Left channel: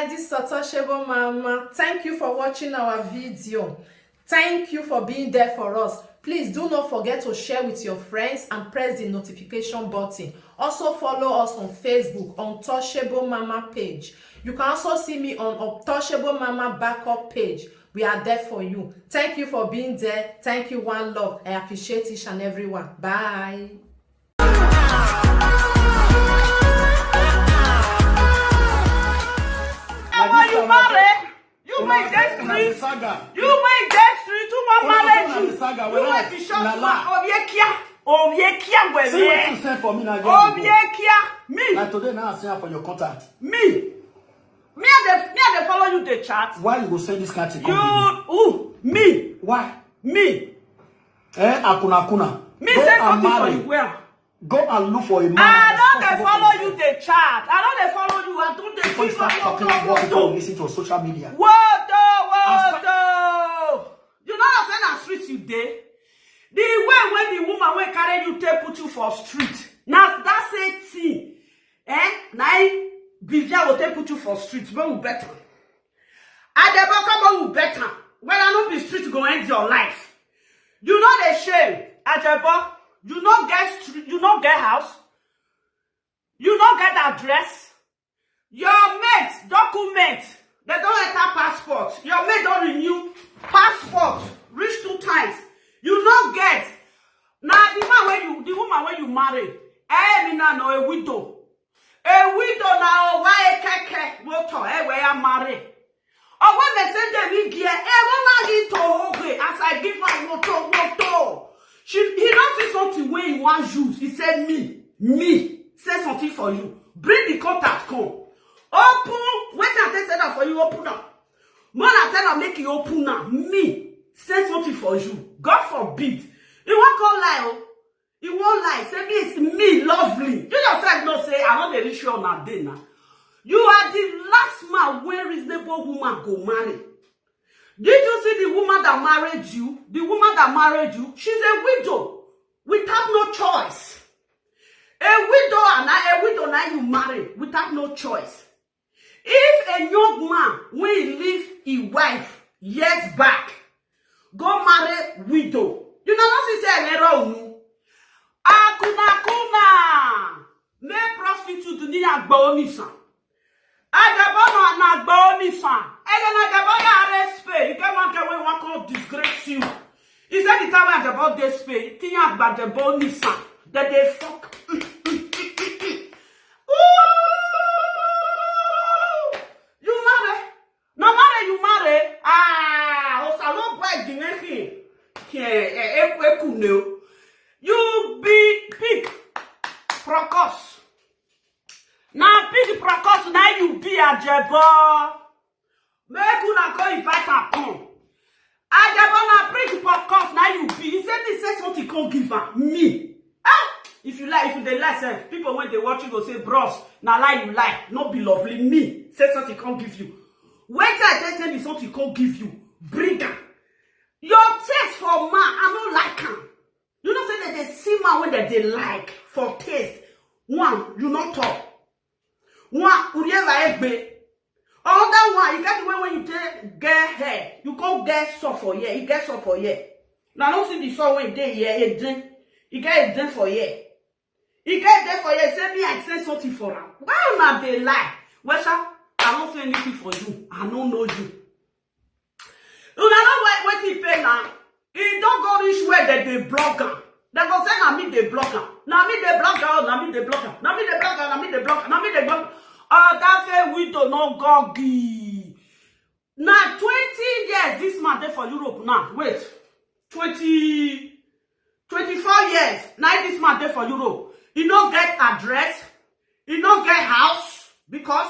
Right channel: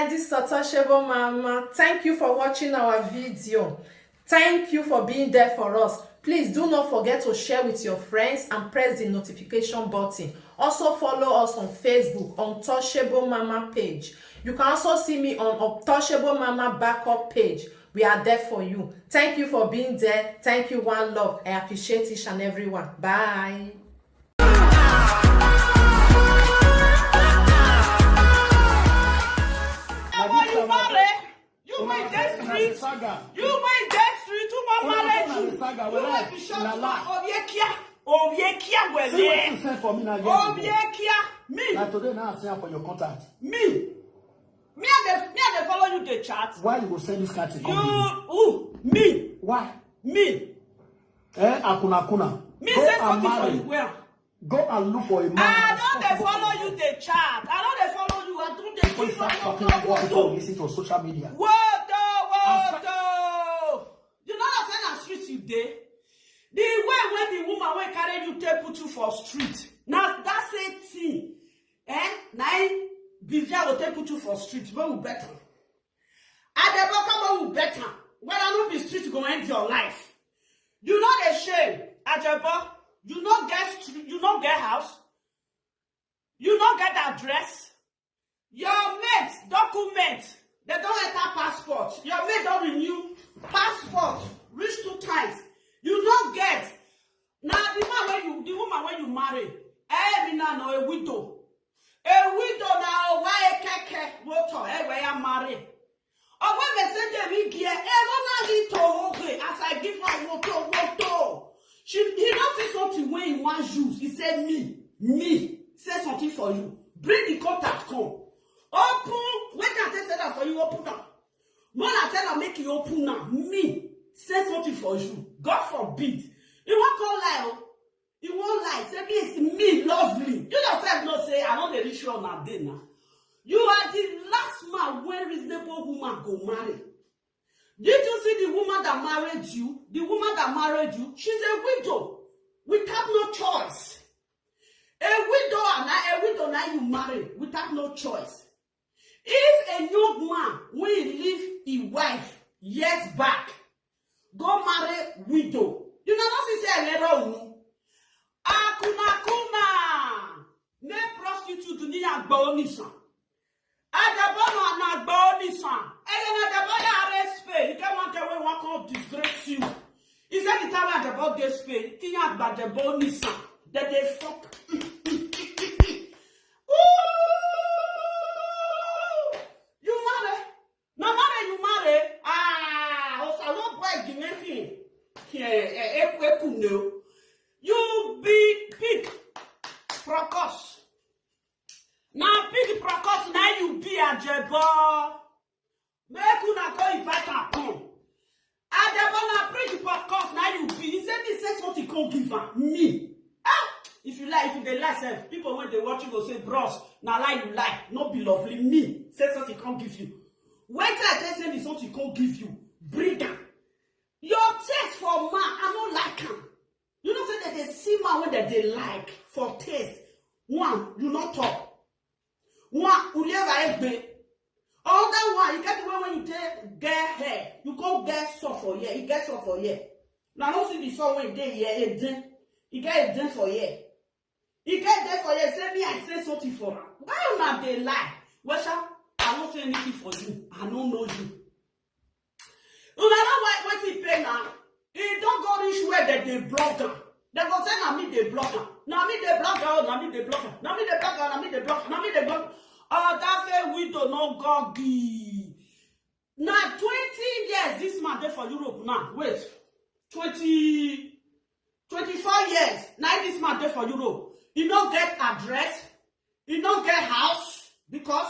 guys, this is Ajebor Mama. Thank you for watching our video. Thank you for being there for us. Please do not forget to share with your friends and press the notification button. Also follow us on Facebook on Ajebor Mama page. You can also see me on Ajebor Mama backup page. We are there for you. Thank you for being there. Thank you, one love. I appreciate each and everyone. Bye. You marry, you may get street, you may get street, you may marry, you may be short man, Obiekia, where you say for me now, Obiekia, me. Like today now, I say for your contact. Me I follow you the chat. Why you go send this card to you? Me. Why? Me. Akuna. Me say something for you. Well. Go and look for a man. I don't follow you the chat. I don't follow you. I don't Before you start talking about people listen to social media. What? You know what I'm saying? Street you day. The way when the woman will carry you, take put you for street. Now that's it. See, now Bivia will take put you for street. But we better. Ajebor come on, better. When I know the street go end your life. You know the shame, Ajebor. You not get street, you not get house, you not get address. Your mates document, they don't enter passport. Your mate don't renew passport. Reach 2 times. You not get. Now the woman when you marry, me now know a widow. A widow now why keke motor where I marry. Or when they say they me gear, as I give her motor. He don't say something when he wants use. He said me. Say something for you. Bring the contact, come. Open. Wait until I tell that for you. Open now. Man, I tell her make you open now. Me. Say something for you. God forbid. He won't call lie. He won't lie. Say me it's me, lovely. You yourself not say I know the rich on that day now. You are the last man where reasonable woman go marry. Did you see the woman that married you? The woman that married you, she's a widow. We have no choice. A widow now you marry. We have no choice. If a young man will leave his wife years back, go marry widow. You know what she say? Akuna. Me prostitute ni agba onisa. Ajebor na agba onisa. Ajebor ya respect. You can't want to want to disgrace you. He said the time when Ajebor dey spay, think about Ajebor onisa. That they fuck. You marry? No marry, you marry. Osalo boy dineki. You be pig. Procos. Now pig procos, now you be Ajebor. Make una go invite her come. Ajebor na pig procos, now you be. He said he said something can't give her. Me. If you like, if they like, people when they watch you go say, bros, now lie you like, not be lovely. Me. Say something can't give you. Wait till I tell you something can't give you. Bring her. Your taste for man, I don't like him. You know say that they see man when they like for taste. One, you not talk. One, you never egbe. Other one, you get the way when you get hair. You can't get soft for year. You get soft for year. Now I don't see the song when you get here, a drink. You get a drink for year. You get there for year. Say me, I say something for her. Why not they lie? Well, sir, I don't say anything for you. I don't know you. You know what he pay now? He don't go reach where they block her. They go say, now me they block her. Now me they block her. Now me they block her. Now me they block her. Now me they block her. Now me they block her. Oh, that's a widow, no goggy. Now 20 years this man there for Europe now. Wait. 24 years. Now this man there for Europe. He don't get address. He don't get house. Because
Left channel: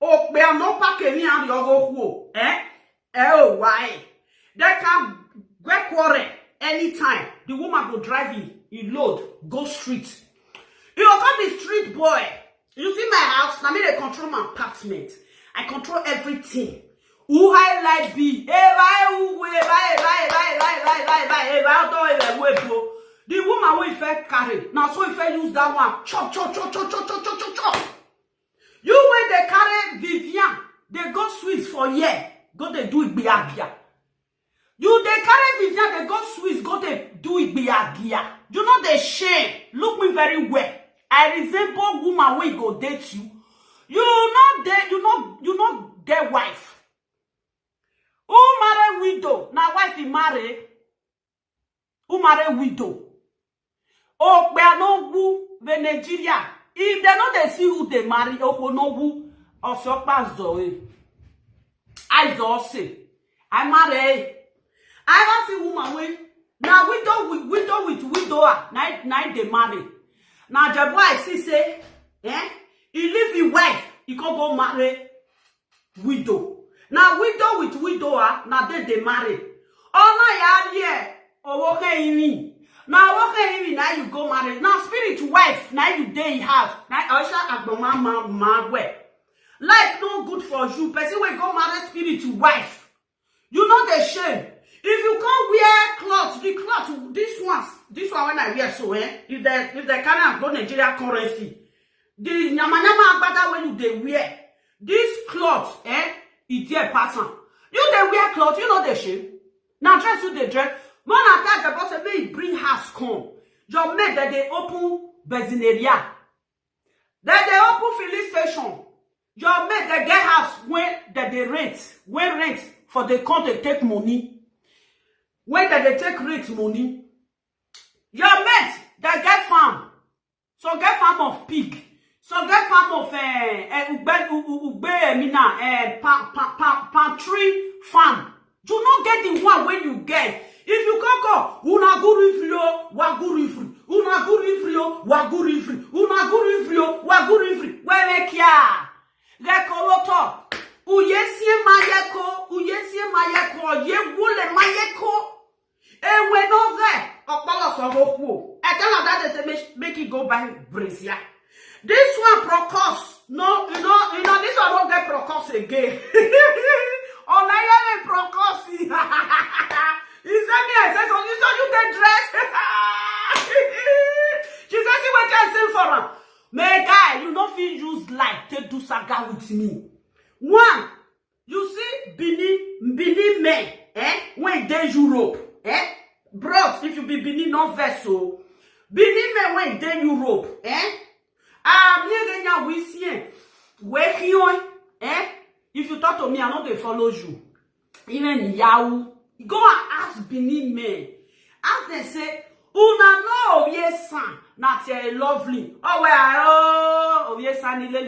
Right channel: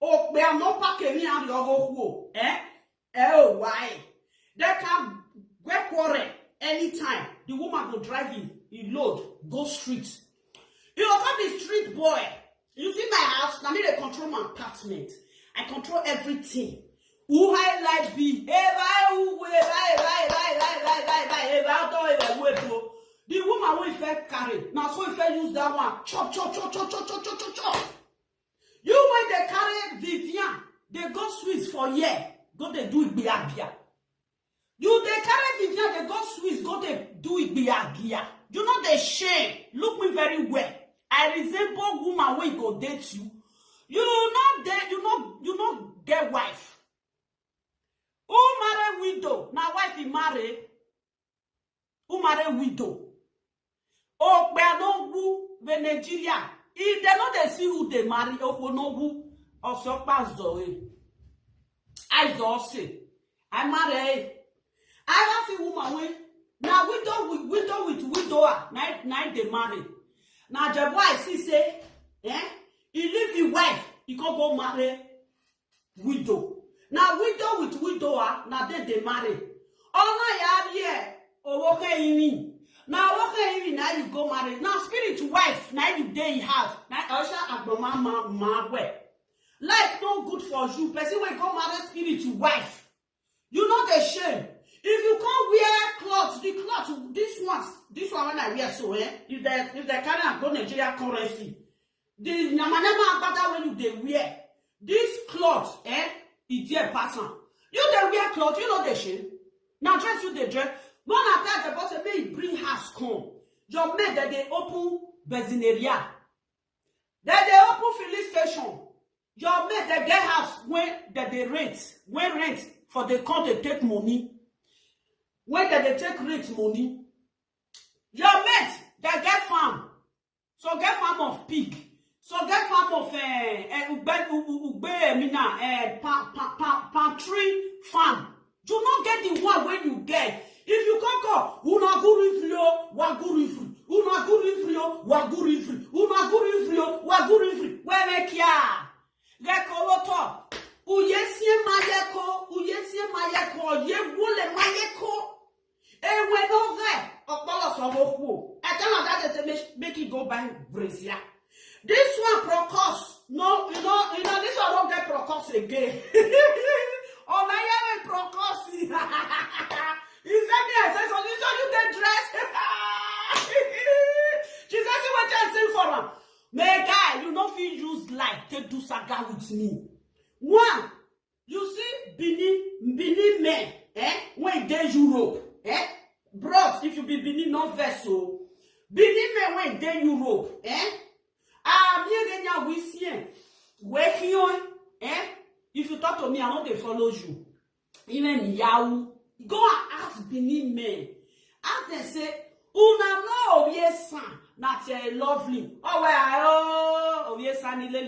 we are not packing and you go why? They can get quarrel anytime. The woman go drive in. He load. Go street. He will come the street boy. You see my house? Now me they control my apartment. I control everything. Who highlight be? The woman will fair carry. Now so if I use that one, chop. You when they carry Vivian, they for here, go they do Igbiagia. You they carry Vivian, they go Swiss, go they do Igbiagia. You know the shame. Look me very well. I resemble woman when go date you. You not date, you not get wife. Who marry widow? Now wife he marry. Who marry widow? Oh, we are no who the Nigeria. If they know they see who they marry, oh no who also pass the way. I just say, I marry. I don't see woman with now widow with widower. Now they marry. Now Ajebor I see say, he leave his wife, he can go marry widow. Now widow with widower, now they marry. Oh no, yeah, oh okay, me. Now okay, now you go marry. Now spirit wife, now you day have. Now Osha agboma ma way. Life no good for you. Person will go marry spirit wife. You know the shame. If you can't wear clothes, the cloth, this one when I wear so, if they can't go Nigeria currency, the nyama agbada when you they wear, this cloth, it's dear person. You they wear cloth, you know the shame. Now dress you the dress. Man attack the boss may bring house come. Your mate that they open benzineria. That they open filling station. Your mate that get house when that they rent for the count they take money. When that they take rent money. Your mate that get farm. So get farm of pig. So get farm of pantry farm. Do not get the one when you get. If you can't go, una gurifrio, wagurifri, una gurifrio, wagurifri, una gurifrio, wagurifri, wemekia. Rekoloto, uyesie mayeko, ye wule mayeko. E we no re, okpala sogoku. I tell her that they say make it go by brazier. This one procos, no, you know, this one don't get procos again. Oh, now you have procos. He said me, I said, so you the dress. She said, see what I say for her. My guy, you don't feel use light to do saga with me. One, you see Benin men, when they Europe, bros, if you be Benin non vessel, Benin men when they Europe, we see, where you, if you talk to me, I know they follow you. Even Yahoo. Go and ask Benin men. Ask them say, una no yes son, not lovely. Oh well, yes son le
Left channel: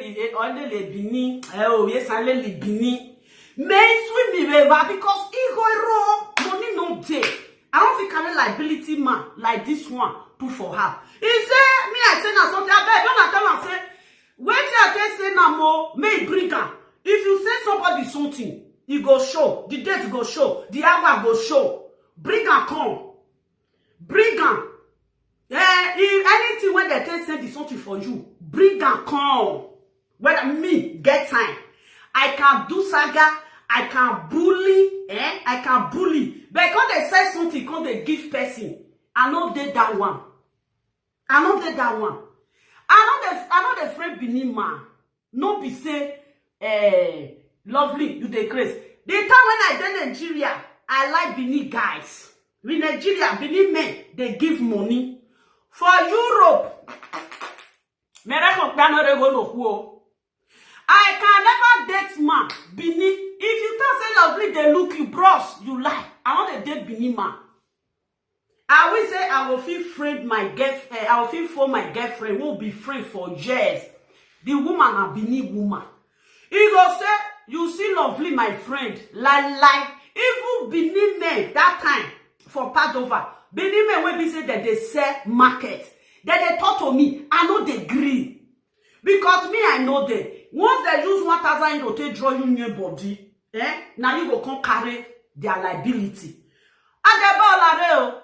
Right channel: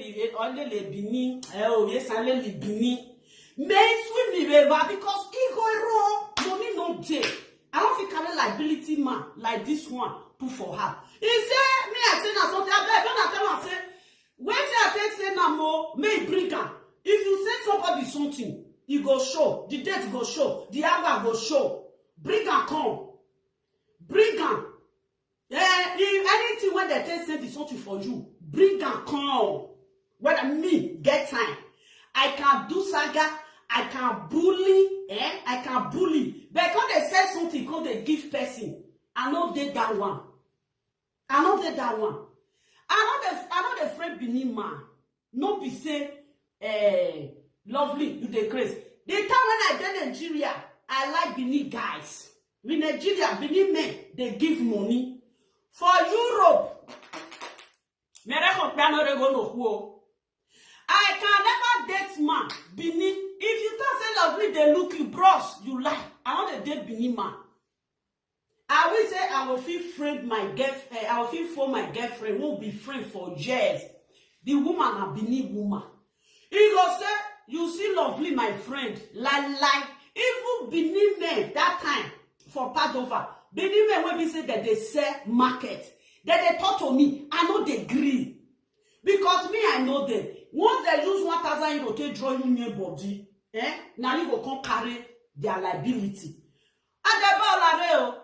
Benin. Oh yes son le Benin. Men swim me river because he go raw money no day. I don't think carry liability man like this one put for her. He say me I say na something. I beg don't tell am say wait till I say na more may bring am. If you say somebody something. You go show. The date go show. The hour go show. Bring and come. Bring and. If anything when they tell send something for you, bring and come. Whether me get time. I can do saga. I can bully. I can bully. But when they say something, when they give person, I know they that one. I know they that one. I know the friend Benin man. No be say, lovely, you the craze. The time when I did Nigeria, I like Benin guys. In Nigeria, Benin men, they give money. For Europe, I can never date man. Benin, if you tell say lovely, they look you, bros, you lie. I want to date Benin man. I will say I will feel friend my girlfriend. I will feel for my girlfriend. Won't be friend for years. The woman a Benin woman. He go say, you see lovely, my friend. Like, even Benin men that time for Padova. Benin men when be say that they sell market. That they talk to me, I know they agree. Because me, I know them. Once they use 1,000 euro to draw you new body, now you go come carry their liability. Ajebor,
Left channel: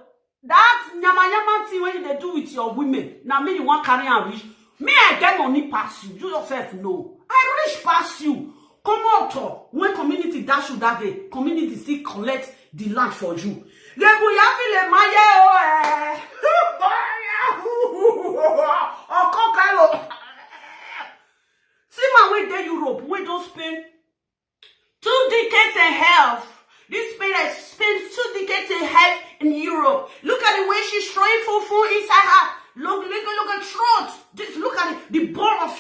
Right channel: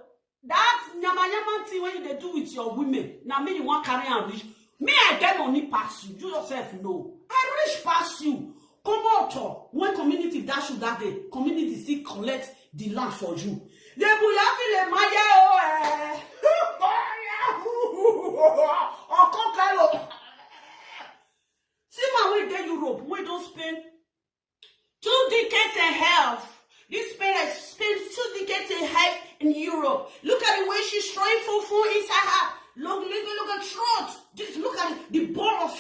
that nyama thing when they do with your women, now me you want carry and rich. Me, I get money pass you. You yourself know. I rich pass you. Come out when community dash you that day, community still collect the land for you. See man, we dey Europe, we don't spend 2 decades and half. This Spain has spent 2 decades and half in Europe. Look at the way she's throwing fufu inside her. Look at throat. Just look at the bowl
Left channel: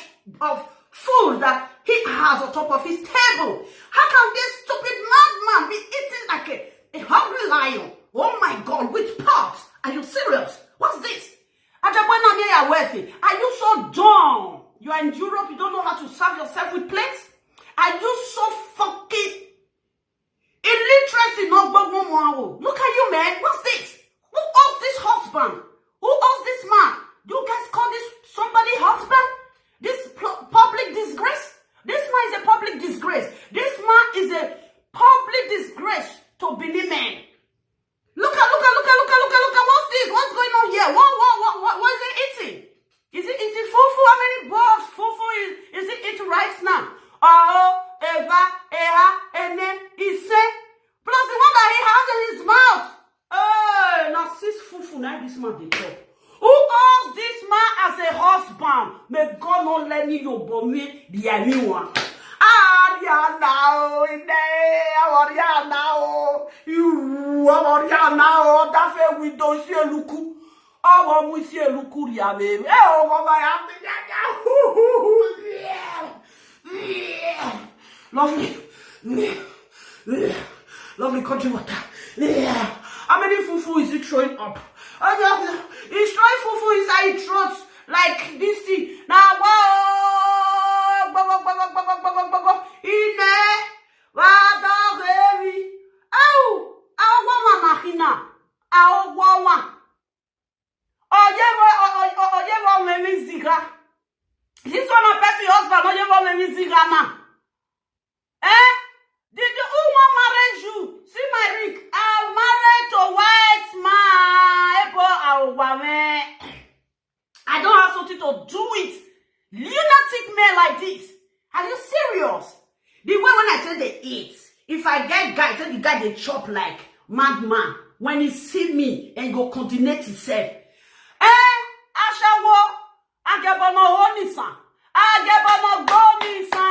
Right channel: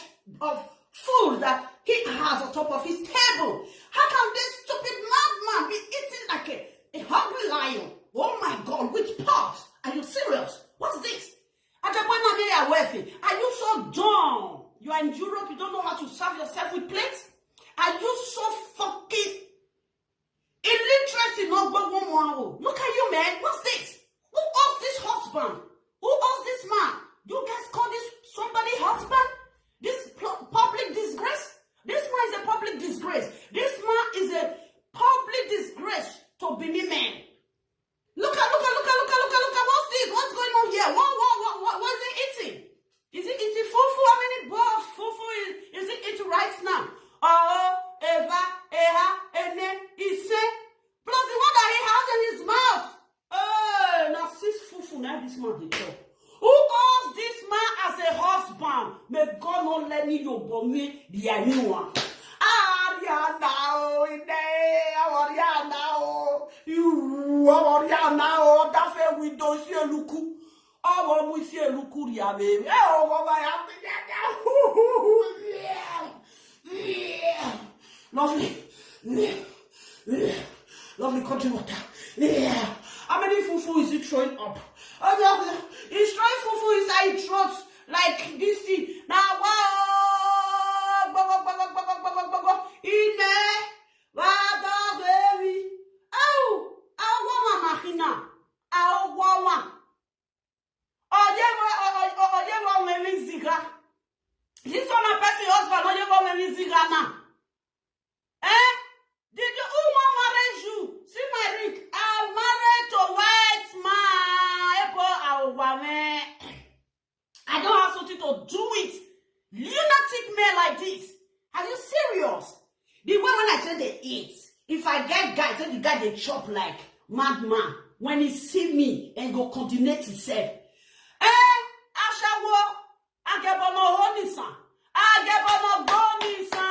of food that he has on top of his table. How can this stupid madman be eating like a hungry lion? Oh my God, with pots. Are you serious? What's this? Ajebor, are you so dumb? You are in Europe, you don't know how to serve yourself with plates? Are you so fucking illiteracy? Look at you, man. What's this? Who owns this husband? Who owns this man? You guys call this somebody husband? This public disgrace? This man is a public disgrace. This man is a public disgrace to Benin men. Look at. What's this? What's going on here? What is it eating? Is it eating fufu? How many balls fufu is it eating right now? Oh, Eva, Eha, Ene, Ise. Plus the one that he has in his mouth. Oh, now 6 fufu now this man dey talk. Who owns this man as a husband? May God not let me your bomb the anyone. You that's a window see a look. Oh, we see a look here, baby. Oh, lovely. Lovely country water. How many fufu is it throwing up? He's throwing fufu inside his throat like this thing. Now, this one a person husband, did you who want marry you? See my Rick, I'm married to white man. I don't have something to do with lunatic men like this. Are you serious? The way when I tell they eat, if I get guy, say the guy they chop like madman. When he see me and go continue himself. Ashawo, Ajebor no honisa. Ajebor no gonisa.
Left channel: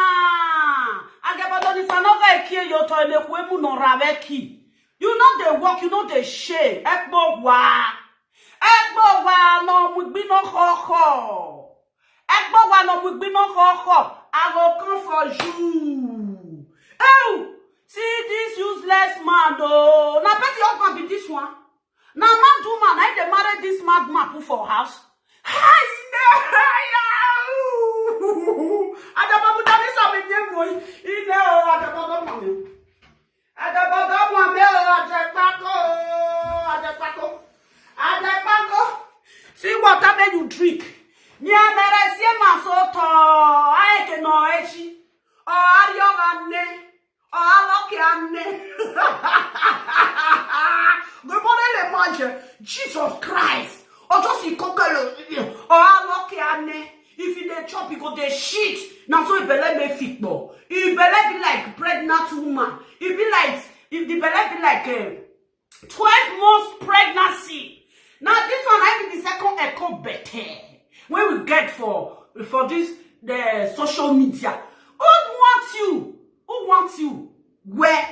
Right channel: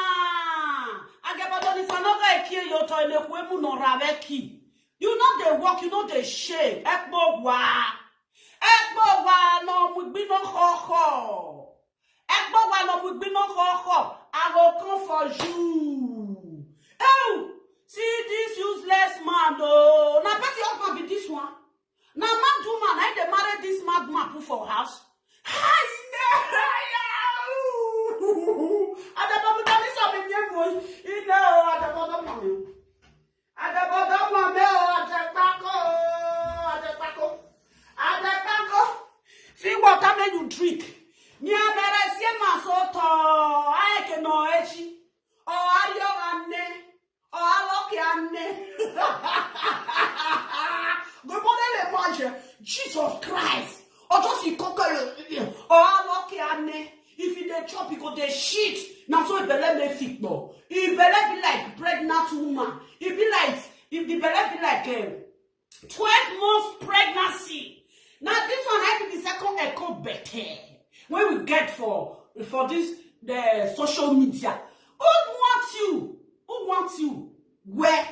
Ajebor no honisa no ga kill your toilet kwemu no rabeki. You know they work, you know they shame. Ekbo wa no mugbi no ho. Ekbo wa no mugbi no ho. I will come for you. Oh, see this useless man though. Now bet your husband be this one. Now man do man, I dey marry this madman put for house. See what I make you drink. Me a meresie masoto. I can know echi. O ario ane. O aloki ane. Good morning, mange. Jesus Christ. Or just you conquer. O aloki ane. If you dey chop, you go dey shit. Now so it belle me fit no. It belle be like pregnant woman. It be like if the belle be like 12 months pregnancy. Now this one I be the second echo better. When we get for this the social media. Who wants you? Where?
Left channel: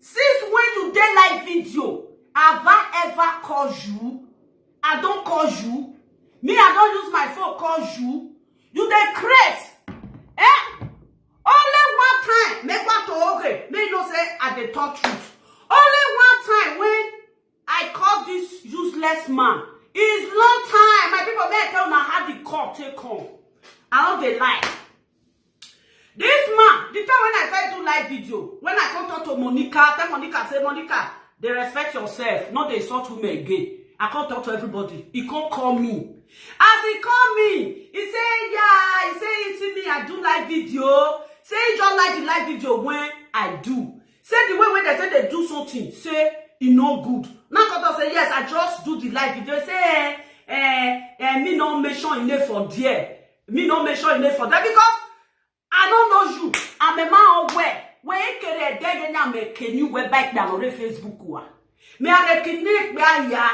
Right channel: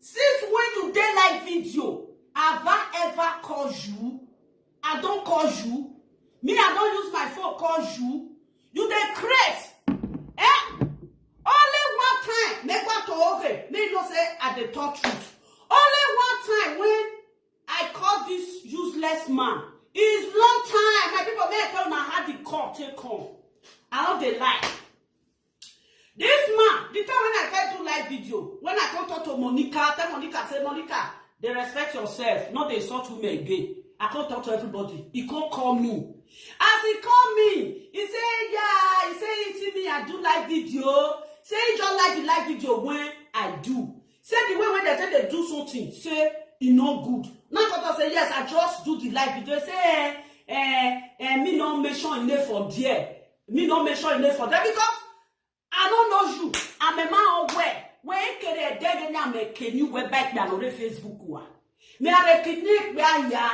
Since when you dey live video, have I ever called you? I don't call you. Me, I don't use my phone call you. You dey craze. Only one time, make one to okay. Me no say I dey talk truth. Only one time when I call this useless man. It's long time. My people may tell me how the call take home. I don't dey lie. This man, the time when I first do live video, when I come talk to Monica, tell Monica, say Monica, they respect yourself, not they insult women again. I can't talk to everybody. He can't call me. As he call me, he say, yeah, he say, you see me, I do live video. Say, he just like the live video when I do. Say, the way when they say they do something, say, it no good. Now, because I say, yes, I just do the live video. Say, me no mention in there for there. Me no mention in there for there. Because I don't know you. I'm a man aware. When you get a day, can you wear back down on the Facebook? Me are recognize me aya.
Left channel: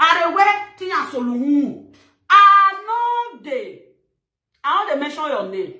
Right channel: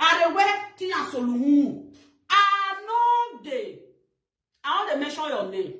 Are we tia solumu. I know they mention your name.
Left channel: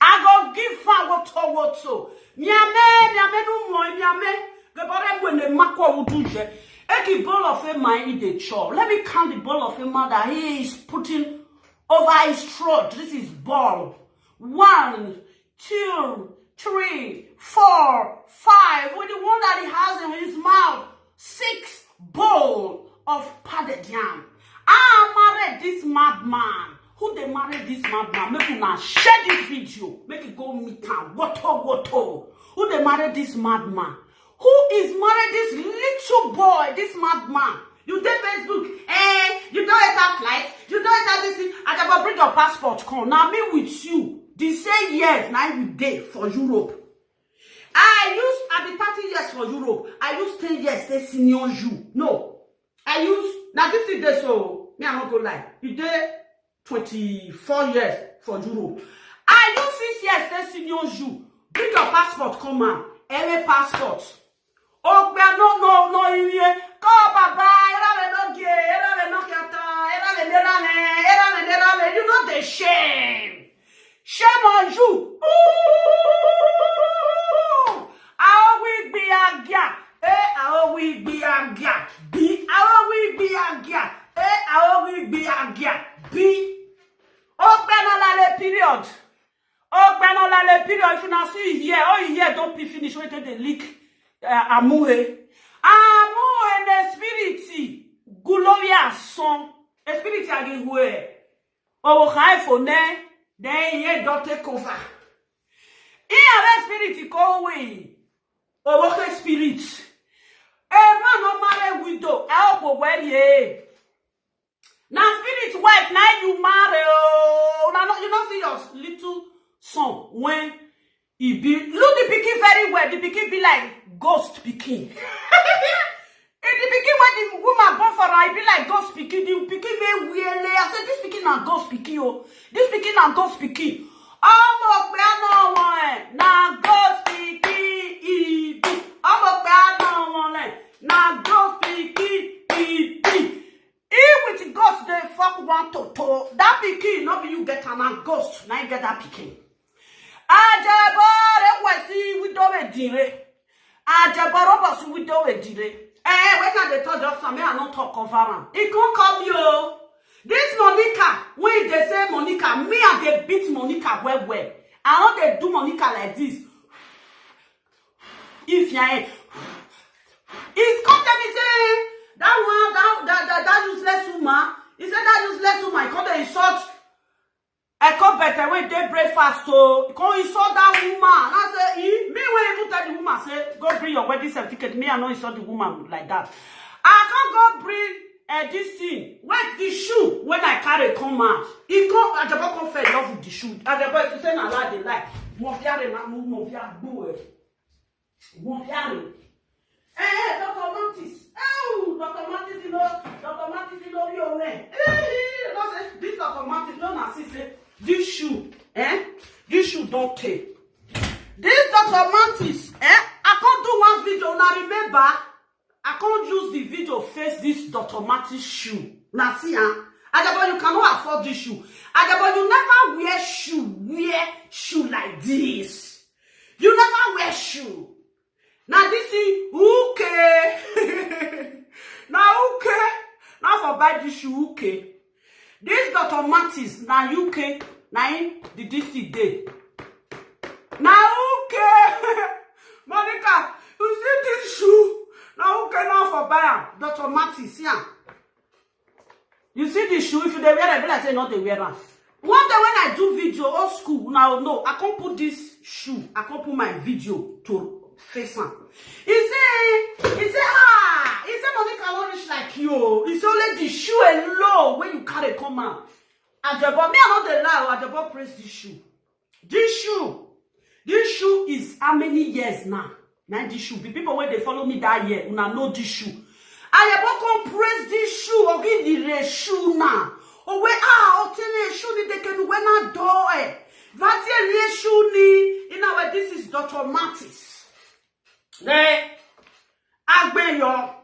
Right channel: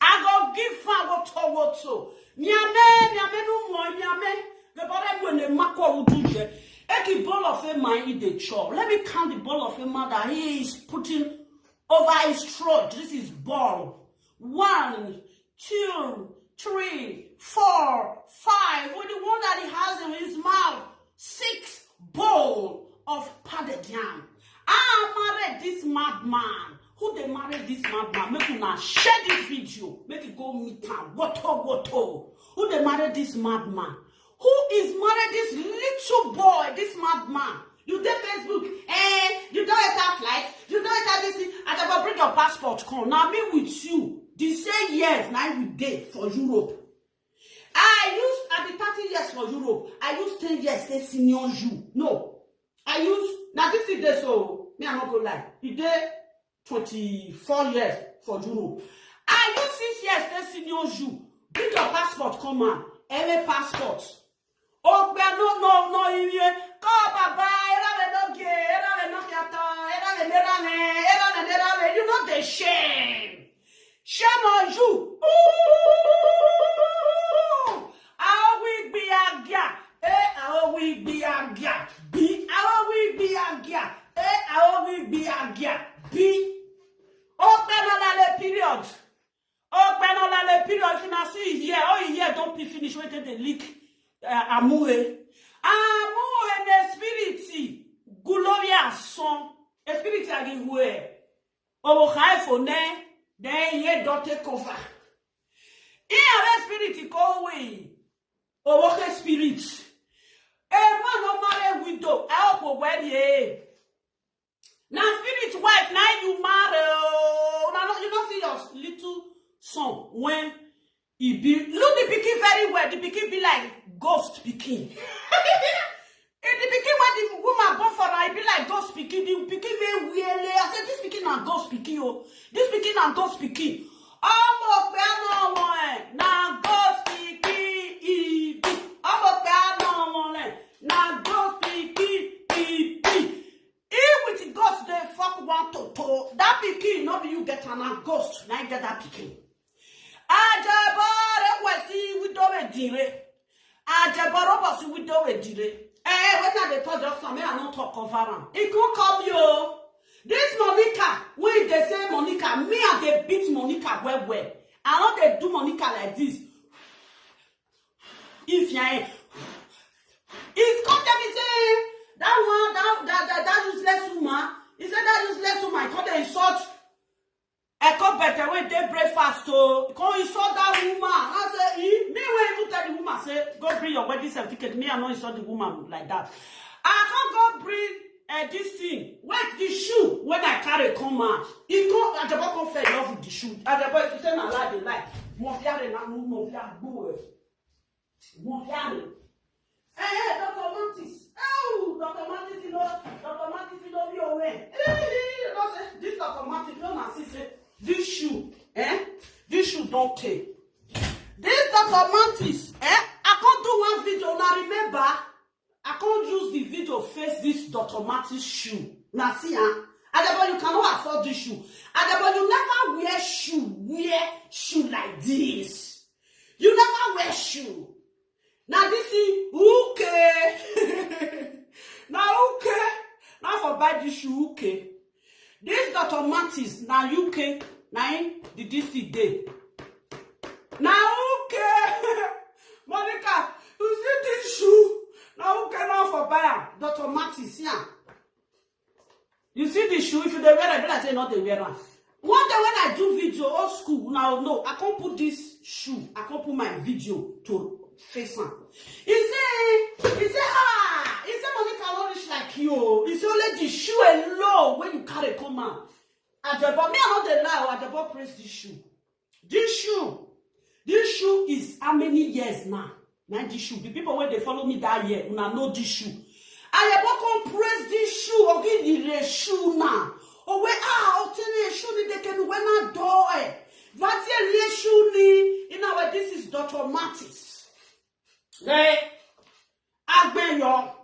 I go give fan woto. Miame no mo miame. Gebore when the makwa wuduje. Eki ball of a man in the chore. Let me count the ball of a man that he is putting over his throat. This is ball. 1, 2, 3, 4, 5. With the one that he has in his mouth. 6 bowl of padded yam. I married this madman. Who they married this madman? Make una share this video. Make it go meet him. Woto. Who they married this madman? Who is married this little boy, this madman? You did Facebook, you don't enter flight, you don't enter this thing. I never bring your passport, come. Now me with you. They say yes, now you did for Europe. I be 30 years for Europe. I used 10 years, they senior you. No. I use, now this is the so, me I'm not gonna lie. You did 24 years for Europe. I use 6 years, they senior you. Bring your passport, come on. Every passport. Oh, no, here. Go, baba, you know the shame. Shame on you. Ooh. I will be a gap. I will be a gap. B. I will be a gap. I will be a gap. B. Open all the period. Open all the period. If you not see here, don't be finished. Wait till the leak. Amour and the spirit, Gloria son, the spirit again where oh, high for ne, then ye don't take over. Here, spirit go away. Oh, okay, spirit. A man no marry widow, I'll where ye. Now, spirit wife, now you marry. Oh, now you don't see your little son when he be look the pikin very well. The pikin be like ghost pikin. The pikin when the woman born for her, be like ghost pikin. The pikin may weird. I said this pikin na ghost pikin. Oh, this pikin na ghost pikin. Na ghost pikin. Na ghost pikin. With ghost they fuck one to that pikin. No be you get an ghost. Now you get that pikin. Ajebor, we don't dire. Ajebor, we don't dire. When can they talk just some? I don't talk of her. It can't come you. This Monica, when they say Monica, me and they beat Monica well. I know they do Monica like this. If you it's come to me say that useless woman. He said that useless woman. He can't insult. I come better when they breakfast to come insult that woman. I say, me when you tell the woman, say, go bring your wedding certificate. Me, I not insult the woman like that. I can't go bring this thing. Where's the shoe? When I carry come out, he come. Ajebor come fell in love with the shoe. Ajebor, if you say na lie, they like. Monfiare na monfiare boy. Monfiare. Dr. Mantis. Oh, Dr. Mantis, you know your way. This Dr. Mantis, don't assist. This shoe, this shoe don't take. This Dr. Mantis, I can't do one video. Now remember, I can't use the video face this Dr. Mantis shoe. Now see, Ajebor, you cannot afford this shoe. Ajebor, you never wear shoe like this. You never wear shoe. Now this is okay. Now okay. Now for buy this shoe okay. This Dr. Mantis now UK. Now the DC day. Now okay. Monica, you see this shoe? Now okay now for buy Dr. Mantis, yeah. You see this shoe? If you don't wear it, I say not they wear it. One day when I do video old school, now no, I can't put this shoe. I can't put my video to face on. He say, Monica won't reach like you. He say only the shoe alone when you carry come out. Ajebor, me I not the lie. Ajebor praise this shoe. This shoe is how many years now? Now this shoe. The people when they follow me that year, una know this shoe. Ajebor come praise this shoe. Okay, the shoe now. Oh wait, obtain a shoe ni they can when I do. That's a shoe ni. In our this is Dr. Mantis. Right, Agbeyo,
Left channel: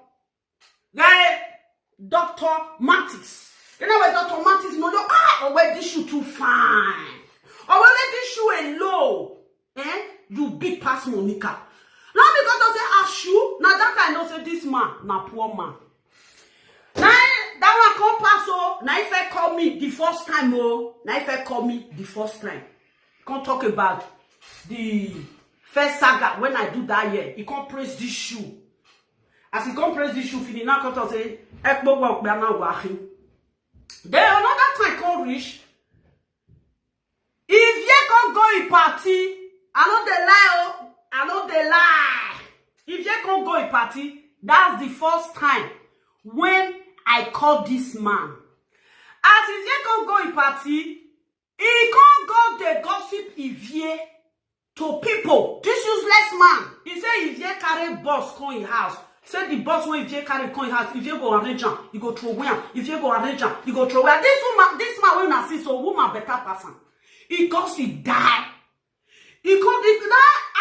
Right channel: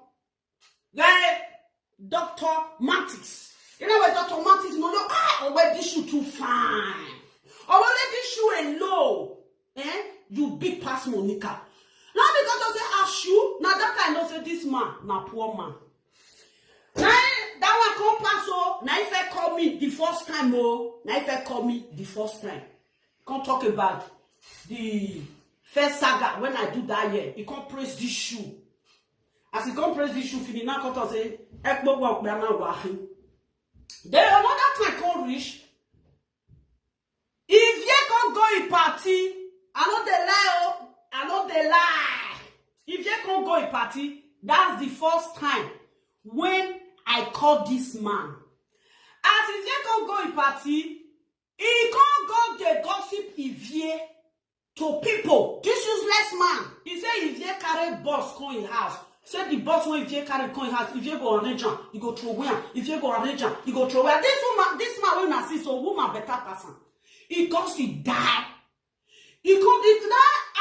right, Dr. Mantis. You know what Dr. Mantis no, where this shoe too fine. Or where this shoe alone. you big pass Monica. Now because I say Ashu, now that I know say this man, na poor man. Now that one come pass oh, now if I call me the first time oh, now if I call me the first time. Can't talk about the first saga when I do that year. He can't praise this shoe. As he can't praise this shoe, he now can't say, Ekbo work now wahi. Then another time can't reach. If you can't go in party, I know they lie oh. I know they lie. If you can't go in party, that's the first time when I call this man. As if you can't go in party, he can't go the gossip Ivie to people. This useless man. He say Ivie carry boss come in house. Say the boss when Ivie carry come in house, Ivie go arrange him, he go throw away him. Ivie go arrange him, he go throw away. This man when I see so woman better person. He gossip die. He can't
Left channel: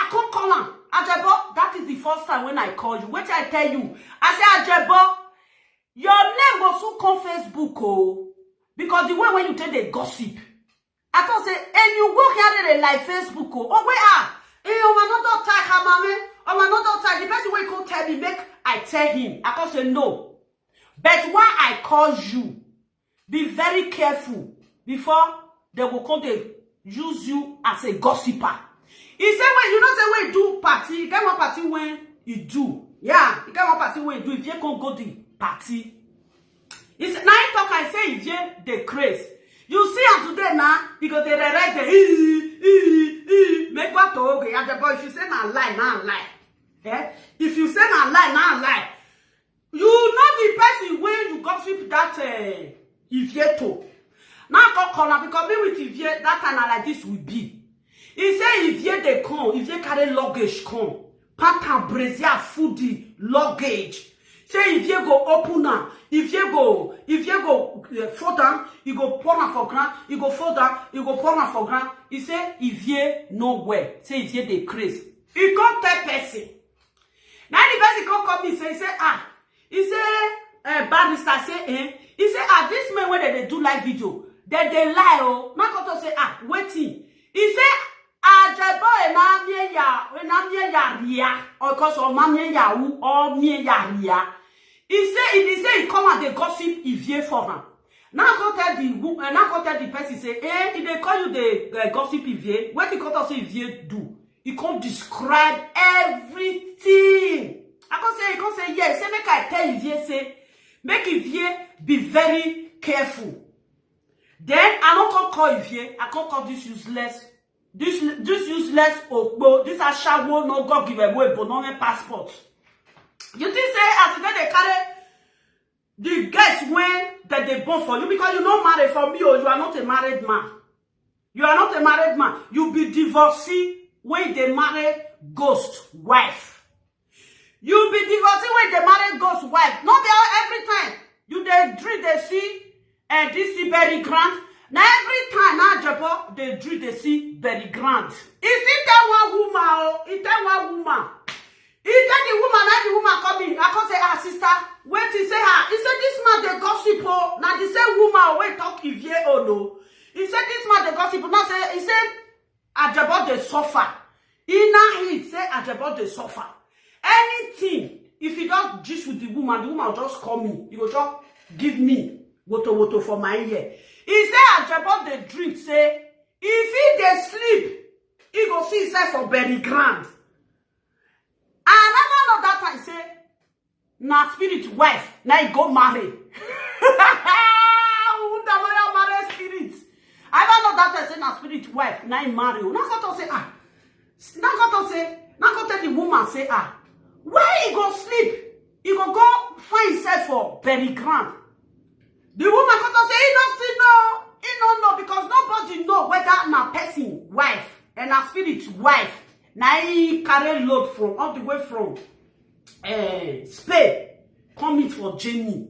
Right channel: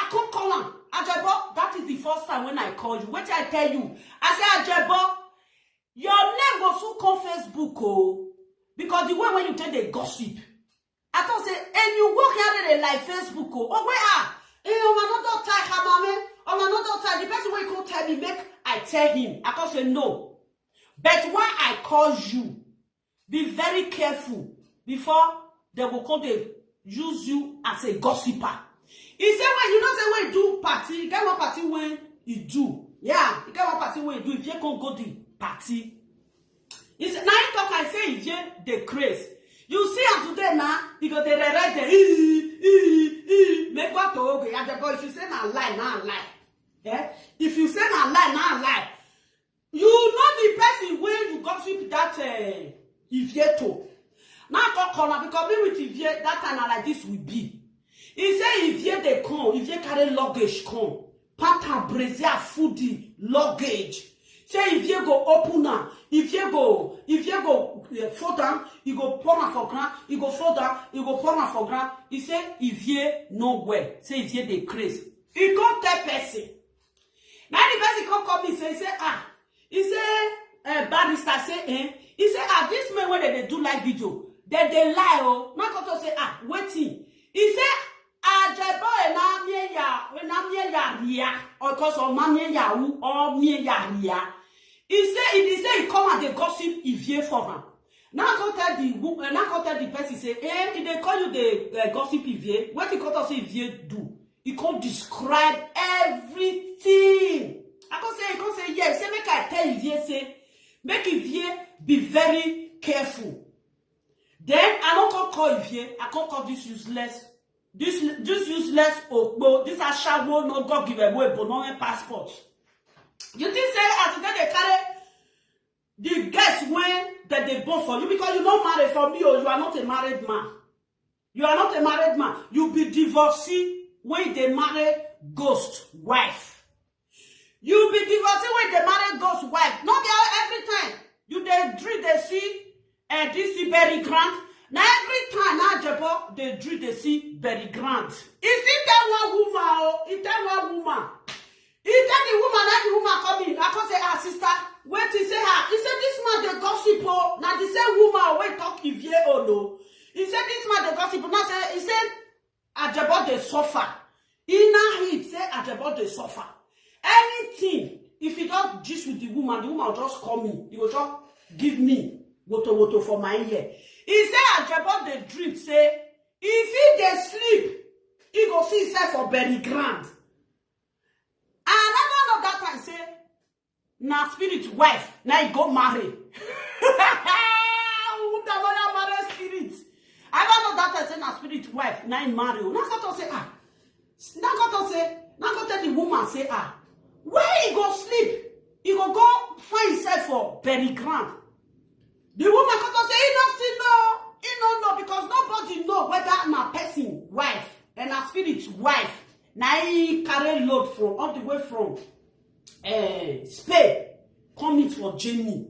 I can't call him. Ajebor, that is the first time when I call you. Wait I tell you. I say Ajebor, your name go so come Facebook oh. Because the way when you tell the gossip. I thought say, and you go here in like Facebook oh where are? Another time, another time. The person will come tell me, make I tell him. I can't say no. But why I call you, be very careful before they will come to use you as a gossiper. He said when you don't say when you do party, you get one party when you do. Yeah, you get one party when you do. If you can't go the party. He said, now you talk and say if you the craze. You see her today now, because they read the make what to okay. And the boy, if you say not lie, not lie. Eh? If you say not lie, not lie. You know the person when you gossip that Ivie to. Now I call because me with Ivie, that time like this will be. He say Ivie they come, Ivie carry luggage come. Panta brazier foodie luggage. Say if you go open now, if you go fall down, you go pour on for ground, you go fall down, you go pour on for ground. He say if you nowhere, say if you dey craze. He come tell person. Now the person come me say he say barrister say he say this man when they do live video, they lie oh. Now come to say waiting. He say Ajebor na mie ya ria or cause of mamie ya wu or mie ya ria. He say he come and they gossip Ivie for him. Now go tell the person say, if they call you the gossip Ivie, what he come to say Ivie do? He can't describe everything. He can't say yes. Say make I tell Ivie say, make Ivie be very careful. Then I don't call Ivie. I can't call this useless. This useless okbo. This ashawo no go give away but no passport. You think say as they carry the guests when that they born for you because you not married for me or you are not a married man. You are not a married man. You be divorcee when they marry ghost wife. You be divorcee when they marry ghost wife. Not every time. You they dream they see this very grand. Now every time now Ajebor they dream they see very grand. Is it that one woman or is that one woman? He tell the woman, now the woman come in. I can say, sister, wait, he say her. He said, this man, they gossip, oh. Now, the same woman, wait, talk if ye or no. He said, this man, they gossip. Now, he said, Ajebor, they suffer. He now, he say, Ajebor, they suffer. Anything, if he don't gist with the woman will just call me. He will just give me woto for my ear. He say, Ajebor, they dream, say, if he they sleep, he go see himself for very grand. And I don't know that time say, na spirit wife, now he go marry. Marry spirit. I don't know that time say na spirit wife, now he marry. Now go to say now go tell the woman say where he go sleep? He go find himself for very grand. The woman go to say he don't see no, he don't know because nobody know whether na person wife and na spirit wife. Now he carry load from all the way from Spain, coming for Jenny.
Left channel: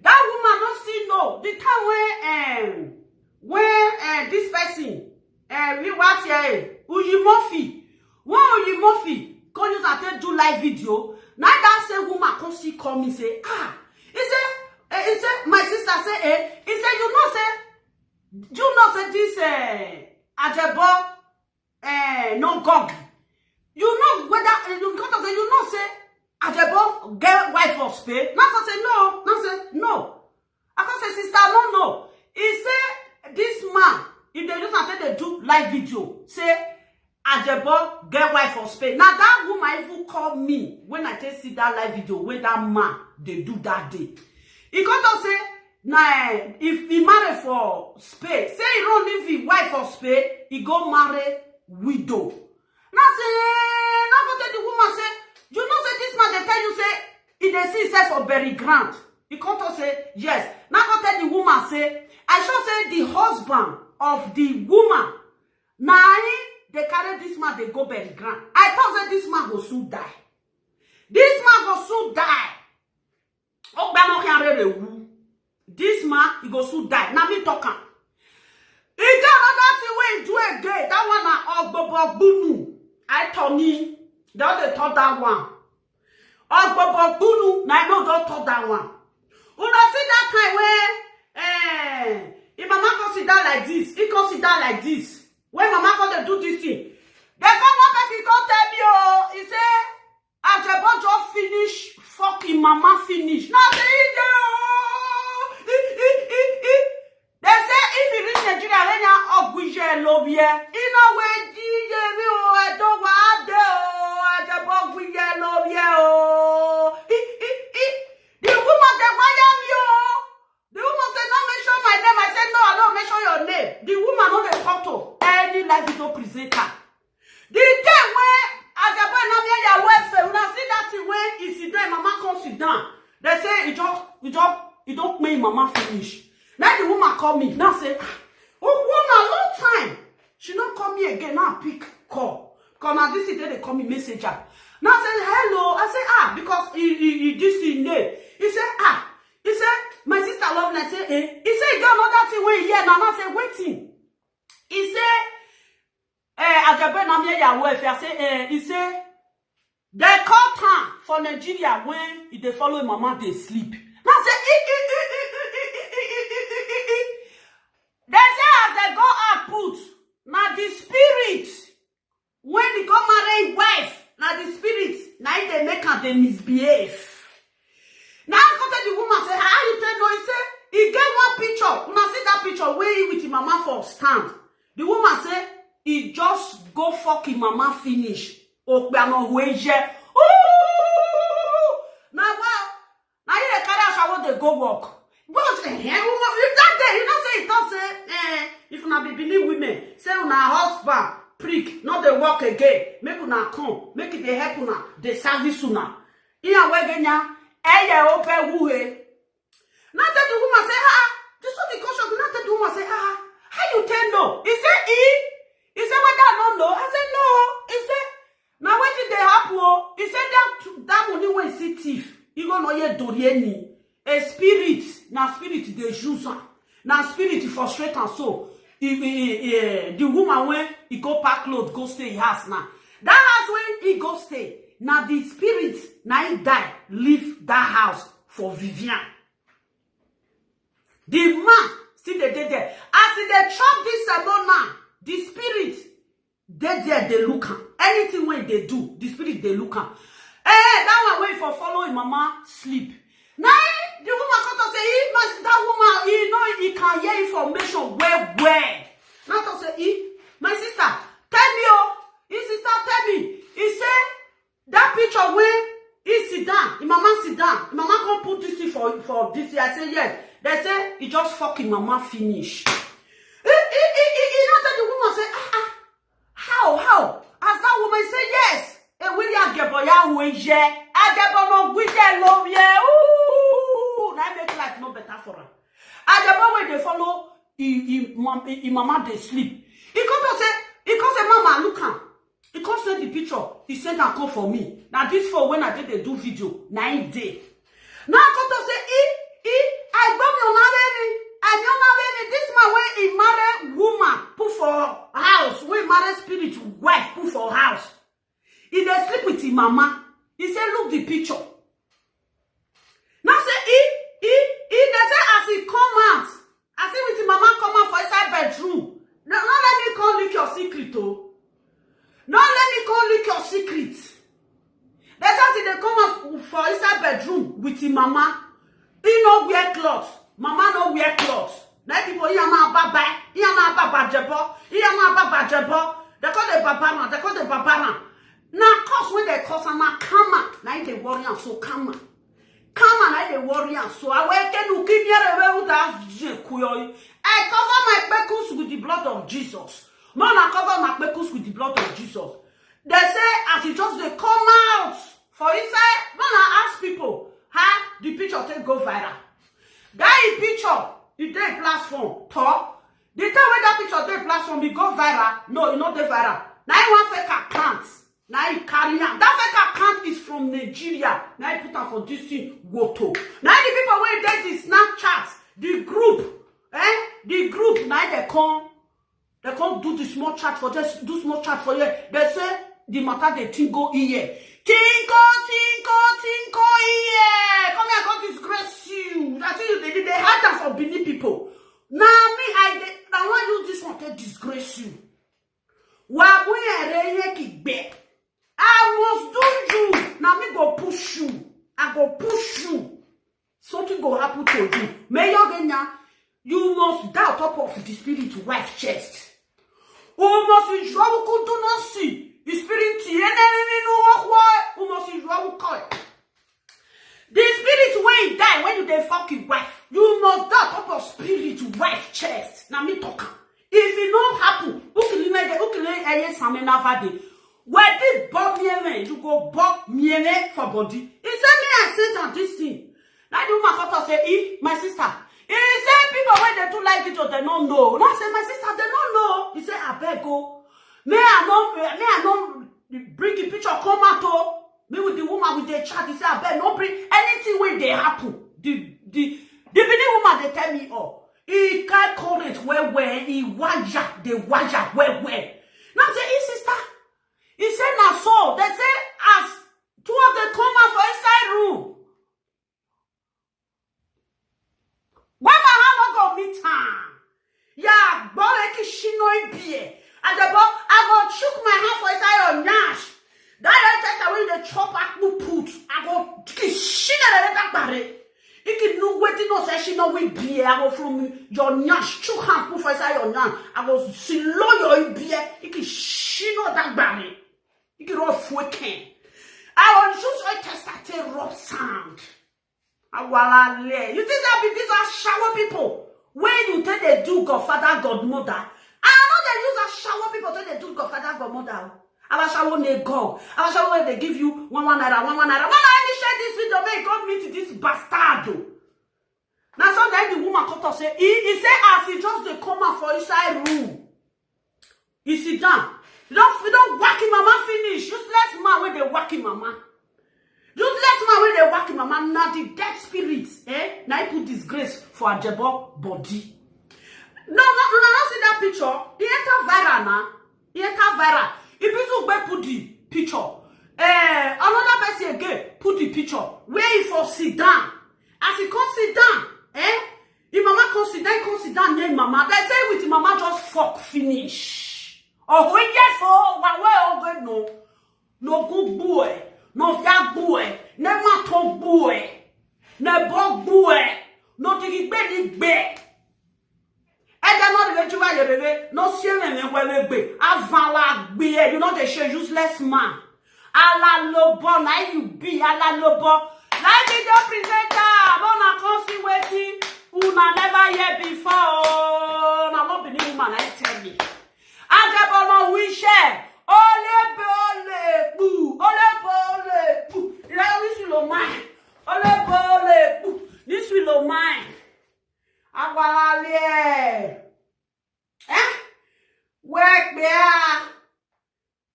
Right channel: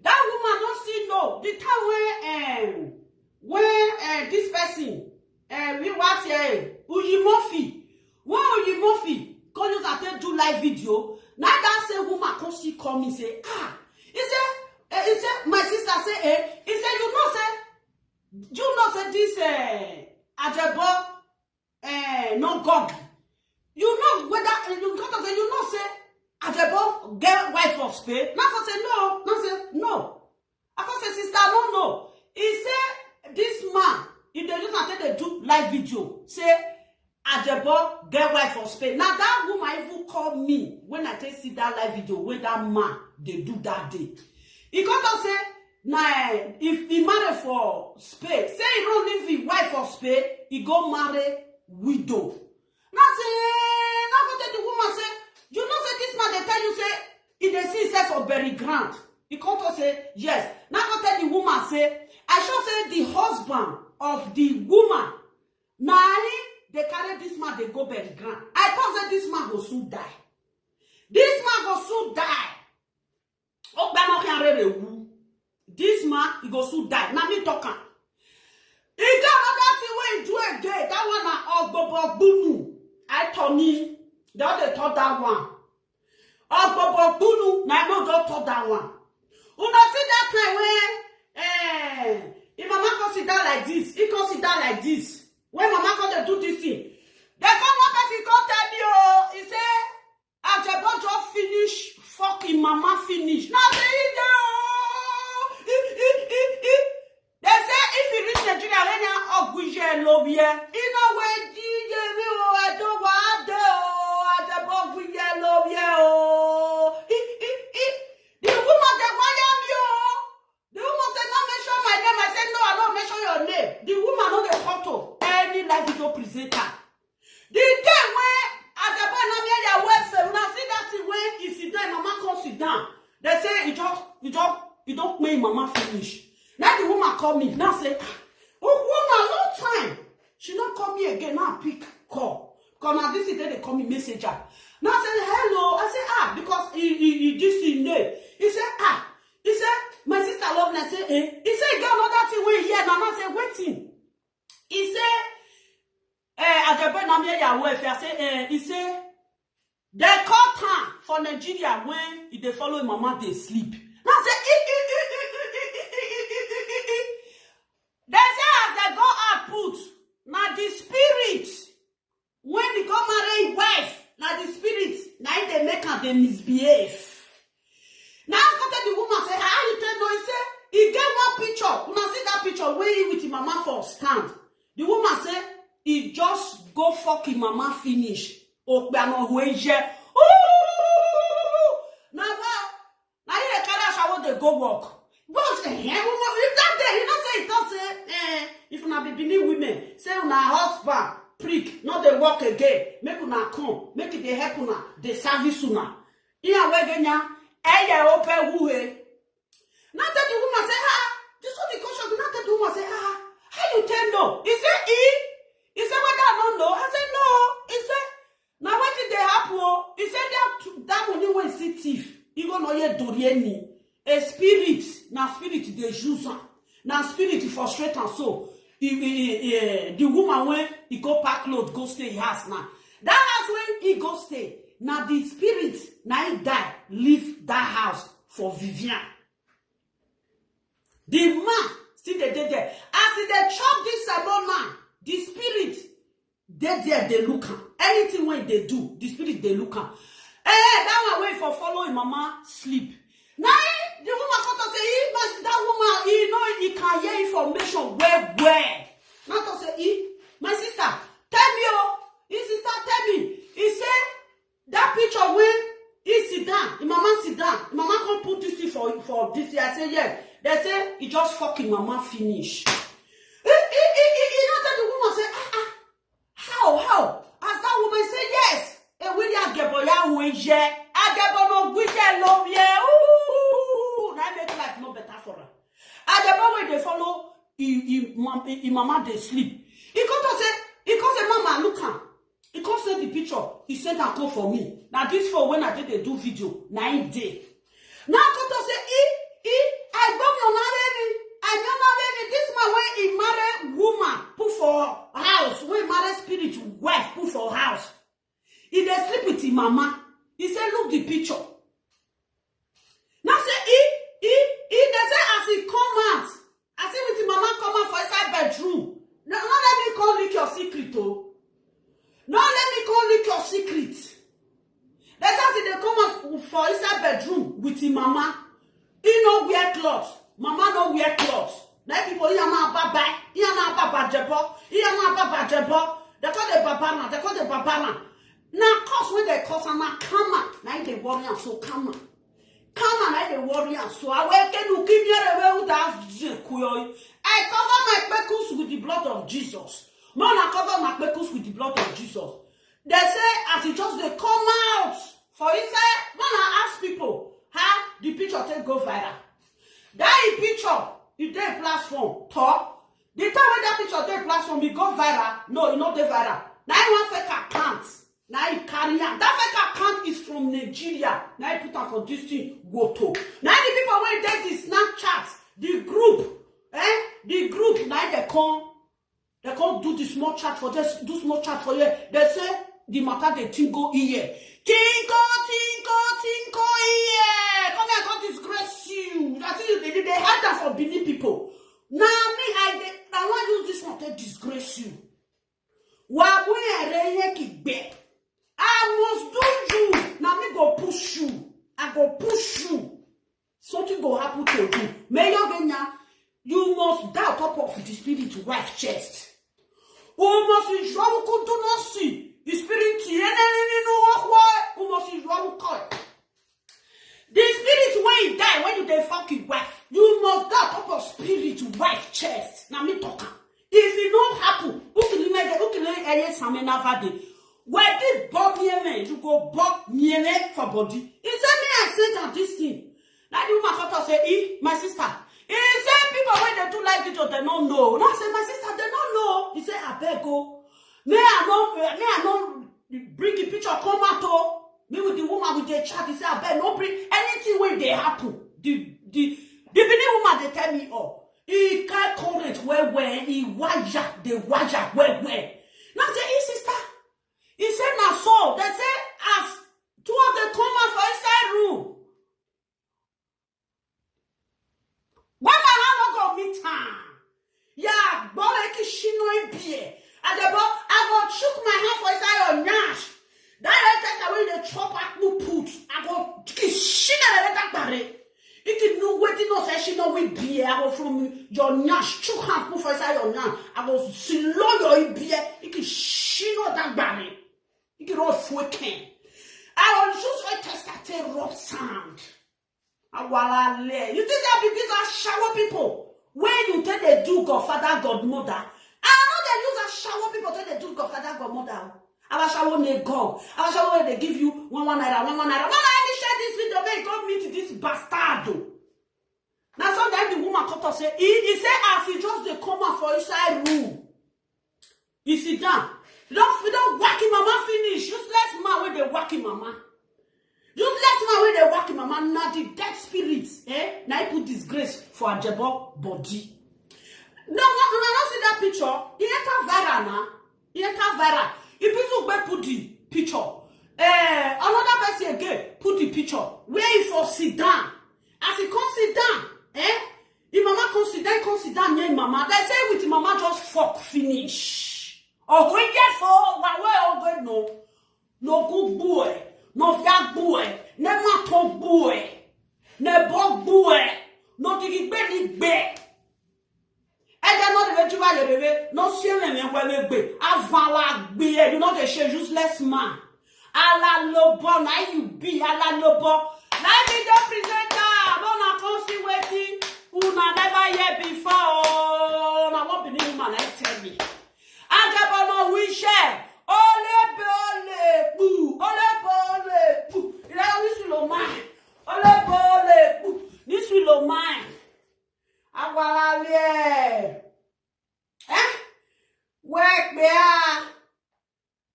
That woman don't still know the time when this person we watch Ujimofi. When Ujimofi come use and do live video. Now that same woman come see call me say he said my sister say he said you know say this Ajebor no God. You know whether you come to say you know say Ajebor get wife for Spain. Now I say no. Now say no. I can say sister no. He say this man, if they just after they do live video, say Ajebor get wife for Spain. Now that woman even call me when I take see that live video when that man they do that day. He come to say nah, if he marry for Spain, say he don't leave his wife for Spain, he go marry widow. Now say, now go tell the woman say, you know say this man they tell you say, he dey see himself for bury ground. He come to say yes. Now go tell the woman say, I sure say the husband of the woman, now they carry this man they go bury ground. I thought say this man go soon die. This man go soon die. Oh, but no this man he go soon die. Now me talking. He got another thing where he do again. That one na Ogbobobunu. I told me, they only thought that one. Ogbobobunu, na I know don't thought that one. Una see that time when if mama consider like this, he consider like this. When mama come to do this thing, they come one person come tell me, oh, he say, Ajebor just finish, fucking mama finish. Now say they say if you reach Nigeria, then you ogwije lobie. You know where DJ me oh, I don't want to Ajebor ogwije lobie oh. The woman they wire me oh. The woman said don't mention my name. I said no, I don't mention your name. The woman no dey talk to any live video presenter. The day when Ajebor and me your welfare, when I see that thing when he sit down, mama come sit down. They say you don't make mama finish. Now the woman call me. Now say, oh, woman, long time. She don't call me again. Now pick call. Because now this is they call me messenger. Now I say, hello. I say, because he this thing there. He said, He said, my sister love me. I say, eh. He said, he got another thing where here. Now I say, waiting. He said, Ajebor na me ya welfare. I say, he said, they call time for Nigeria when they follow mama, they sleep. Now I say, they say as they go out put, now the spirit, when they go marry wife, now the spirit, now they make her they misbehave. Now I come to the woman say, how you tell no? He say, he get one picture. When I see that picture where he with his mama for stand. The woman say, he just go fuck his mama finish. Oh, no way. Now well, now you carry shower they go walk. But if that day, you don't say it don't say, if una be believe women, say una husband, prick, not they walk again, make una come, make it they help una, they service una. Iya wegenya, open wuhe. Now that the woman say, this one the question, not that the woman say, how you tell no? He say, he said, whether I don't know. I said, no. He said, now what did they happen? He said, that money when see thief, you go know ye dorieni. A spirit, now spirit they use on. Now spirit frustrate and so. The woman when he go pack load, go stay house now. That house when he go stay. Now the spirit, now he die, leave that house for Vivian. The man still they there. As they chop this salon now, the spirit, they there, they look at. Anything when they do, the spirit, they look at. That one wait for following mama sleep. Now, the woman come to say, that woman, you know, he can hear information where. Now to say, my sister, tell me, his sister, tell me. He said, that picture where he sit down, his mama sit down, his mama come put this thing for this. I say, yes. They say, he just fucking mama finish. You know that the woman say, how? As that woman say, yes. William Ajebor ya weje. Ajebor no gwije love ye. That make life no better for her. Ajebor when they follow, mama they sleep. He come say, mama, look am. He come send the picture. He send a call for me. Now this for when I did they do video 9 days. Now come to say, I got me marry. I don't marry this man when he marry woman put for house. When marry spirit wife put for house. He dey sleep with his mama. He say, look the picture. Now say they say as he come out, I see with his mama come out for inside bedroom. Now let me call leak your secret oh. Don't let me go leak your secret. That's how they come out for inside bedroom with his mama. He no wear clothes. Mama no wear clothes. Now people here ma baba, here ma baba Ajebor, here ma baba Ajebor. They call the babana, they call the babana. Now cause when they cause na kama, now they worry and so kama. Kama na they worry and so I will get to keep here without kuyoy. I cover my pekus with the blood of Jesus. Man, I cover my pekus with the blood of Jesus. They say as it just they come out for inside, man, I ask people how the picture take go viral. That picture, it dey platform talk. The time when that picture dey platform, it go viral. No, it not dey viral. Now you want fake account. Now you carry on. That fake account is from Nigeria. Now you put am for this thing Woto. Now the people when dey the Snapchat, the group, the group. Now they come do the small chat for this, do small chat for you. They say the matter they tinko here. Tinko here. Come here, God disgrace you. I tell you, they had that for Benin people. Now me, I want use this one to disgrace you. I must do you. Now me go push you. I go push you. Something go happen to you. May you must die on top of the spirit wife chest. You must enjoy what do not see. The spirit you must enjoy what. The spirit when you die, when you dey fucking wife, you must die on top of spirit wife chest. Now me talk. If it don't happen, who can something never day? Where did Bob me? You go Bob me for body. He said me I sent on this thing. Now the woman got to say, my sister. He said people when they do live video, they don't know. Now I say, my sister, they don't know. He said, I beg go. May I not bring the picture come out. Me with the woman with the chat, he said, I beg no bring anything when they happen. The Benin woman they tell me, oh. He can't call it where he waja, the waja where. Now say, hey sister, he said now so. They say as two of them come out for inside room. When my hand not go meet her, yeah, boy, she no be. Ajebor, I go chook my hand for inside your nash. That test away the chop at no put. I go she na let bare. You can know waiting no say she no we beer. I go from your nyash chook hand put for inside your nyash. I go silo your beer. You can she no that bare. You can all fucking. I will choose a test at a rough sound. You think that these are shower people? When you tell they do Godfather, Godmother, I know they use a shower people tell they do Godfather, Godmother. Our shower they go. Our shower where they give you one naira. Man, I only share this video. May God meet this bastard. Now sometimes the woman come to say, he say as he just they come out for inside room. He sit down. We don't whack him mama finish. Useless man where they whack him mama. Useless man where they whack him mama. Now the dead spirits, now he put disgrace for Ajebor body. No, see that picture. He enter viral now. He enter viral. If people go put the picture, another person again put the picture where he for sit down. As he come sit down, the mama come sit down near mama. They say with the mama just fuck finish. Oh, we get for one way no good boy, no fat boy, no maton boy, no bog boy, no tiki big bear. And they're not even too no sharing and well be. Avala be, you know they share useless man. Ala lobo, now you be ala lobo. Now be the presenter. Bona consi waiting. Una never hear before. Now what be the woman I tell me. Ajebor no we share. Ole boo. Ole boo. You know this will mine. Ole boo. This will mine. Agwalale. Work there.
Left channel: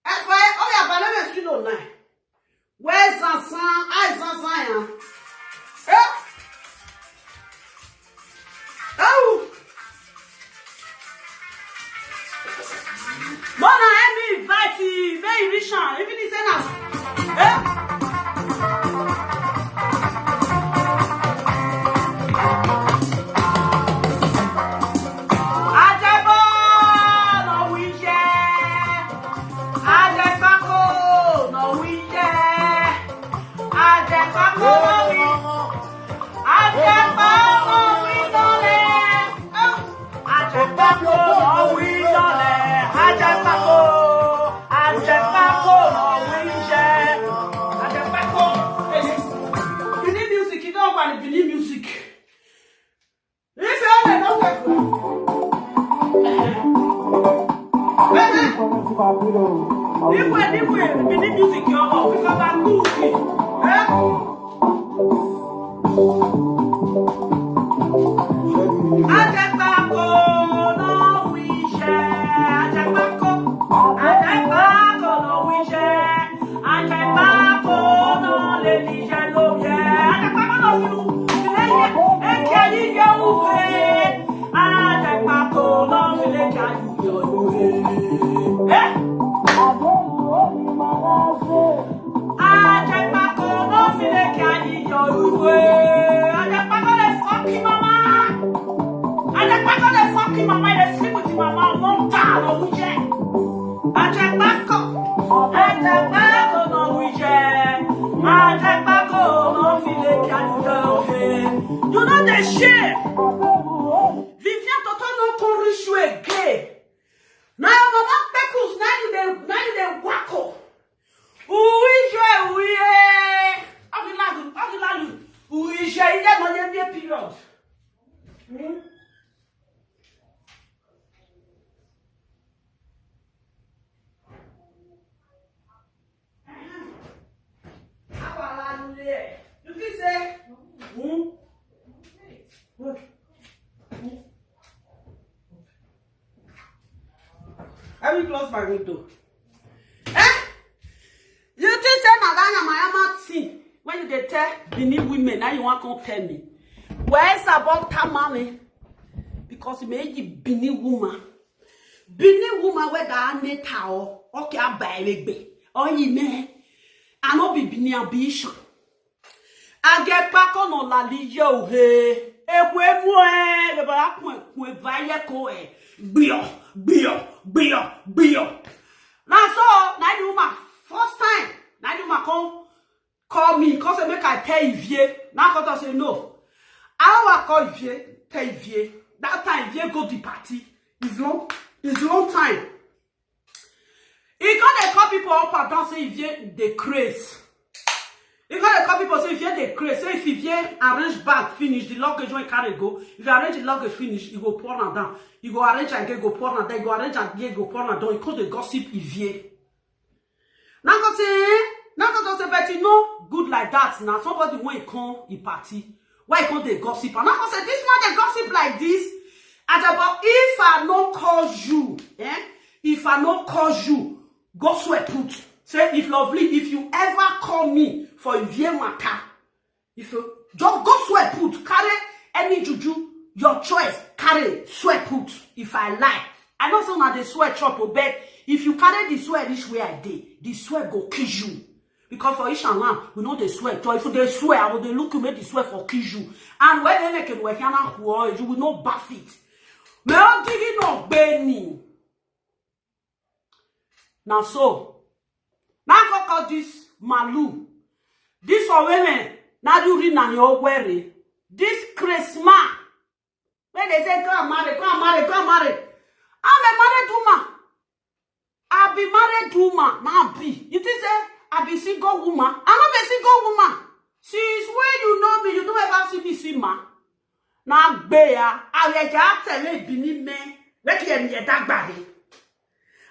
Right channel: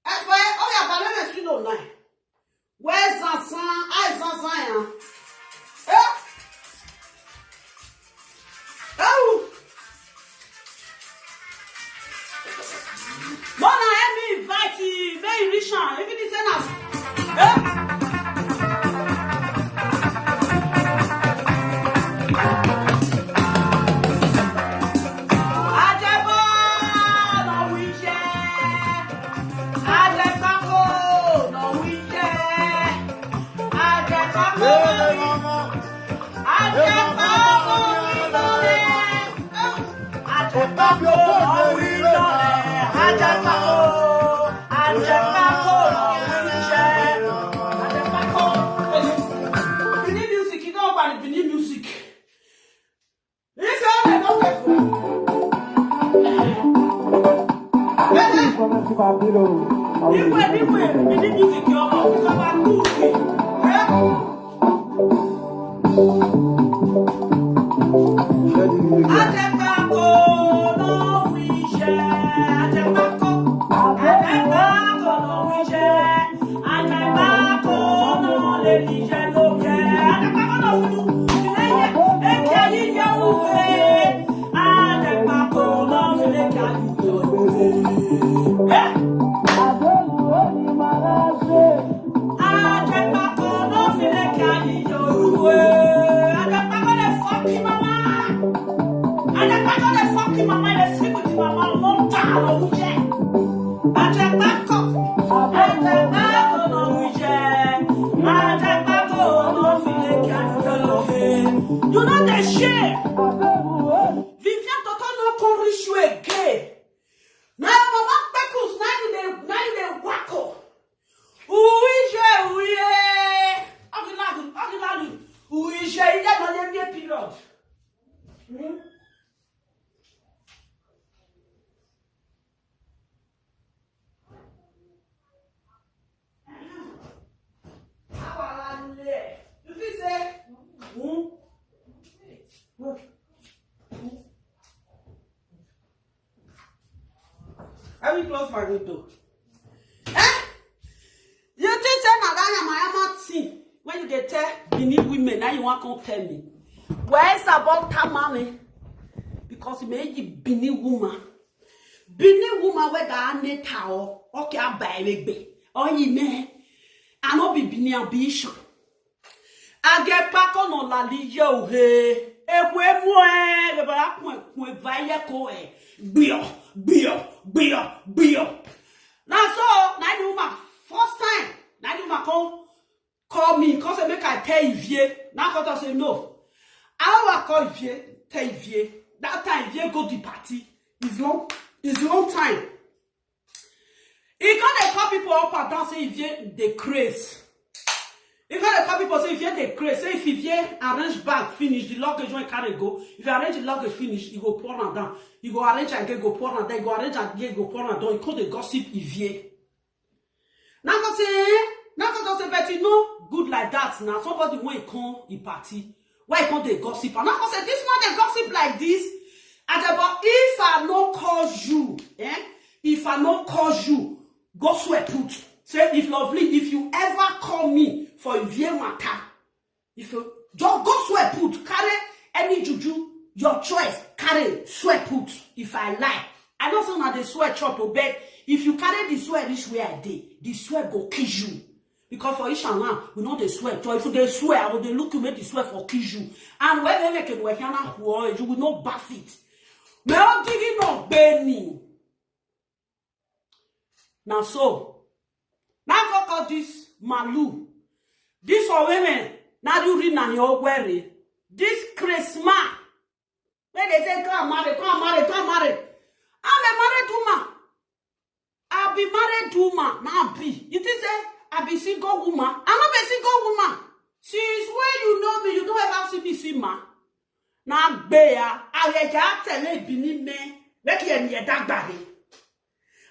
That's why all your bananas feel online. Where's Zansan? I Zansan. Oh. Mona, let me invite you. Very vision. Even if it's us. Ajebor, no we share. Benin music, you know about the Benin music. If you only know that. This way, Benin music, you know, because I'm goofy. Ajebor no wije, Ajebor no wije, Ajebor no lelije no ye, Ajebor no filu, fileye, ekeyi yo uwe, Ajebor no file kayu yo uwe, Ajebor no file kayu yo uwe, Ajebor no fuck you mama. And the back of the fucking mama, they sleep with the mama, no down, no weekend. And the back of, no weekend. And the back of, no feeling can go. You know the shit. Vivian Toto no cornish you again. Now, mama, Beckles, now you the wacko. Oui, je, il est dans les vieux pilotes. Let me close my window. You think say Madonna Mayama thing when you dey tell Benin women now you want to tell me? Where's about Tamale? Because me Benin woman where the neta okay I buy me. Oh you me, I no be Benin ambition. I get back on la liyo he. Ekwe mwe le ba kwe vaye ko e. Bio. Now so, now the woman first time, now the woman call me, cause make I tell Ivie. Now I say no. I will call Ivie, tell Ivie. That time Ivie go the party. It's long time. He can't call people up and down say Ivie they craze. You can't call people say if you the craze. Say if you arrange bag finish, the luggage when carry go. If you arrange the luggage finish, you go pour on down. You go arrange and get go pour on down. You go arrange and get go pour on down. You call the gossip Ivie. Now go say, but you know, good like that. Now somebody when he come he party, why he come the gossip? And now go say this man they gossip like this. Ajebor, if I no call you, if I no call you, go swear put. Say if lovely, if you ever call me for Ivie matter, if you just go swear put, carry any juju, your choice, carry swear put. If I lie, I know some of the swear chop or bed. If you carry the swear this way I did, the swear go kill you. Because for each and one, we know the swear. So if they swear, I will they look you make the swear for kill you. And when they make it work, you will not buff it. Me on digging no Benny. Now so. Now go call this Malu. This for women. Now you read na your wearing. This Christmas. When they say come marry. I'm a married woman. I be married woman. Now be. You think say I be single woman? I'm not a single woman. Since when you know me, you don't ever see me see ma. Now bear. I just tell you Benin me. Where can you that body?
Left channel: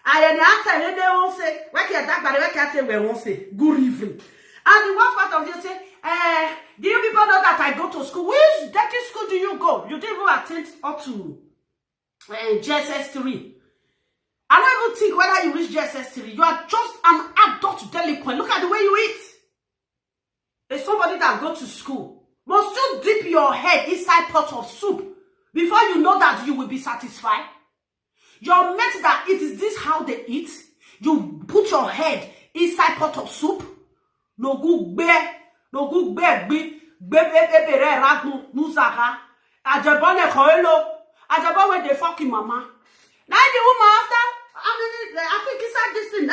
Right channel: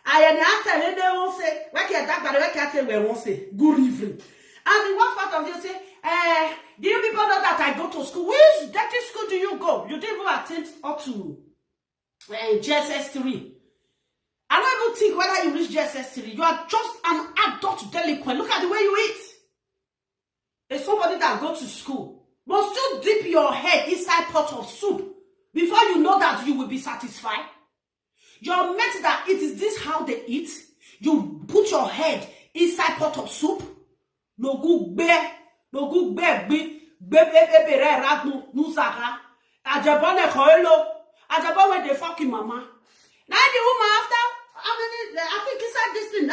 I am telling they won't say, where can that body? Where can say we won't say good evening? And the worst part of you say, do you people know that I go to school? Which dirty school do you go? You didn't even attend up to JSS3. I don't even think whether you reach JSS3. You are just an adult delinquent. Look at the way you eat. It's somebody that go to school. Must you dip your head inside pot of soup before you know that you will be satisfied? Your mate that it is this how they eat. You put your head inside pot of soup. No good bear, be ragnu nusaka. Ajebor ne koelo. Ajebor when they fucking mama. Now the woman after I think inside this thing,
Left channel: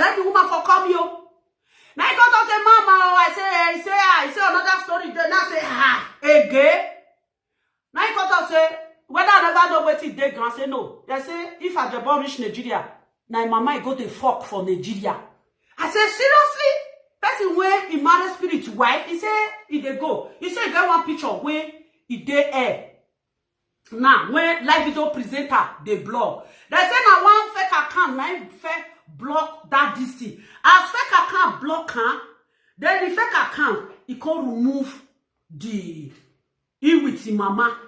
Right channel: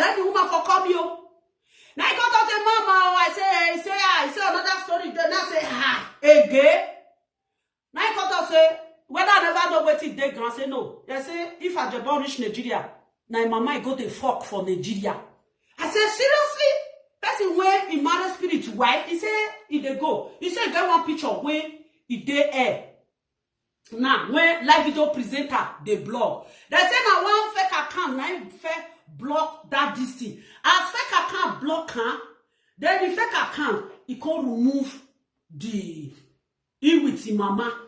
let the woman for come you. Now I got to say mama, I say another story. Then I say again. Now I got to say whether I never know what it they grand say no. They say if Ajebor reach Nigeria, now mama go to fuck for Nigeria. I say seriously? Person where he marry spirit wife, he say he dey go. He say get one picture where he dey air. Now when live video presenter they blog. They say now one fake account, now fake block that this thing. As fake account block her, then the fake account he can remove the he with the mama.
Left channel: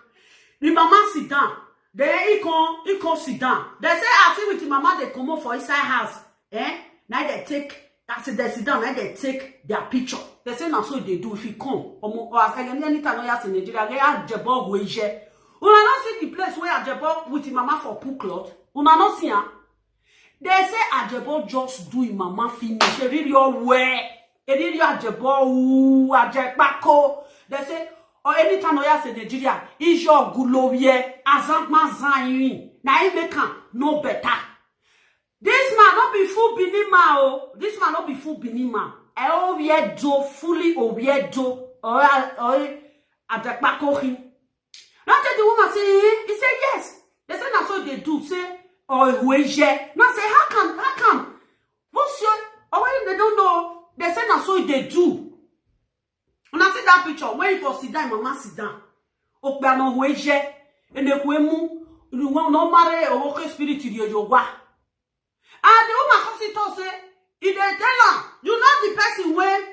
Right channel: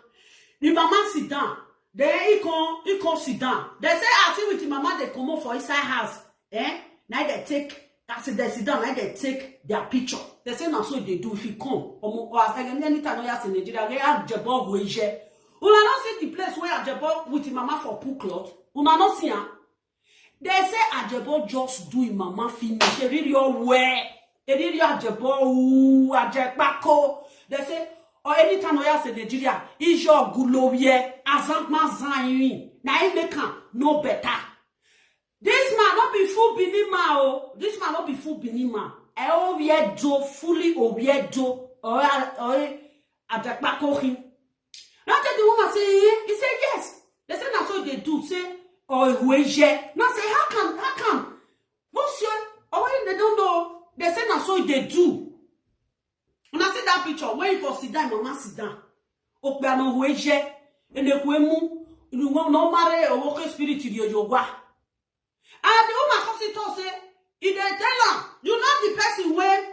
The mama sit down. Then he can sit down. They say I see with the mama they come up for inside house. Now they take as they sit down, now they take their picture. They say now so they do if he come. Or as anytime no yas in Nigeria, they Ajebor weje. Una not see the place where Ajebor with the mama for pool cloth. Una not see her. They say Ajebor just do him mama finish. They really all wear. They really Ajebor Ajebako. They say or anytime no yas in Nigeria, is your gulowie azantma zayin. Na he make am no better. This man not be full binima oh. This man not be full binima. I obiedo fully obiedo or Ajebako him. Now tell the woman say he said yes. They say that's what they do. Say or weje. Now say how come? What's your or when they don't know? They say that's what they do. When I see that picture, when for sit down, mama sit down. Okba no weje. And the kwemu you want no marry or okay spirit to your yoga. And the woman comes to say, if they tell her, you know the person when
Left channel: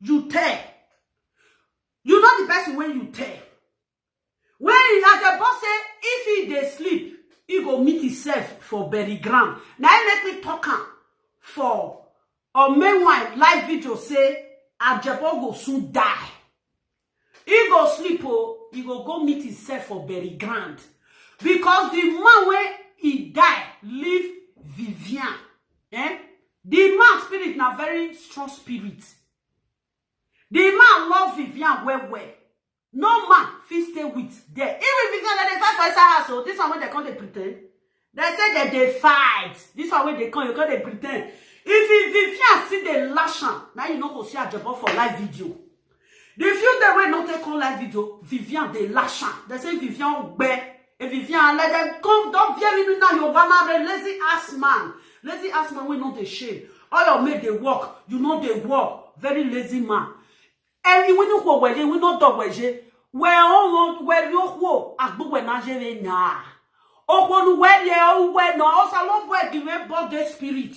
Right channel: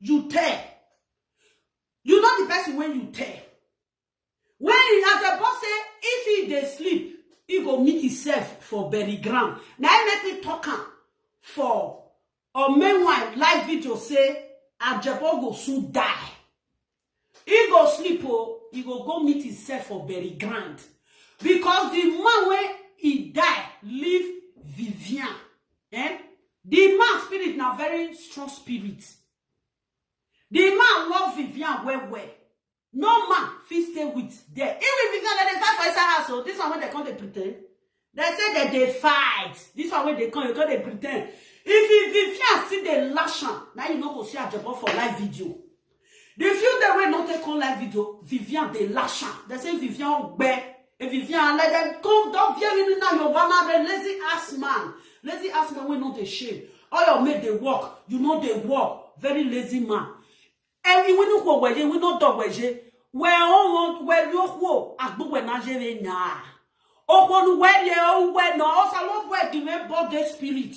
you tell. You know the person when you tell. When Ajebor say, if he dey sleep, he go meet himself for bury ground. Now he make me talk for or meanwhile live video say Ajebor go soon die. He go sleep he go meet himself for bury ground. Because the man when he die, leave Vivian. The man spirit na very strong spirit. The man love Vivian well. No man fit stay with them. Even Vivian they fight for inside house. So this one when they come they pretend. They say that they fight. This one when they come they pretend. If Vivian see the lash now you know go see Ajebor for live video. The few they will not take on live video, Vivian they lash. They say Vivian bear. And Vivian let them come. Don't fear me now. You're one lazy ass man. Lazy ass man will not the shame. All your made they work. You know they work. Very lazy man. And we know what we not dog we where you wo agbo we na jere na. Okonu where ye o we no also love where the body spirit.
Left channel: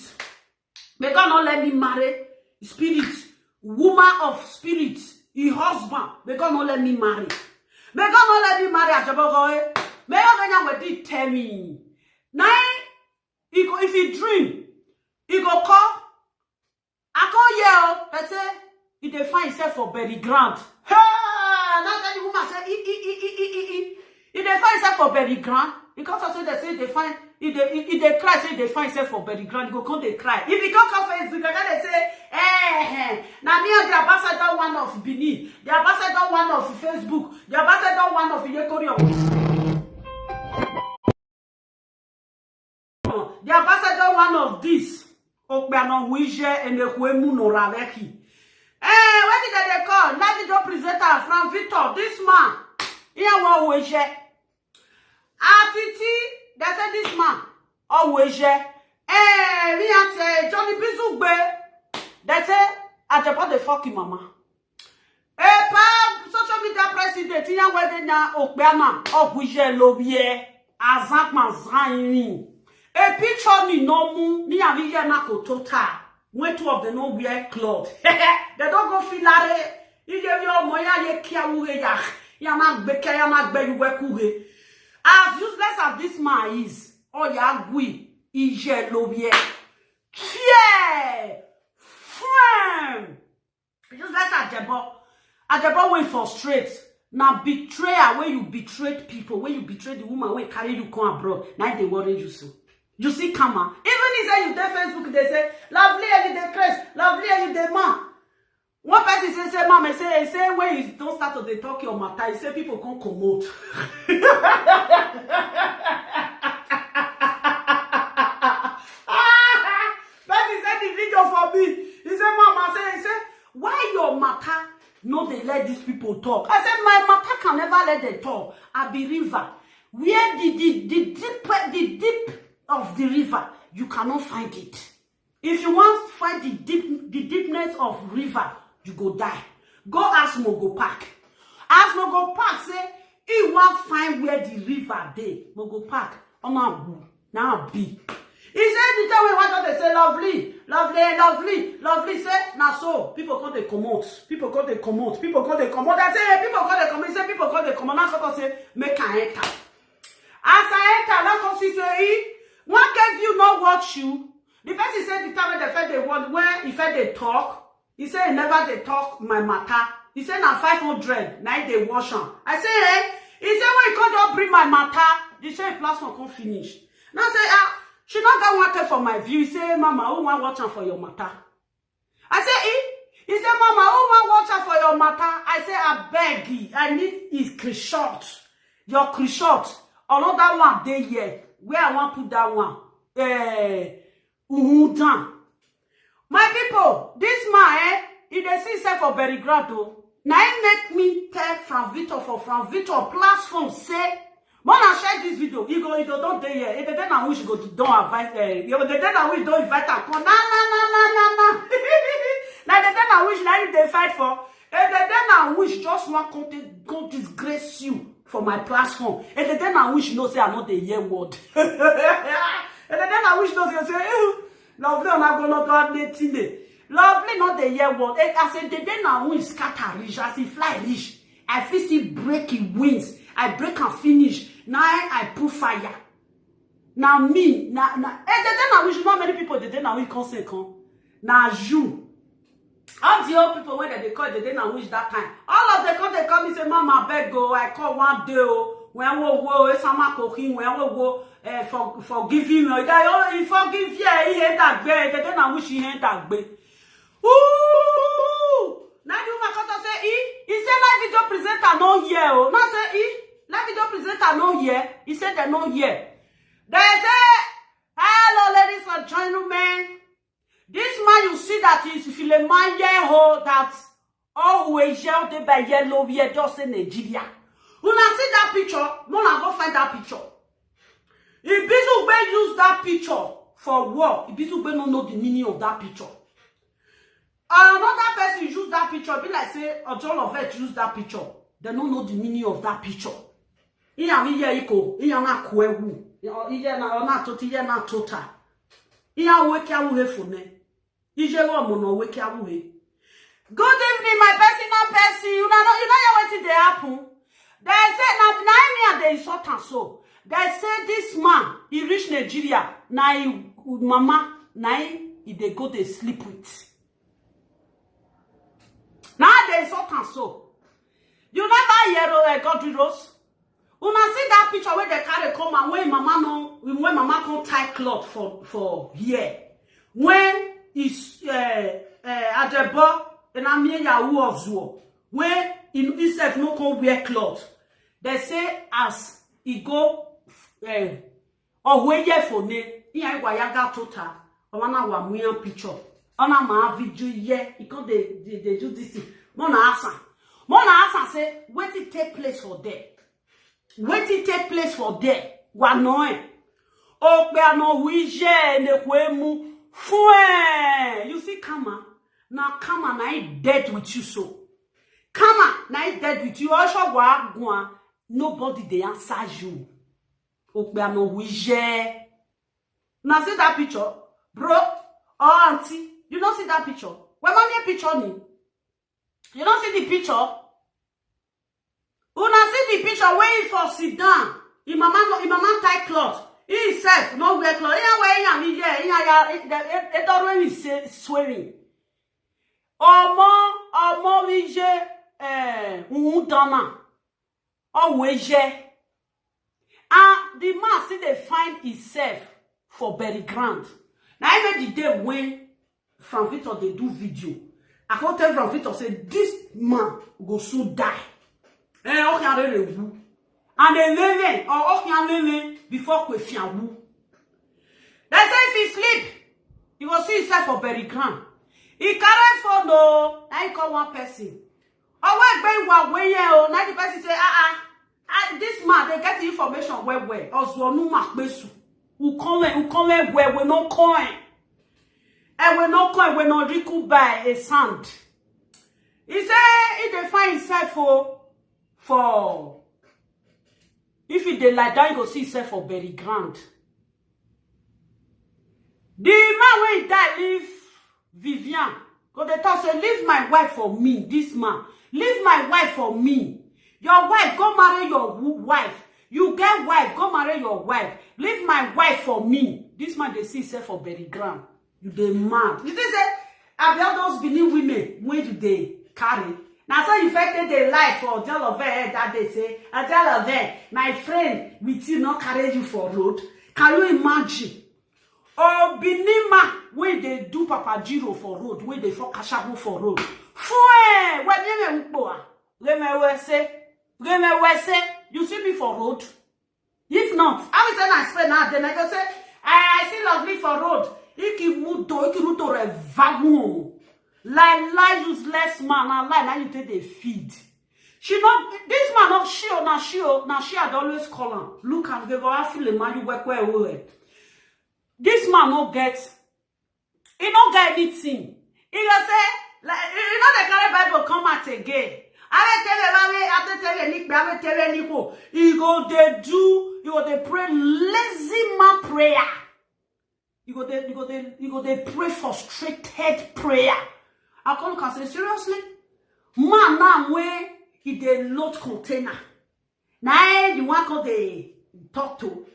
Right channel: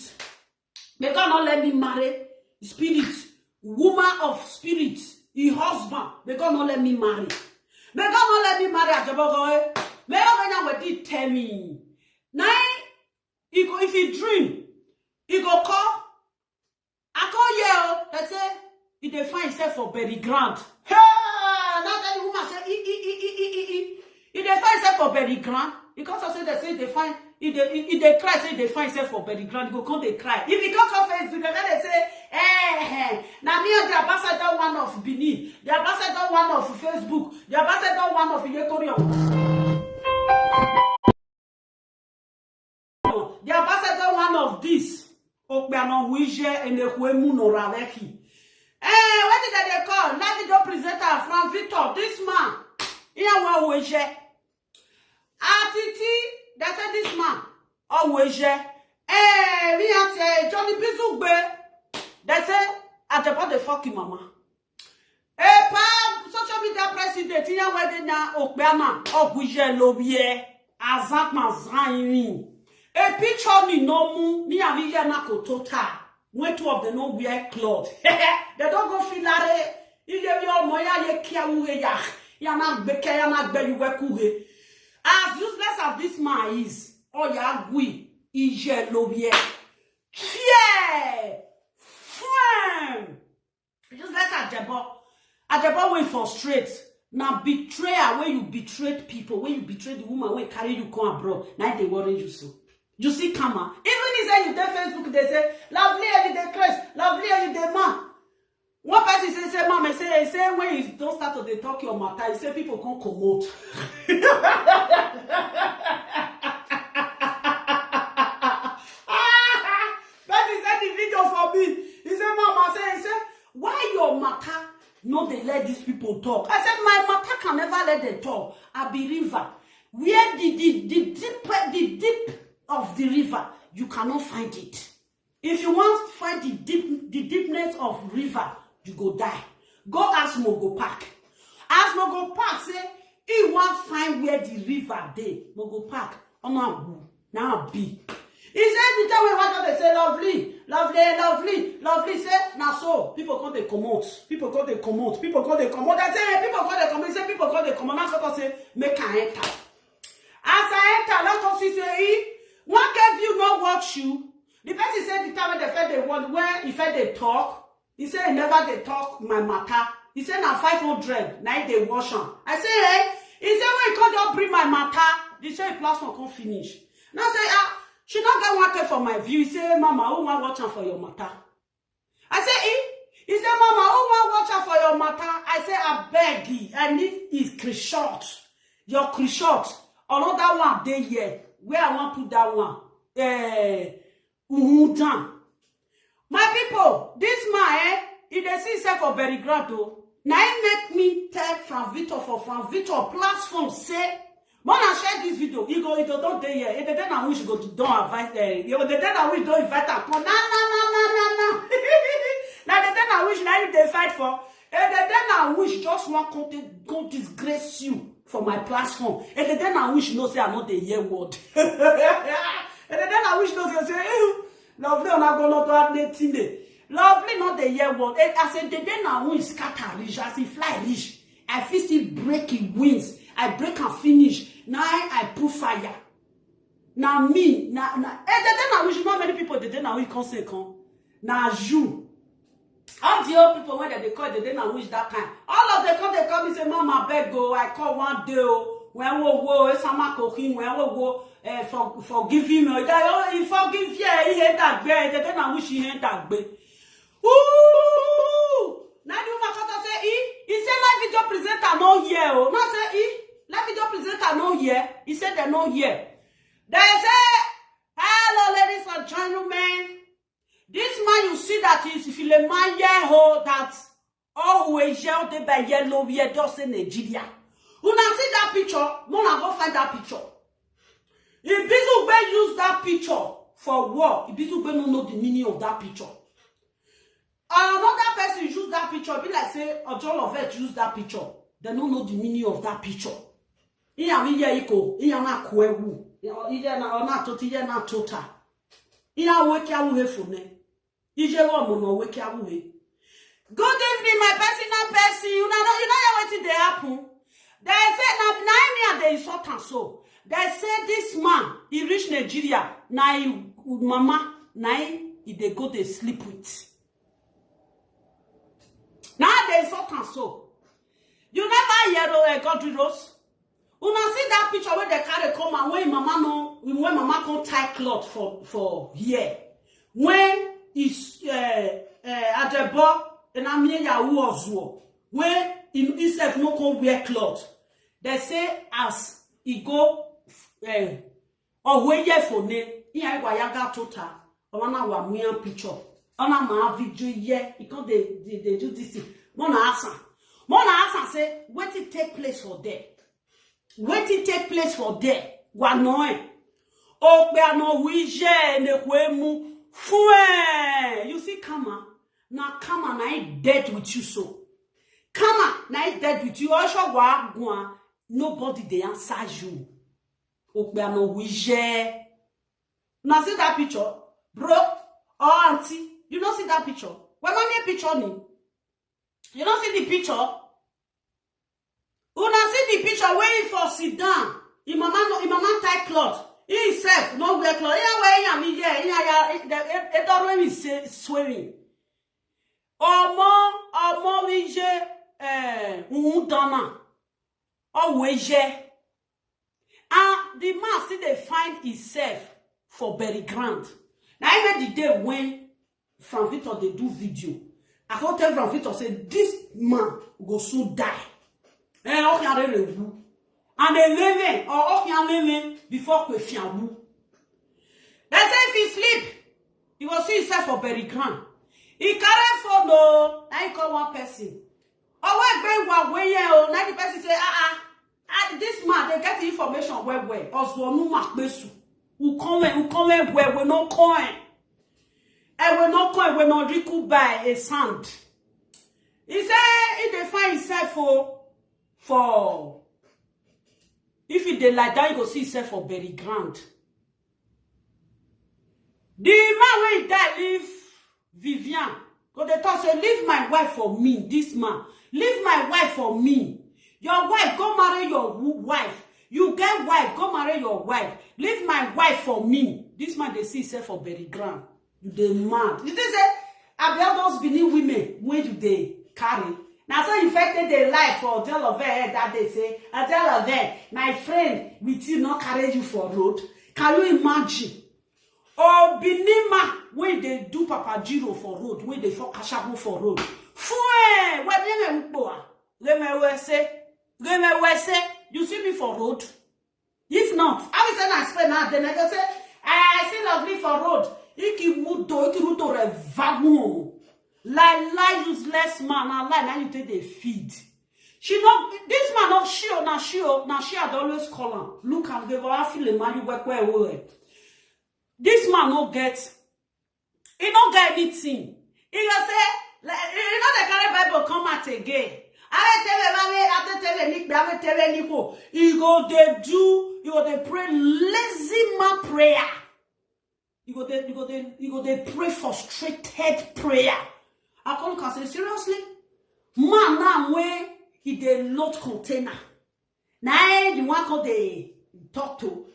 May God not let me marry spirit, woman of spirit, your husband. May God not let me marry. May God not let me marry Ajebor. May God not let tell me. Now, if he dream, he go call. I call yell. They say he dey find himself for bury ground. Hey, now that the woman say he dey find himself for bury ground. Because I say they say they find he dey cry say they find himself for bury ground. He go come they cry. If he come on Facebook, they say, now me and the ambassador one of Benin, the ambassador one of Facebook, the ambassador one of Yekori. The ambassador one of this. Okbeano Wije and the Huemu Noraveki. What did they call? Let me go presenter from Victor. This man. Here one Wije. Atiti, they say this man. Oh Wije. Me and say Johnny Bizugbe. They say Ajebor the fucking mama. Pa social media president. Here where they na Okbeana. Oh Wije Lobie. Azak Mazraini. A picture ni nomu ni aviya na kotota. When two of them no wear clothes. They don't go filare. You give your moya ye kia uhe ya. Yamak beke yamak be you wekuhe. As useless as this man is, oh ya gui ije lobie. Fear, friend. Useless Ajebor. Ajebor went for straight. Now betrayer where you betrayed people, where you betrayed the woman where carry you come abroad. Now they worry you so. You see, come on. Even if say you dey Facebook, they say, lovely every day, Chris, lovely every day, man. One person say, mama, say, when you don't start to they talk your matter, you say people can't commode. But he said the video for me. He said, mama, say, why your matter no they let these people talk? I said, my matter can never let them talk. I be river. where the deep of the river, you cannot find it. If you want to find the deepness of river, you go die. Go ask Mogo Park. Ask Mogo Park, say, he want find where the river dey. Mogo Park, now be. He said, the time we want to say, lovely, lovely, lovely, lovely. Say, now so, people call they commode. People call they commode. People call they commode. I say, hey, people call they commode. He say, people call they commode. Now come say, make I enter. As I enter, let's come see, say, one can view not watch you. The person said the time when they fed they want, when he fed they talk, he said, never they talk my matter. He said, now 500, now they wash on. I say, hey, he said, when you can't bring my matter, he said, plasma can't finish. Now say, she not get one care for my view. He say, Mama, who want watch for your matter? I say, he said, Mama, who want watch for your matter? I say, I beg you, I need his crishot. Your crishot. Another one day here. Where I want to put that one? Down. My people, this man, he dey see himself for very grado. Now he make me tell Frank Victor for Frank Victor platform say, when I share this video, he go don't dey here. If the day now wish go to don't invite the day now wish don't invite him. No. Now the day now wish now you dey fight for. If the day now wish just want come disgrace you for my platform. If the day now wish no say I know the hear word. If the day now wish no say lovely on a go not anything. Lovely not the year word. I said the day now wish scatter rich. I see fly rich. I feel see breaking wings. I break and finish. Now I put fire. Now me, now, the day now wish not many people the day now wish can't say come. Now you. All the old people when they call the day now wish that time. All of them they call me say, Mama beg go. I call one day when we go, sama cooking when we go forgive him. He forgive you. He hate that way. The day now wish he hate that way. Ooh! Now the woman come say he said live video presenter no here. Oh, now say live video presenter no here. He said they no here. They say, hello, ladies and gentlemen. This man, you see that is if a man here that always yell they by yellow here just in Nigeria. When I see that picture, Mona go find that picture. If Bizugbe use that picture for what? If Bizugbe don't know the meaning of that picture. Another person use that picture, be like say, a John of it use that picture. They don't know the meaning of that picture. Iya iko, iya na kwewu, iya na toti, iya na tota. Iya weke awuhe fune. Ije wo mono weke awuhe. Good evening, my personal person. You know what they happen. They say na me they insult and so. They say this man, he reach Nigeria, na mama, na he they go they sleep with. Now they insult and so. You never hear Godly Rose. Una see that picture where they carry come and when mama can't tie cloth for here. When is Ajebor and I'm here Yahoo of Zuo. When himself no can wear cloth. They say as he go or when ye for ne, he ain't wayaga total. Or one wa muyan picture. Ona ma video ye, he can they do this thing. Mona asa say, what it take place for there? What it take place for there? Wanoe. Okbe no wije ne kwemu. Fue. You see, Kama. Now, Kama na I dead with you so. Kama na I dead with you. Also, wa nobody they answer you. Okbe no wije. Now see that picture, bro or auntie. You don't see that picture. When mommy picture ni. You don't see the picture. Una see the picture where he for sit down. His mama tie cloth. He himself no wear cloth. He wear him here. It always is swearing. Omo wije dana. Always. And the man still they find himself for very grand. Now even the day when Frank Victor they do video, I can't tell Frank Victor say this man go soon die. And they living or living before Kwefiawu. They say if he sleep, he will see himself for very grand. He carry for no, I call one person. Oh, wait, now the person say, And this man, they get information where. Also, no makbesu. Who come where we no coin. And we no coin, we no riku by a sand. He say, if they find himself for if he dey lie down, you go see himself for bury ground. The man when he die leave Vivian. Go they talk say, leave my wife for me. This man, leave my wife for me. Your wife, go marry your wife. You get wife, go marry your wife. Leave my wife for me. This man they see himself for bury ground. You dey mad. You think say, I be all those Benin women when you dey carry. Now so infected their life for Ajebor that they say, Ajebor, my friend, we still not carry you for road. Can you imagine? Oh, Binima, when they do Papa Jiro for road, when they for Kashabu for road. Fue, what do you say? You see me for road? If not, I will say I spend now, then I go say, I see lovely for road. Iki muto revagu. Lie useless man, and lie now you take the feed. She not this man not she had always call him. Look and give her feel the man you work where. This man no get, he no get anything. He go say, like, you know the kind of Bible come out again. I tell you, he go they pray lazy man prayer. You go they pray frustrated prayer. I call can say seriously, man now where he dey load container. Now the one called they talk to.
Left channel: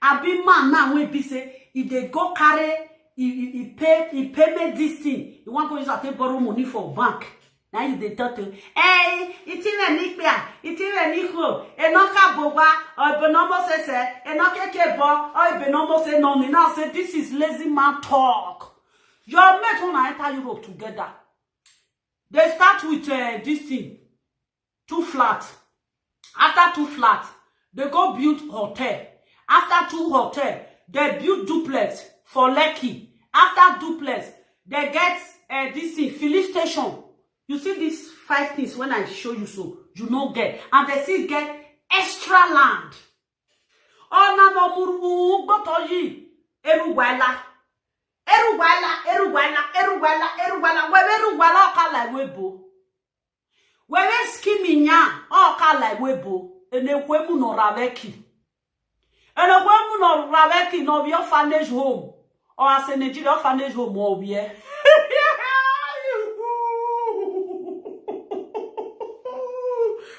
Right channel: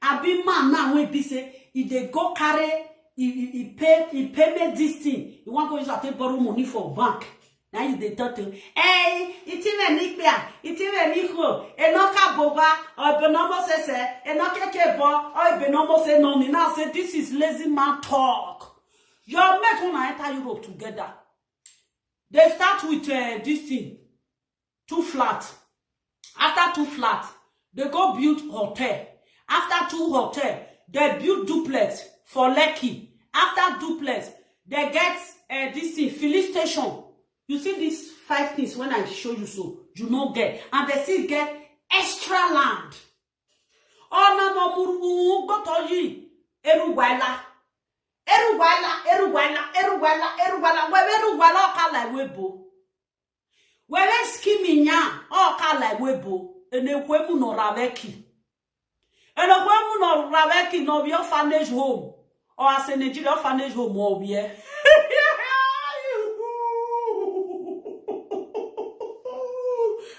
I be man now where be say if they go carry he pay this thing. You want to use to borrow money for bank. Now you they talk to hey, it's even nikbia, it's even nikho, enoka boba, or benomo say, enoke kebo, or benomo say no. Now say this is lazy man talk. Your mate wanna enter Europe together. They start with this thing, 2 flat. After 2 flat, they go build hotel. After 2 hotel, they build duplex for Lekki. After duplex, they get this thing, filling station. You see these 5 things when I show you so, you no get. And they still get extra land. Oh, no, muru, go to yi, Eruwala. Eruwala kala webo. Wewe skiminya o kala webo. Enekwemu no raveki. Enekwemu no raveki no be orphanage home. Or as a Nigeria orphanage home or we.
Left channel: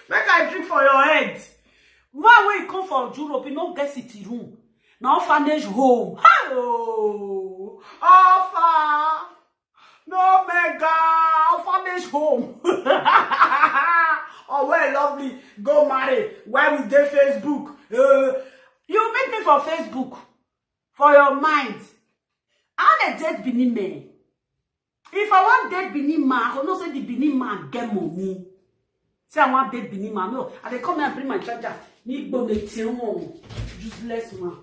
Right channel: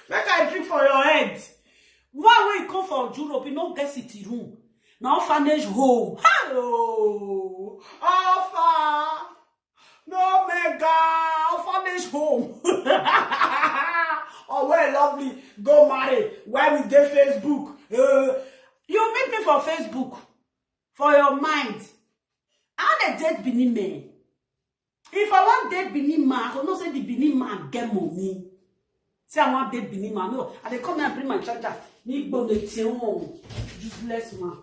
Make I drink for your head. Why when you come from Europe, you don't get city room. Now orphanage home. Hello. Alpha. No mega. Orphanage home. Oh, well, lovely. Go marry. Why we get Facebook? You meet me for Facebook. For your mind. I want a dead Benin man. If I want dead Benin man, I will not say the Benin man get money. Say I want dead Benin man. No, I dey come here and bring my charger. Need go the tion. Useless man.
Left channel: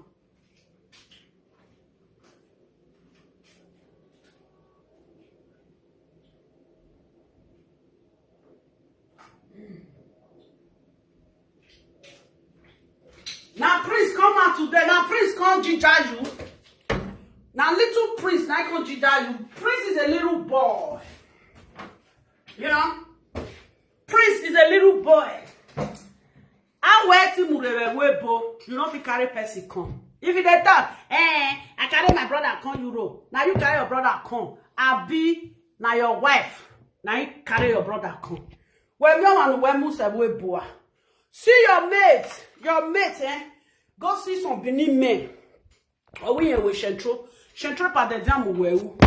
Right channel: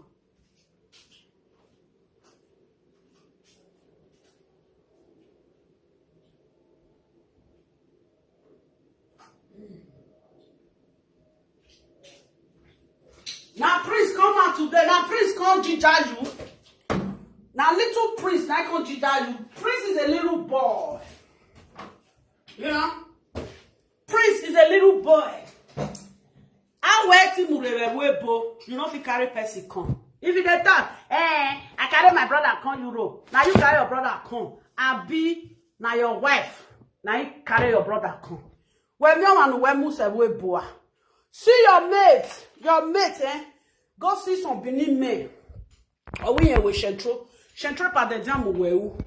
Now priest come out today. Now priest come ginger you. Now little priest, now come ginger you. Priest is a little boy. You know? Priest is a little boy. I wear Timurewebo. You know if you carry person come. If you dey talk, I carry my brother come Europe. Now you carry your brother come. I be now your wife. Now you carry your brother come. When you want to Musewebo. See your mate, go see some Benin men. Or we have with Shentro. Shentro pa the jam wewu.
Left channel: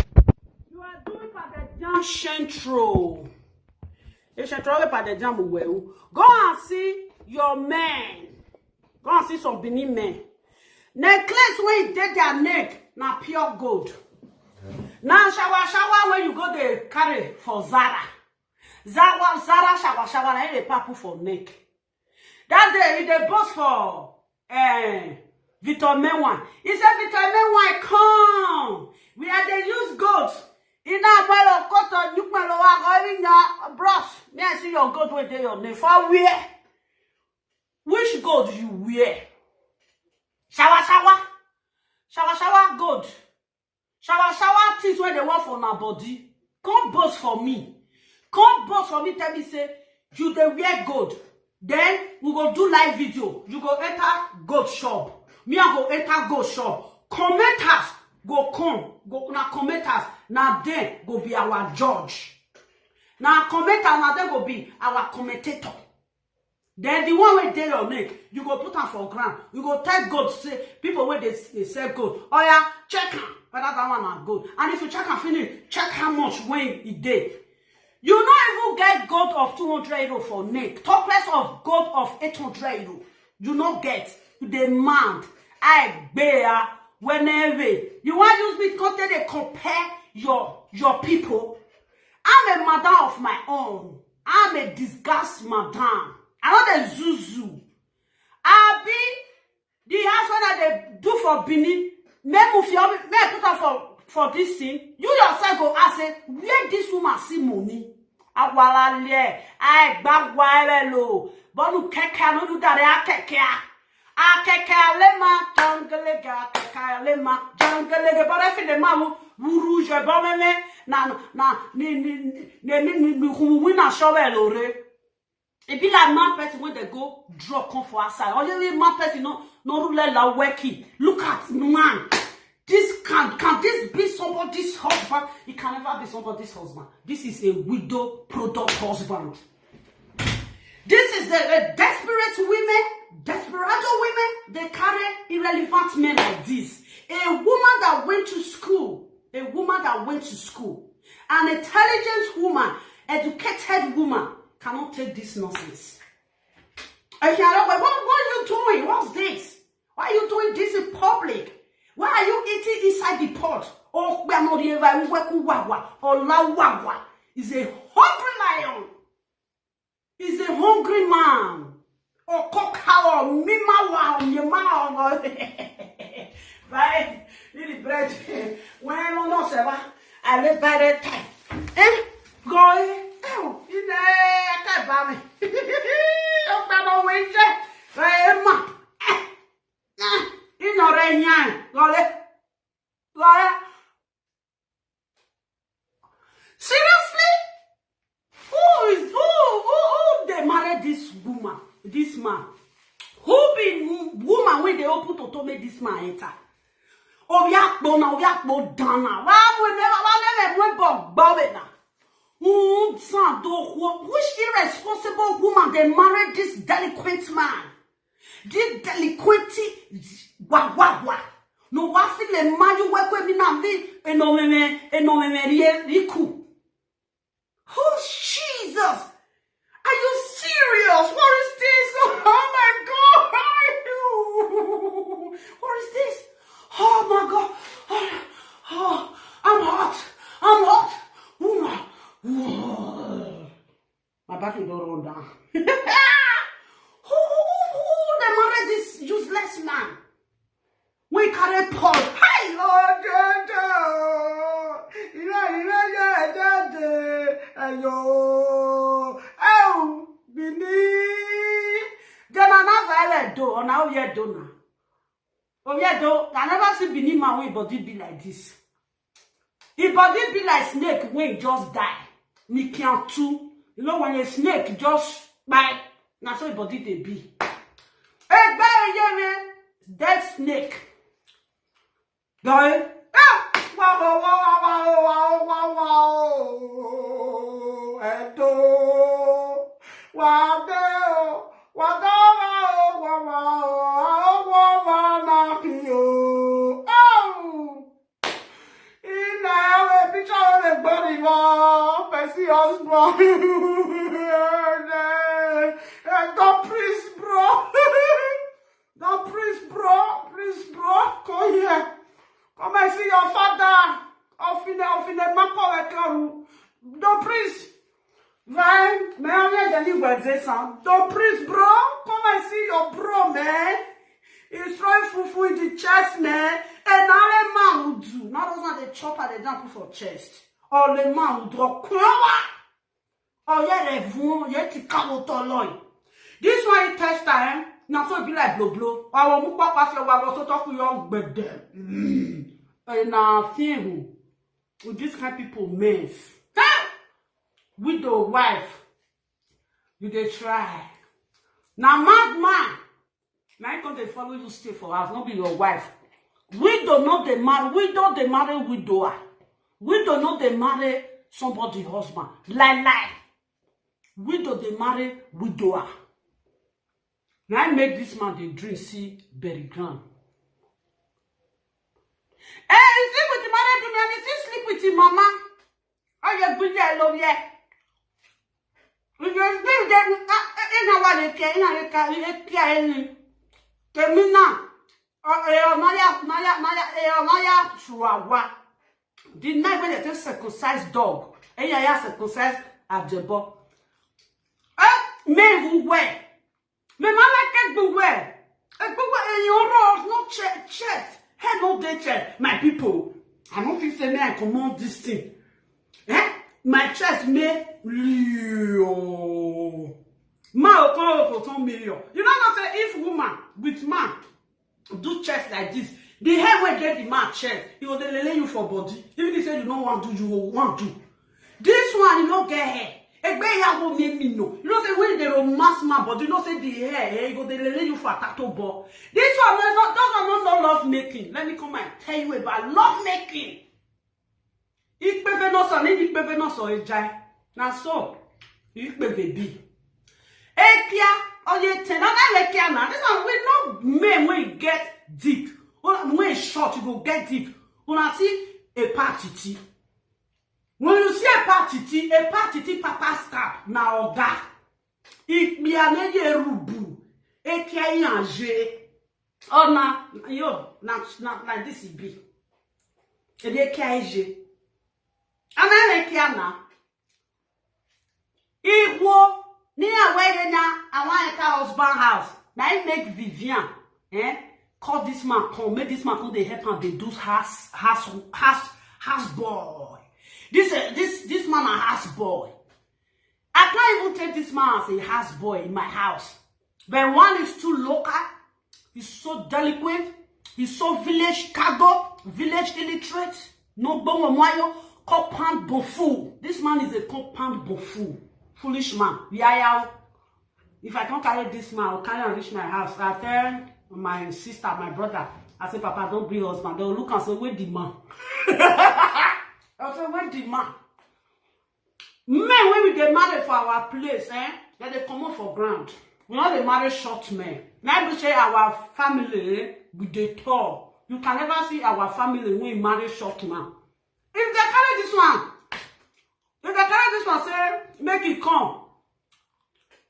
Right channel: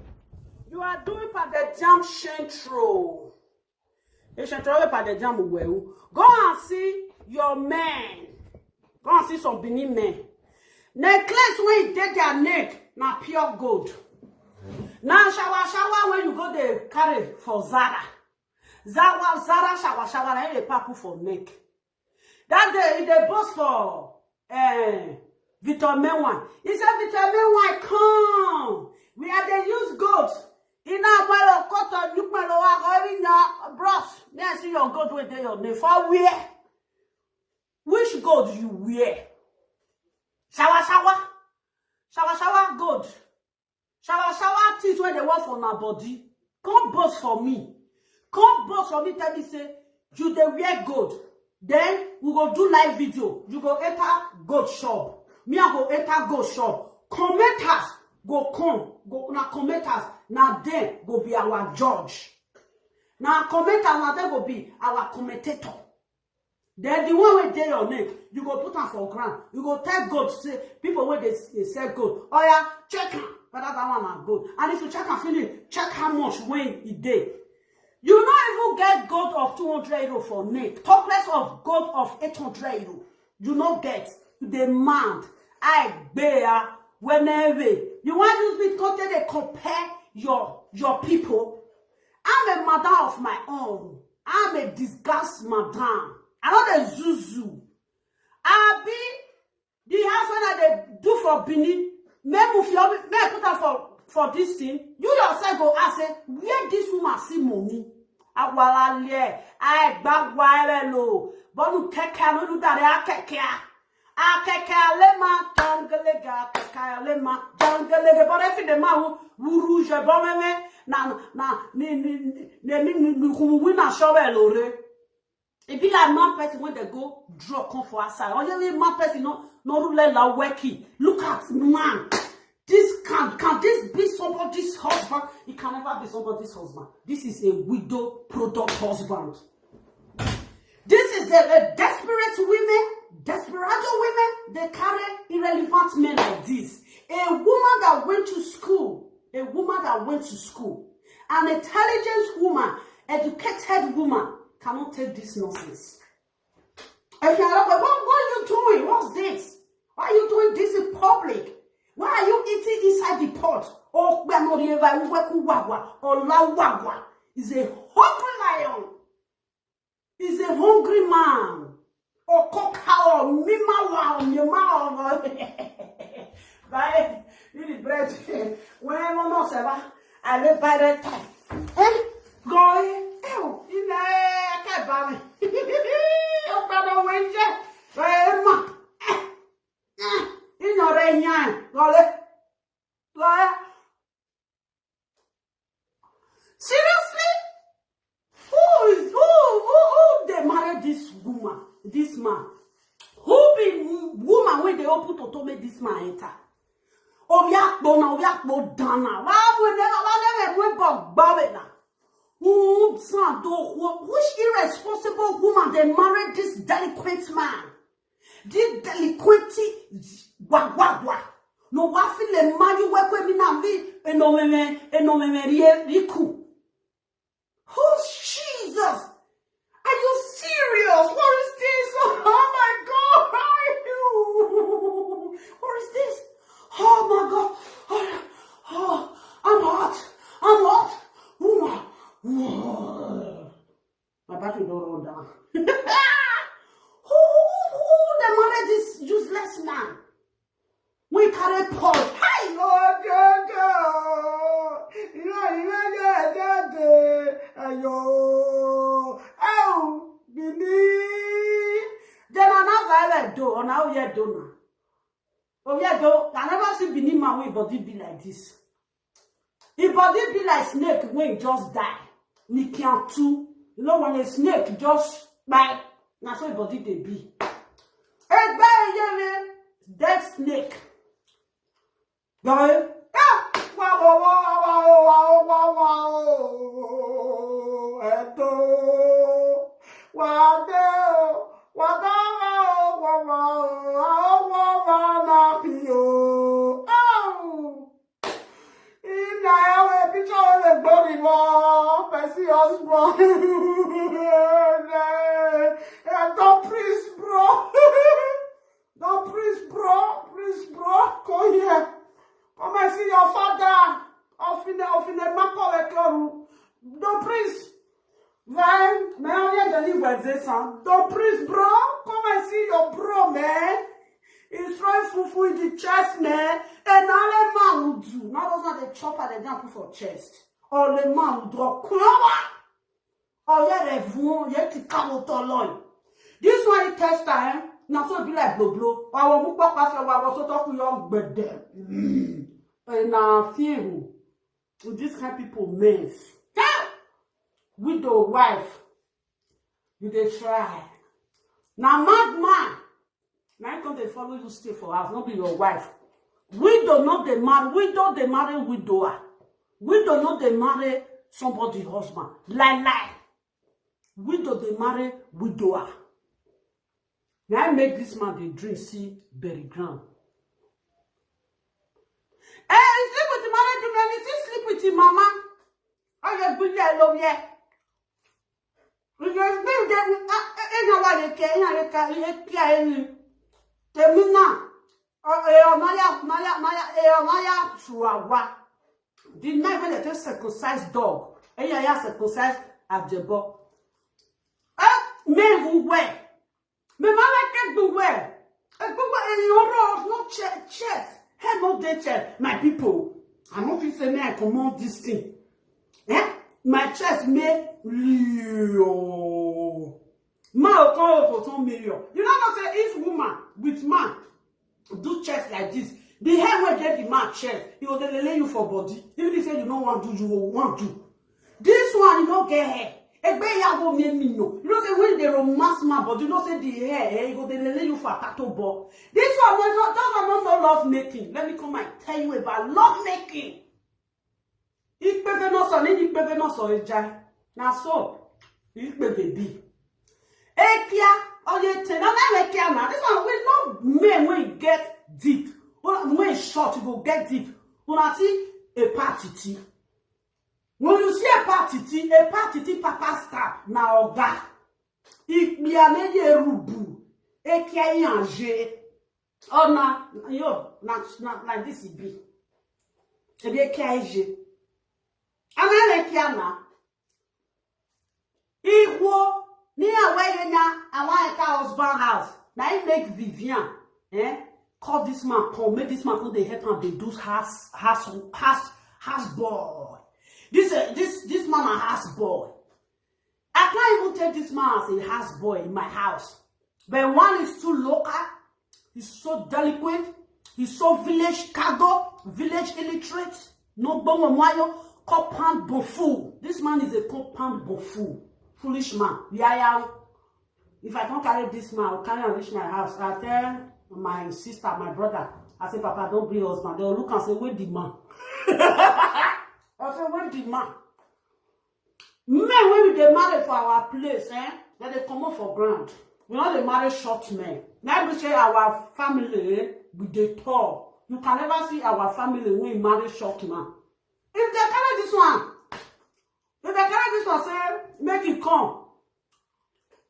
You are doing pa the jam Shentro. Shentro pa the jam wewu. Go and see your men. Go and see some Benin men. Necklace when you take their neck, na pure gold. Now shower when you go there carry for Zara. Zara shower na they papu for neck. That day they boss for Victor Menwan. He said Victor Menwan come. We are the use gold. In our mile of cotton, you can lower going your bros. May I see your gold with your name for where? Which gold you wear. Shower gold. Shower things where they want for my body. Come boast for me. Come boast for me. Tell me say you dey wear gold. Then we go do live video. You go enter gold shop. Me I go enter gold shop. Commenters go come. Go na commenters. Now they go be our judge. Now commenter now they go be our commentator. Then the one wey dey your neck, you go put am for ground. You go tell gold say people wey they sell gold. Oh yeah, check am whether that one na gold. And if you check am finish, check how much weight it dey. You not even get gold of 200 euro for neck. Talk less of gold of 800 euro. You not get. You demand. I bear whenever. You want to use me content they compare your people. I'm a madam of my own. I'm a disgust madam. I'm not a zuzu. I be the house when I do for Bini. Me put her for this thing. You yourself go ask say, where this woman see money? Awalale, I bagwa lo. Bonu keke no do that akeke. Akeke lema jangalega keke lema jangalega. But if the man who rouge bomeme na ni wina shovel ore. It be like man person when they go draw come for outside. Or you man person no rule la working. Look at man. This can this be somebody's husband? It can never be somebody's husband. This is a widow product husband. This is a desperate women, desperado women. They carry irrelevant men like this. A woman that went to school, an intelligent woman, educated woman cannot take this nonsense. I can't. What are you doing? What's this? Why are you doing this in public? Why are you eating inside the pot? Oh, we are not here. Or la is a hungry lion. Is a hungry man. Or cocoa or mima or mima. Right? Little bread. When I don't know, I live by the time. Going. Oh, you know, I can't buy me. Oh, I don't wait. Right, you know, seriously? Who they married this woman, this man? Who be woman when they open to make this man enter? Oh, we are dana. Why never Bobby now? Which irresponsible woman they married this delinquent man? This delinquency wagwagwa. No wafi le maju wekwe minamvi enomeme riku. Oh Jesus! Are you serious? What is this? Oh my God! What is this? Oh my God! Oh, I'm hot. Woman. My back is all down. Who the married this useless man? We carry Paul. Hi, Lord, ayo, oh, Bini. Then another do, or now we do now. Oh, yeah, do. I never see Bini man when body be like this. His body be like snake when just die. Ni can't too. You know when a snake just bite. That's how body they be. Hey, baby, dead snake. Going, Please, bro, come here. Come and see your father. Off in the mako. Don't please. Right? Don't please, bro. Come and see your bro, man. He's throwing fufu in the chest, man. And all the man will do. Not those are the chopper they don't put for chest. All the man will drop. Oh, yeah, they vont. Yeah, tu camotes. This one, he test time. Now so be like blow. Our mukwa pass your wa so talk young bedem. Na fear with this kind of people mess. Widow wife. You dey try. Now madman. Now come they follow you stay for house, not be your wife. Widow not they marry, widow they marry widower. Widow not they marry somebody husband. Lie. Widow they marry widower. Now I make this man the drink see berry ground. He sleep with the married woman, he still sleep with his mama. Oh, you good there, love, yeah. You just live there, the night when they take circumcised dog, and you have circumcised Ajebor. Men who wear. Me man like it wear. In your road, no chest. Head no day chest. My people, I don't feel say me I command this thing. My chest may Leo. Ma for 2 million. You know what say if woman with man do chest like this, the hair will get the man chest. He will lay you for body. Even if you say you don't want to, you will want to. This one you don't get hair. You know say when they romance man, but you know say the hair, you go they lay you for a tattoo ball. This one does not love making. Let me come and tell you about love making. Ikpeve no so, ni ikpeve no so ejai. Na so, ikpeve bi. Ekia, oye ten, na ekia na. This one we no men when you get deep. When it's short, you go get deep. When I see a partity. When you see a partity papa start na oga. Ikbiane ye rubu. Ekia yanje. Oh na this be. Ebi ekia je. Americana. Equal near where now I want a husband house. Now I make Vivian. Call this man come. Make this man come they help and they do house boy. This man a house boy. I can't even take this man as a house boy in my house. But one is too local, he's so delinquent, he's so village cargo, village illiterate, no bongo moyo. Compound bofu. This man is a compound bofu. Foolish man. Yeah. If I can't carry this man, I'll carry and reach my house. I tell my sister, my brother, I say, Papa, don't bring husband. They'll look and say, where the man? I'll say, where the man? Men, when we get married for our place, then they come up for ground. We know they marry short men. Now we say our family with the tall. You can never see our family when we marry short man. If they carry this one, say, make it come.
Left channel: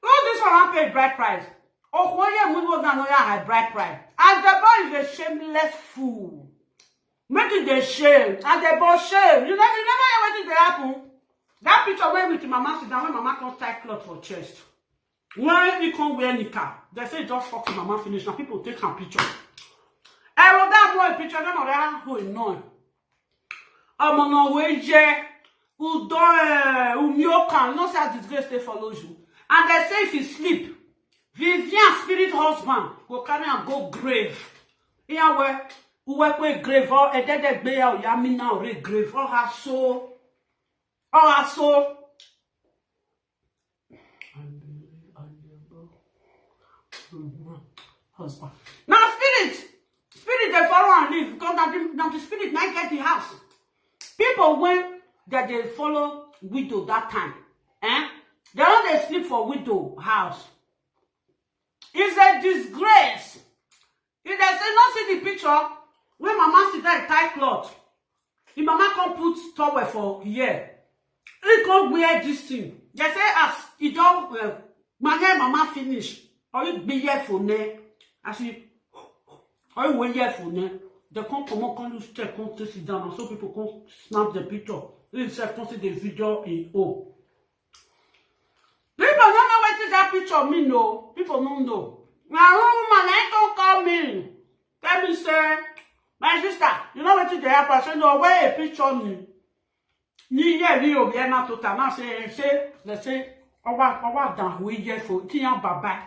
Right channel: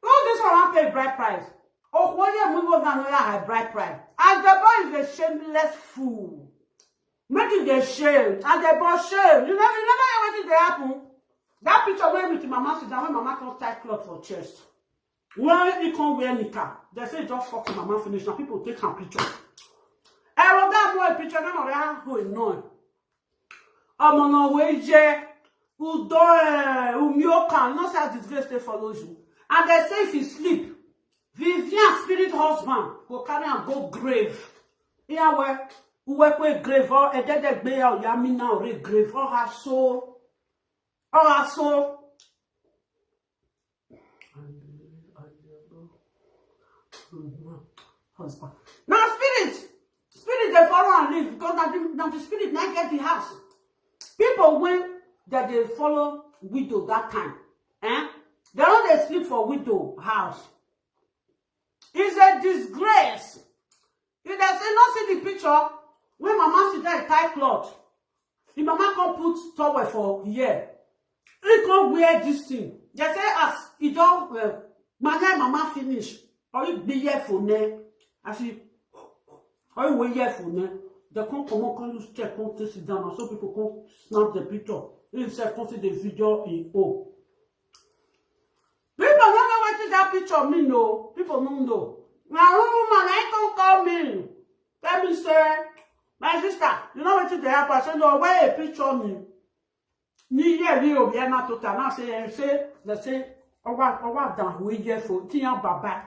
Oh, this one won't pay bride price. Oh, when you move on, no high bride price. And the boy is a shameless fool. Make it the shame. And the boy shame. You never know what did happen. That picture went with mama sit down when mama can't tie cloth for chest. When you can't wear nika, they say just fuck mama finish. Now people take a picture. I wrote that boy picture, then on the who is known. I'm on our way, who don't, who you can not say disgrace they follow you. And they say if you sleep, Vivian spirit husband go carry and go grave. Here where who work with grave or a dead bear or yamina or a grave or her soul. Or her soul. Husband. Now spirit they follow and leave because now the spirit might get the house. People when that they follow widow that time, they don't they sleep for widow house. It's a disgrace. If they say not see the picture when mama sit there tie cloth, the mama can't put towel for here. He can't wear this thing. They say as he don't mama finish or you be here for ne as you or you wait here for ne. They can't come on, can you check, can't sit down, so people can't snap the picture. They say, can't see the video in O. People don't know what is that picture mean, no. People don't know. Now, woman, I don't call me. Let me say, my sister, you know what is the happen? Say, no, where a picture me. Ni ye ri obi e na total. Now say, let's say, owa down we here for tiyan baba.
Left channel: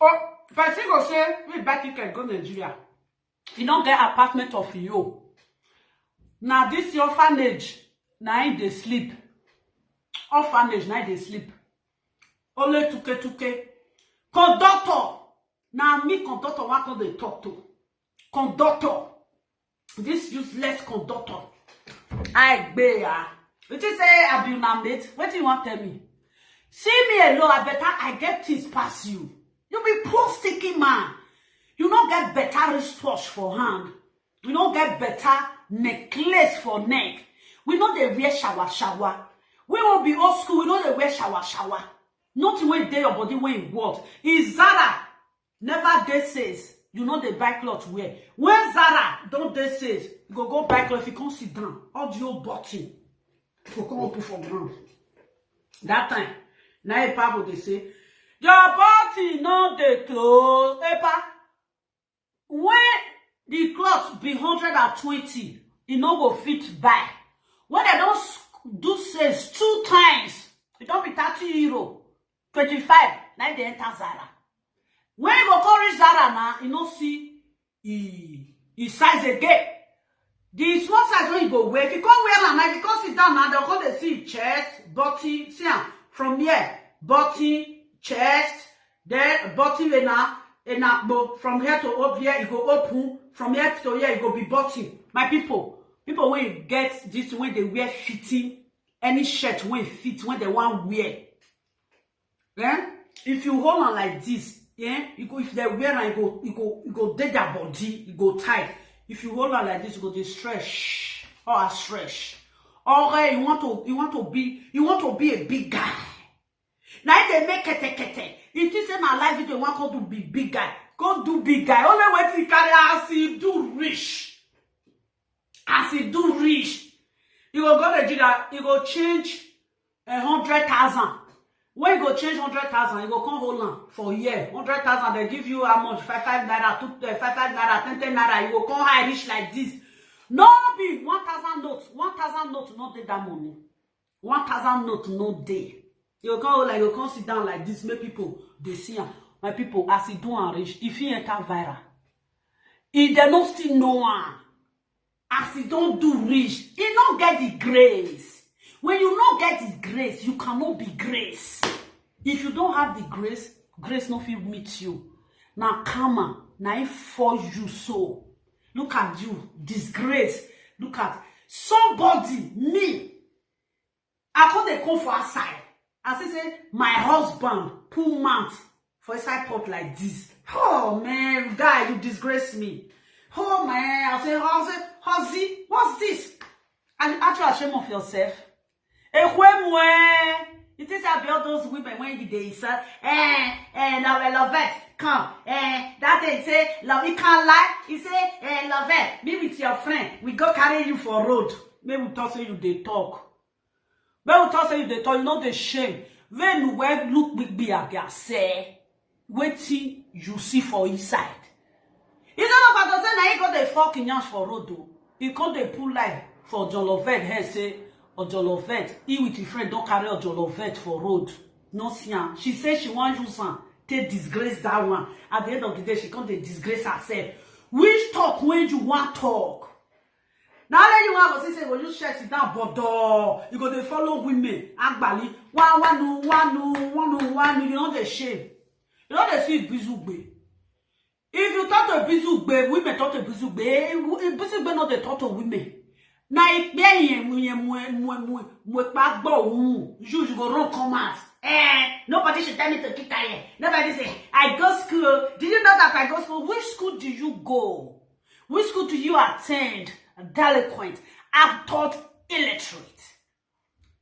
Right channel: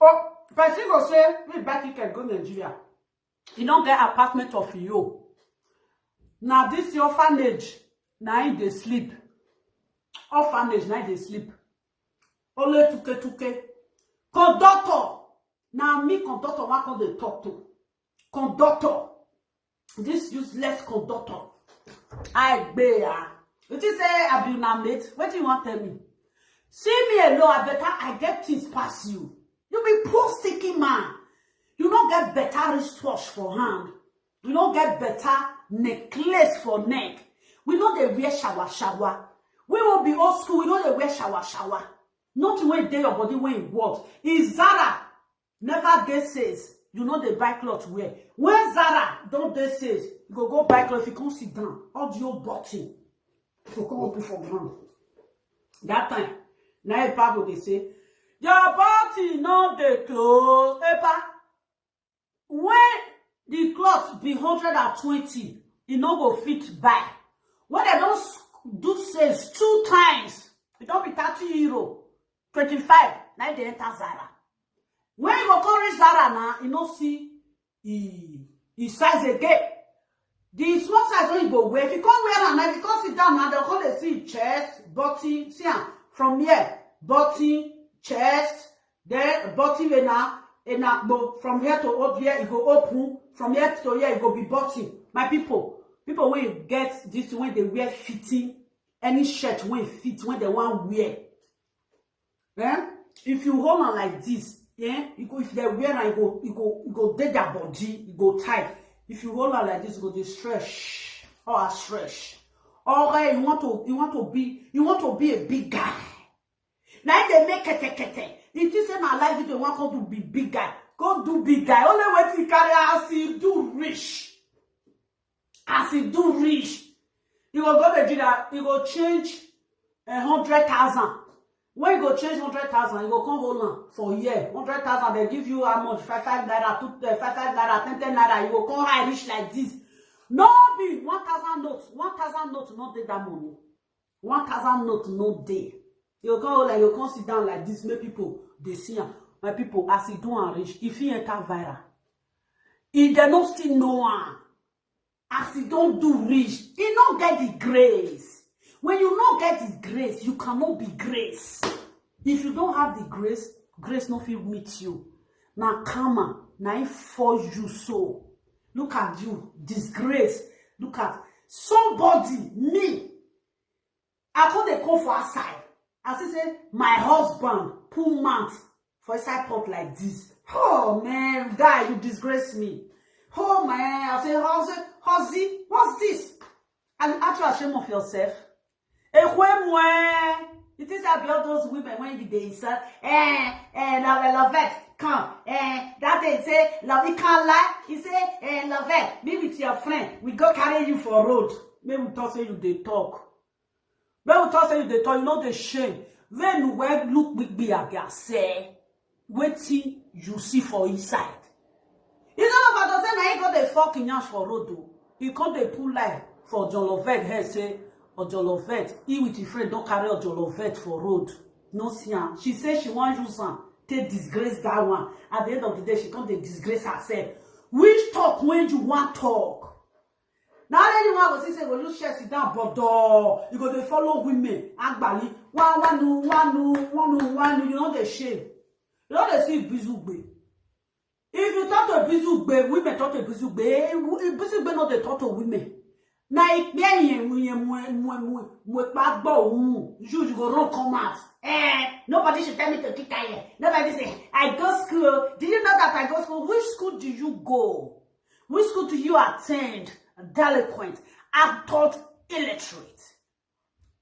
Oh, Person go say, we buy ticket go Nigeria. You don't get apartment of you. Now this orphanage, now they sleep. Orphanage, now they sleep. Only tuke. Conductor. Now me conductor, what can they talk to? Conductor. This useless conductor. I bear. What you say, I be una mate? What do you want to tell me? See me alone, I better I get things past you. You be poor sticky man. You don't get better wristwatch for hand. You don't get better necklace for neck. We know they wear shower. We will be old school. We know they wear shower. Nothing when they your body when what is Zara. Never they says you know they buy clothes wear. When Zara don't they says you go buy clothes if you can't sit down. Audio button. You come up for ground. That time, now Epa they say your body no they close. Epa, when the cloth be 120, it no go fit buy. When they don't do sales 2 times, it don't be 30 euro, 25. Now they enter Zara. When you go call reach Zara now, you know see he size again. The small size when you go wear, if you can't wear now, if you can't sit down now, they'll call they see chest, body, see from here, body, chest, then body and from here to up here, it go open. From here to here, it go be body. My people when you get this, when they wear fitting, any shirt when fit, when they want wear. Yeah? If you hold on like this, yeah, you go if they wear and you go dead their body, you go tight. If you hold on like this, you go dey stretch or stretch. Or you want to be a big guy. Now they make kete. It is in my life if you want to be big guy. Go do big guy. Only way to carry as he do rich. As he do rich. You go to Nigeria, you go change 100,000. When you go change 100,000, you go come hold on for a year. 100,000, they give you how much? 5 naira, 5 naira, 10 naira. You go come high rich like this. No be 1,000 notes. 1,000 notes no dey that money. 1,000 notes no dey. You go come like you come sit down like this. Make people they see him. My people, as he do and rich, if he enter viral, if they no still know him, as he don't do rich, he don't get the grace. When you not get the grace, you cannot be grace. If you don't have the grace, grace no fit meet you. Now karma, now it for you so. Look at you, disgrace. Look at somebody, me. I call the call for outside. As I say, my husband put mouth for a side pot like this. Oh man, guy, you disgrace me. Oh man, I say, how's what's this? And you actually ashamed of yourself. It is about those women when they say, love it, come, that they say, love it can't lie. He say, love it, be with your friend. We go carry you for road. Maybe we talk say you they talk. Maybe we talk say you they talk. You know the shame. When we look big be again, say, waiting you see for inside. It's not about to say now you got the fucking yash for road though. You can't they pull life for John Lovett here say. Ojolovet, he with his friend don't carry Ojolovet for road. No sian. She says she want use one. Take disgrace that one. At the end of the day, she can't disgrace herself. Which talk when you want talk? Now let you want to say, well, you share sit down, but you go to follow women. Agbali, one, you know the shame. You know they see bizugbe. If you talk to bizugbe, women talk to bizugbe. Bizugbe not they talk to women. Na ikpe you go run come out. Nobody should tell me to keep quiet. Nobody say, I go school. Did you know that I go school? Which school do you go? Which school do you attend? Delinquent. I've taught illiterate.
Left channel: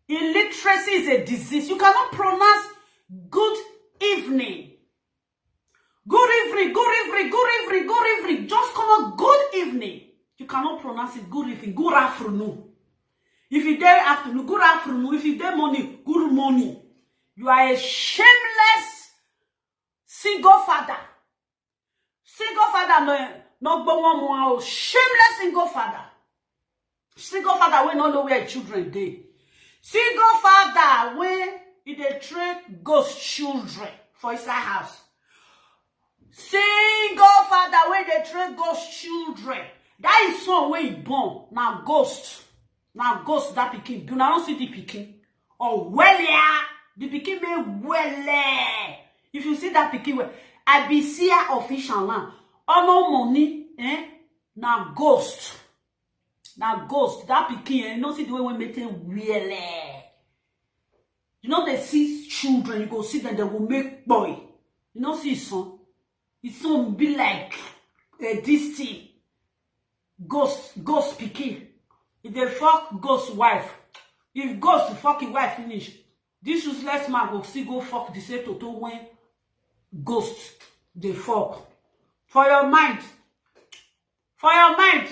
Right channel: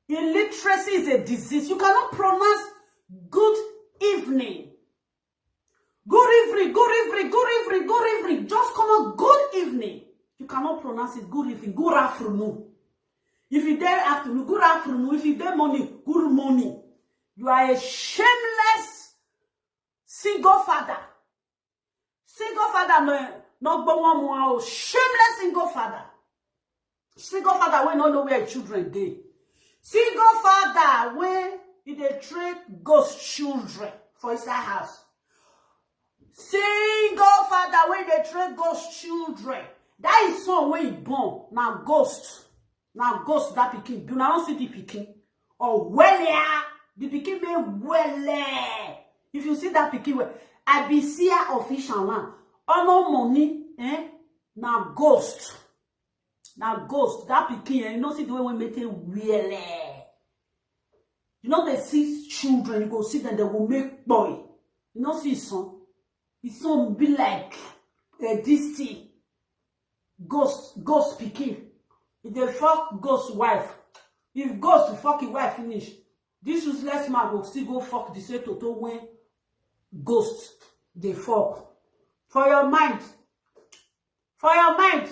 Illiteracy is a disease. You cannot pronounce good evening. Good evening. Just come on, good evening. You cannot pronounce it good evening, good afternoon. If you dare afternoon, good afternoon. If you dare morning, good morning. You are a shameless single father. Single father, no, shameless single father. Single father when not know where children dey. Single father when they train ghost children for inside house. Single father where they train ghost children. That is son where he born. Now ghost. Now ghost that pikin. Do not see the pikin. Or well, the pikin may well. If you see that pikin, well, I be see official land. Oh no money, eh? Now ghost. Now ghost. That pikin, you know see the way we make it well. You know they see children, you go see them, they will make boy. You know see his son. His son be like this thing. Ghost pikin. If they fuck ghost wife, if ghost fucking wife finish, this useless man will still go fuck the same toto when ghost they fuck. For your mind. For your mind.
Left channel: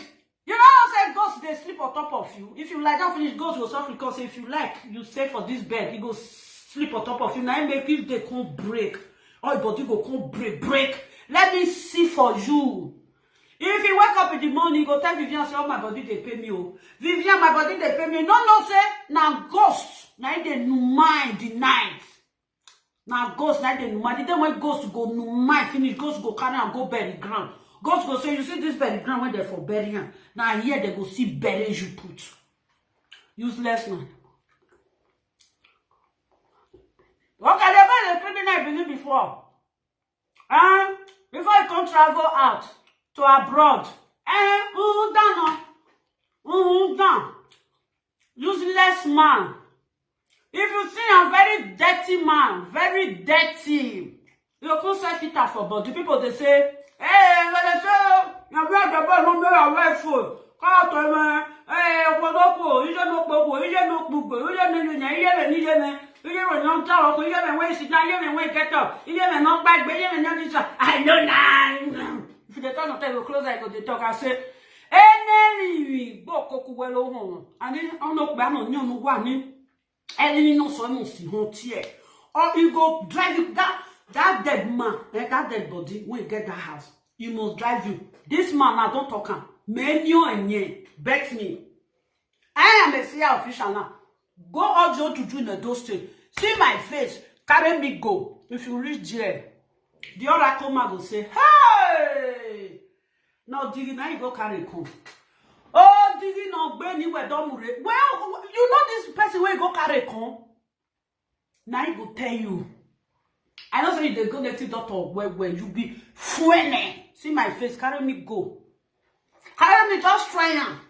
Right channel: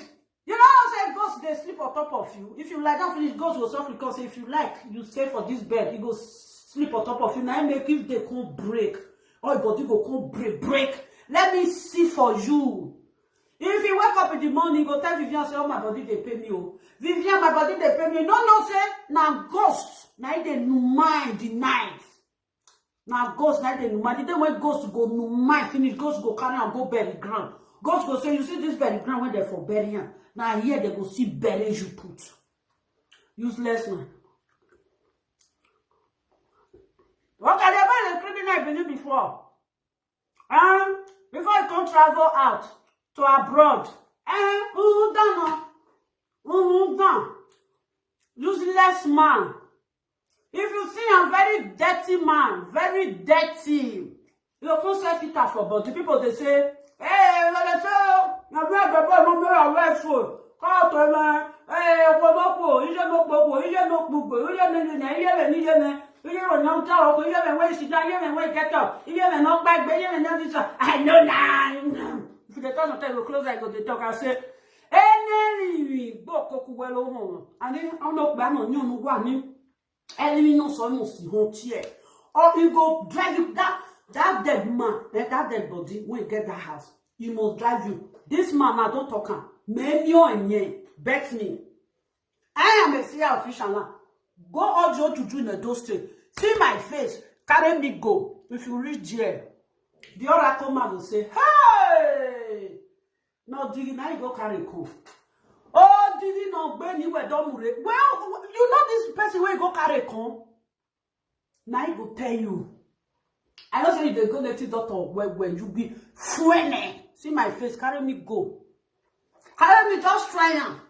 You know how say ghost they sleep on top of you. If you like that finish, ghost will suffer because if you like, you stay for this bed, he go sleep on top of you. Now make if they can't break. Or your body go can't break. Let me see for you. If you wake up in the morning, you go tell Vivian, say, oh, my body, they pay me. Oh. Vivian, my body, they pay me. No, say, now ghost. Now they mind the night. Now ghost, now they mind. The day when ghost go mind finish, ghost go carry and go bury ground. Ghost go say, you see this bury ground when they're for burying. Now here they go see bury you put. Useless man. Okay, they buy the criminal believe before. Before you can travel out to abroad. Down. Useless man. If you see a very dirty man, very dirty, you can say filter for body. People they say, hey, let us your brother no more away for. Call to me, hey, Okodoko, you don't know, you don't know, you don't know, you don't know, you don't way sit down, you don't way get up, you don't knock back, but you don't know this. I know now. If they talk sometimes you close, I go to talk. I say, any bokoku welo home, and then I'm not bad on you, no one. Enemy no so no see home here. Or you go drive you that dead man, that dead body, when you get that house, you must drive you. This man, I don't talk him. Menyo and ye, bet me. I am a CIA official now. Go audio to do in the state. See my face, carry me go. If you reach there, the oracle man will say, hey! No, Digi, now you go carry come. Oh, Digi, no, Benny, where don't move. Well, you know this person where you go carry come. Now he will tell you. I know say they go native doctor where you be funny. See my face, carry me go. Carry me, just try am.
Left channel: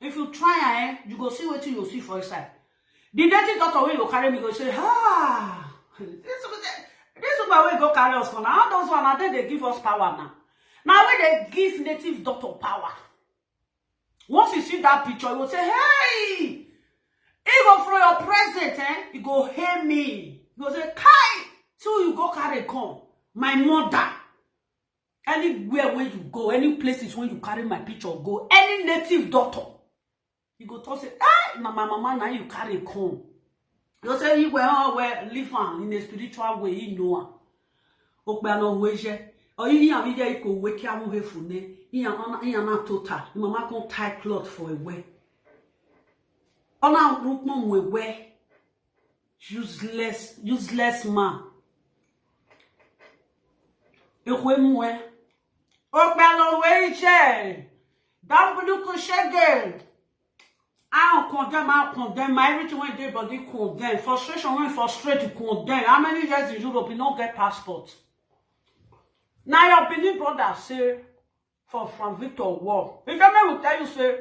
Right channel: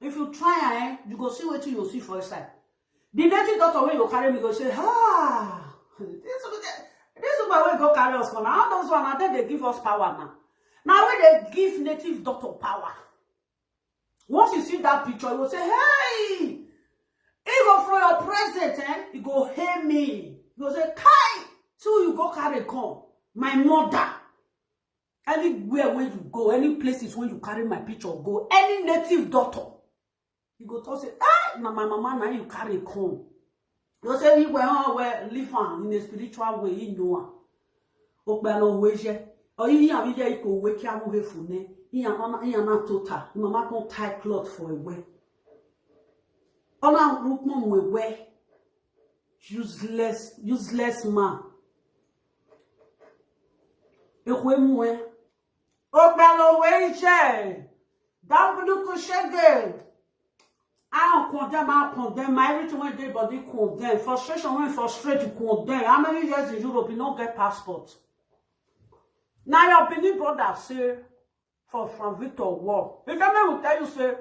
If you try you go see what you see for inside. The native doctor where you carry me go say, this is where we go carry us. Now those one, now they give us power now. Now when they give native doctor power. Once you see that picture, you will say, hey, he go for your present, he go hear me. He go say, Kai, so you go carry come. My mother. Anywhere where you go, any places where you carry my picture, go, any native daughter. You go to say, hey, my mama, now you carry come. You say, you well, live on in a spiritual way, you know. Okbano weje. Or you have you go wake up with fune. You are not total. Mama can tie cloth for a way. Ona rukmon we way. Useless man. Ekwemwe. Okbano weje. Dambudu kushege. I don't condemn. Everything when they body condemn. Frustration when frustrate you condemn. How many years in Europe you don't get passport? Now your Benin brother say from Victor War. If your man will tell you say,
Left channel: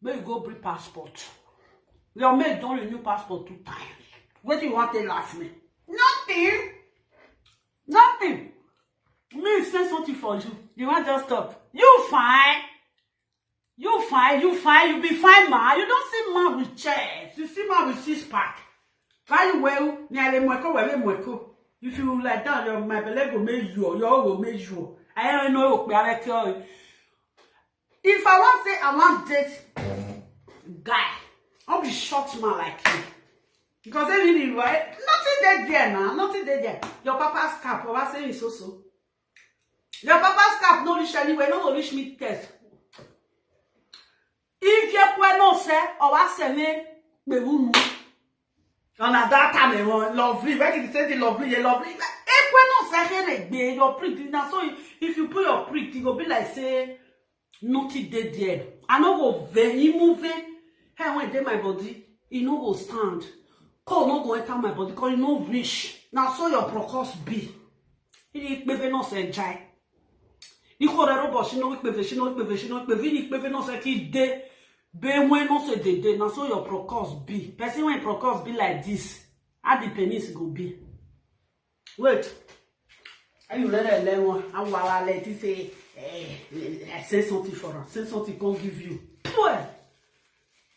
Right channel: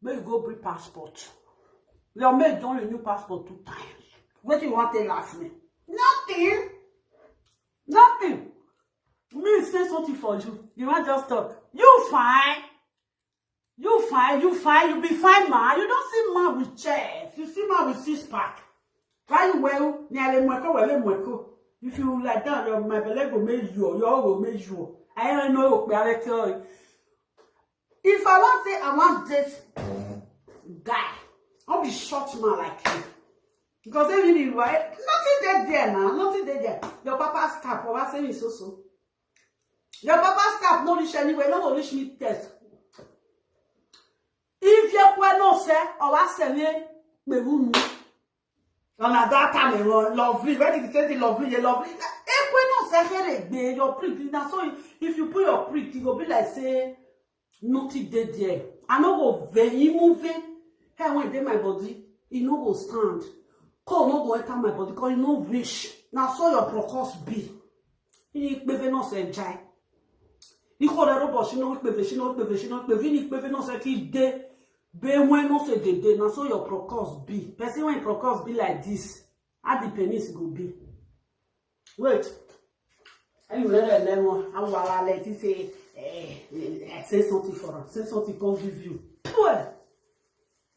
may you go bring passport. Your mate don't renew passport 2 times. What do you want to laugh me? Nothing. Me say something for you. You want just talk. You fine. You be fine, man. You don't see man with chest. You see man with 6-pack. Very well, nearly mweko. If you like that, my belly will make you, your will make you. I don't know what you. If I want to say I want this guy, I'll be short man like you. Because everything right, nothing there now, nothing there. Your papa's cap, or I say it's so. Your papa's cap no reach anywhere, no reach me test. If you no say, or I say me, on a that time, lovely. Where did you say the lovely? no say here your prick. Now so if you put your prick, it go be like say nothing dead there. I no go very moving. Hey, when dey my body, it no go stand. Cold no go enter my body because it no reach. Now so your process be. It no say jai. She no say ki de be when no say de na so your process be. Person when process be like this, how the penis go be. Wait. Are you let them one? I will let you say say something for her. Say something can give you. Pwah.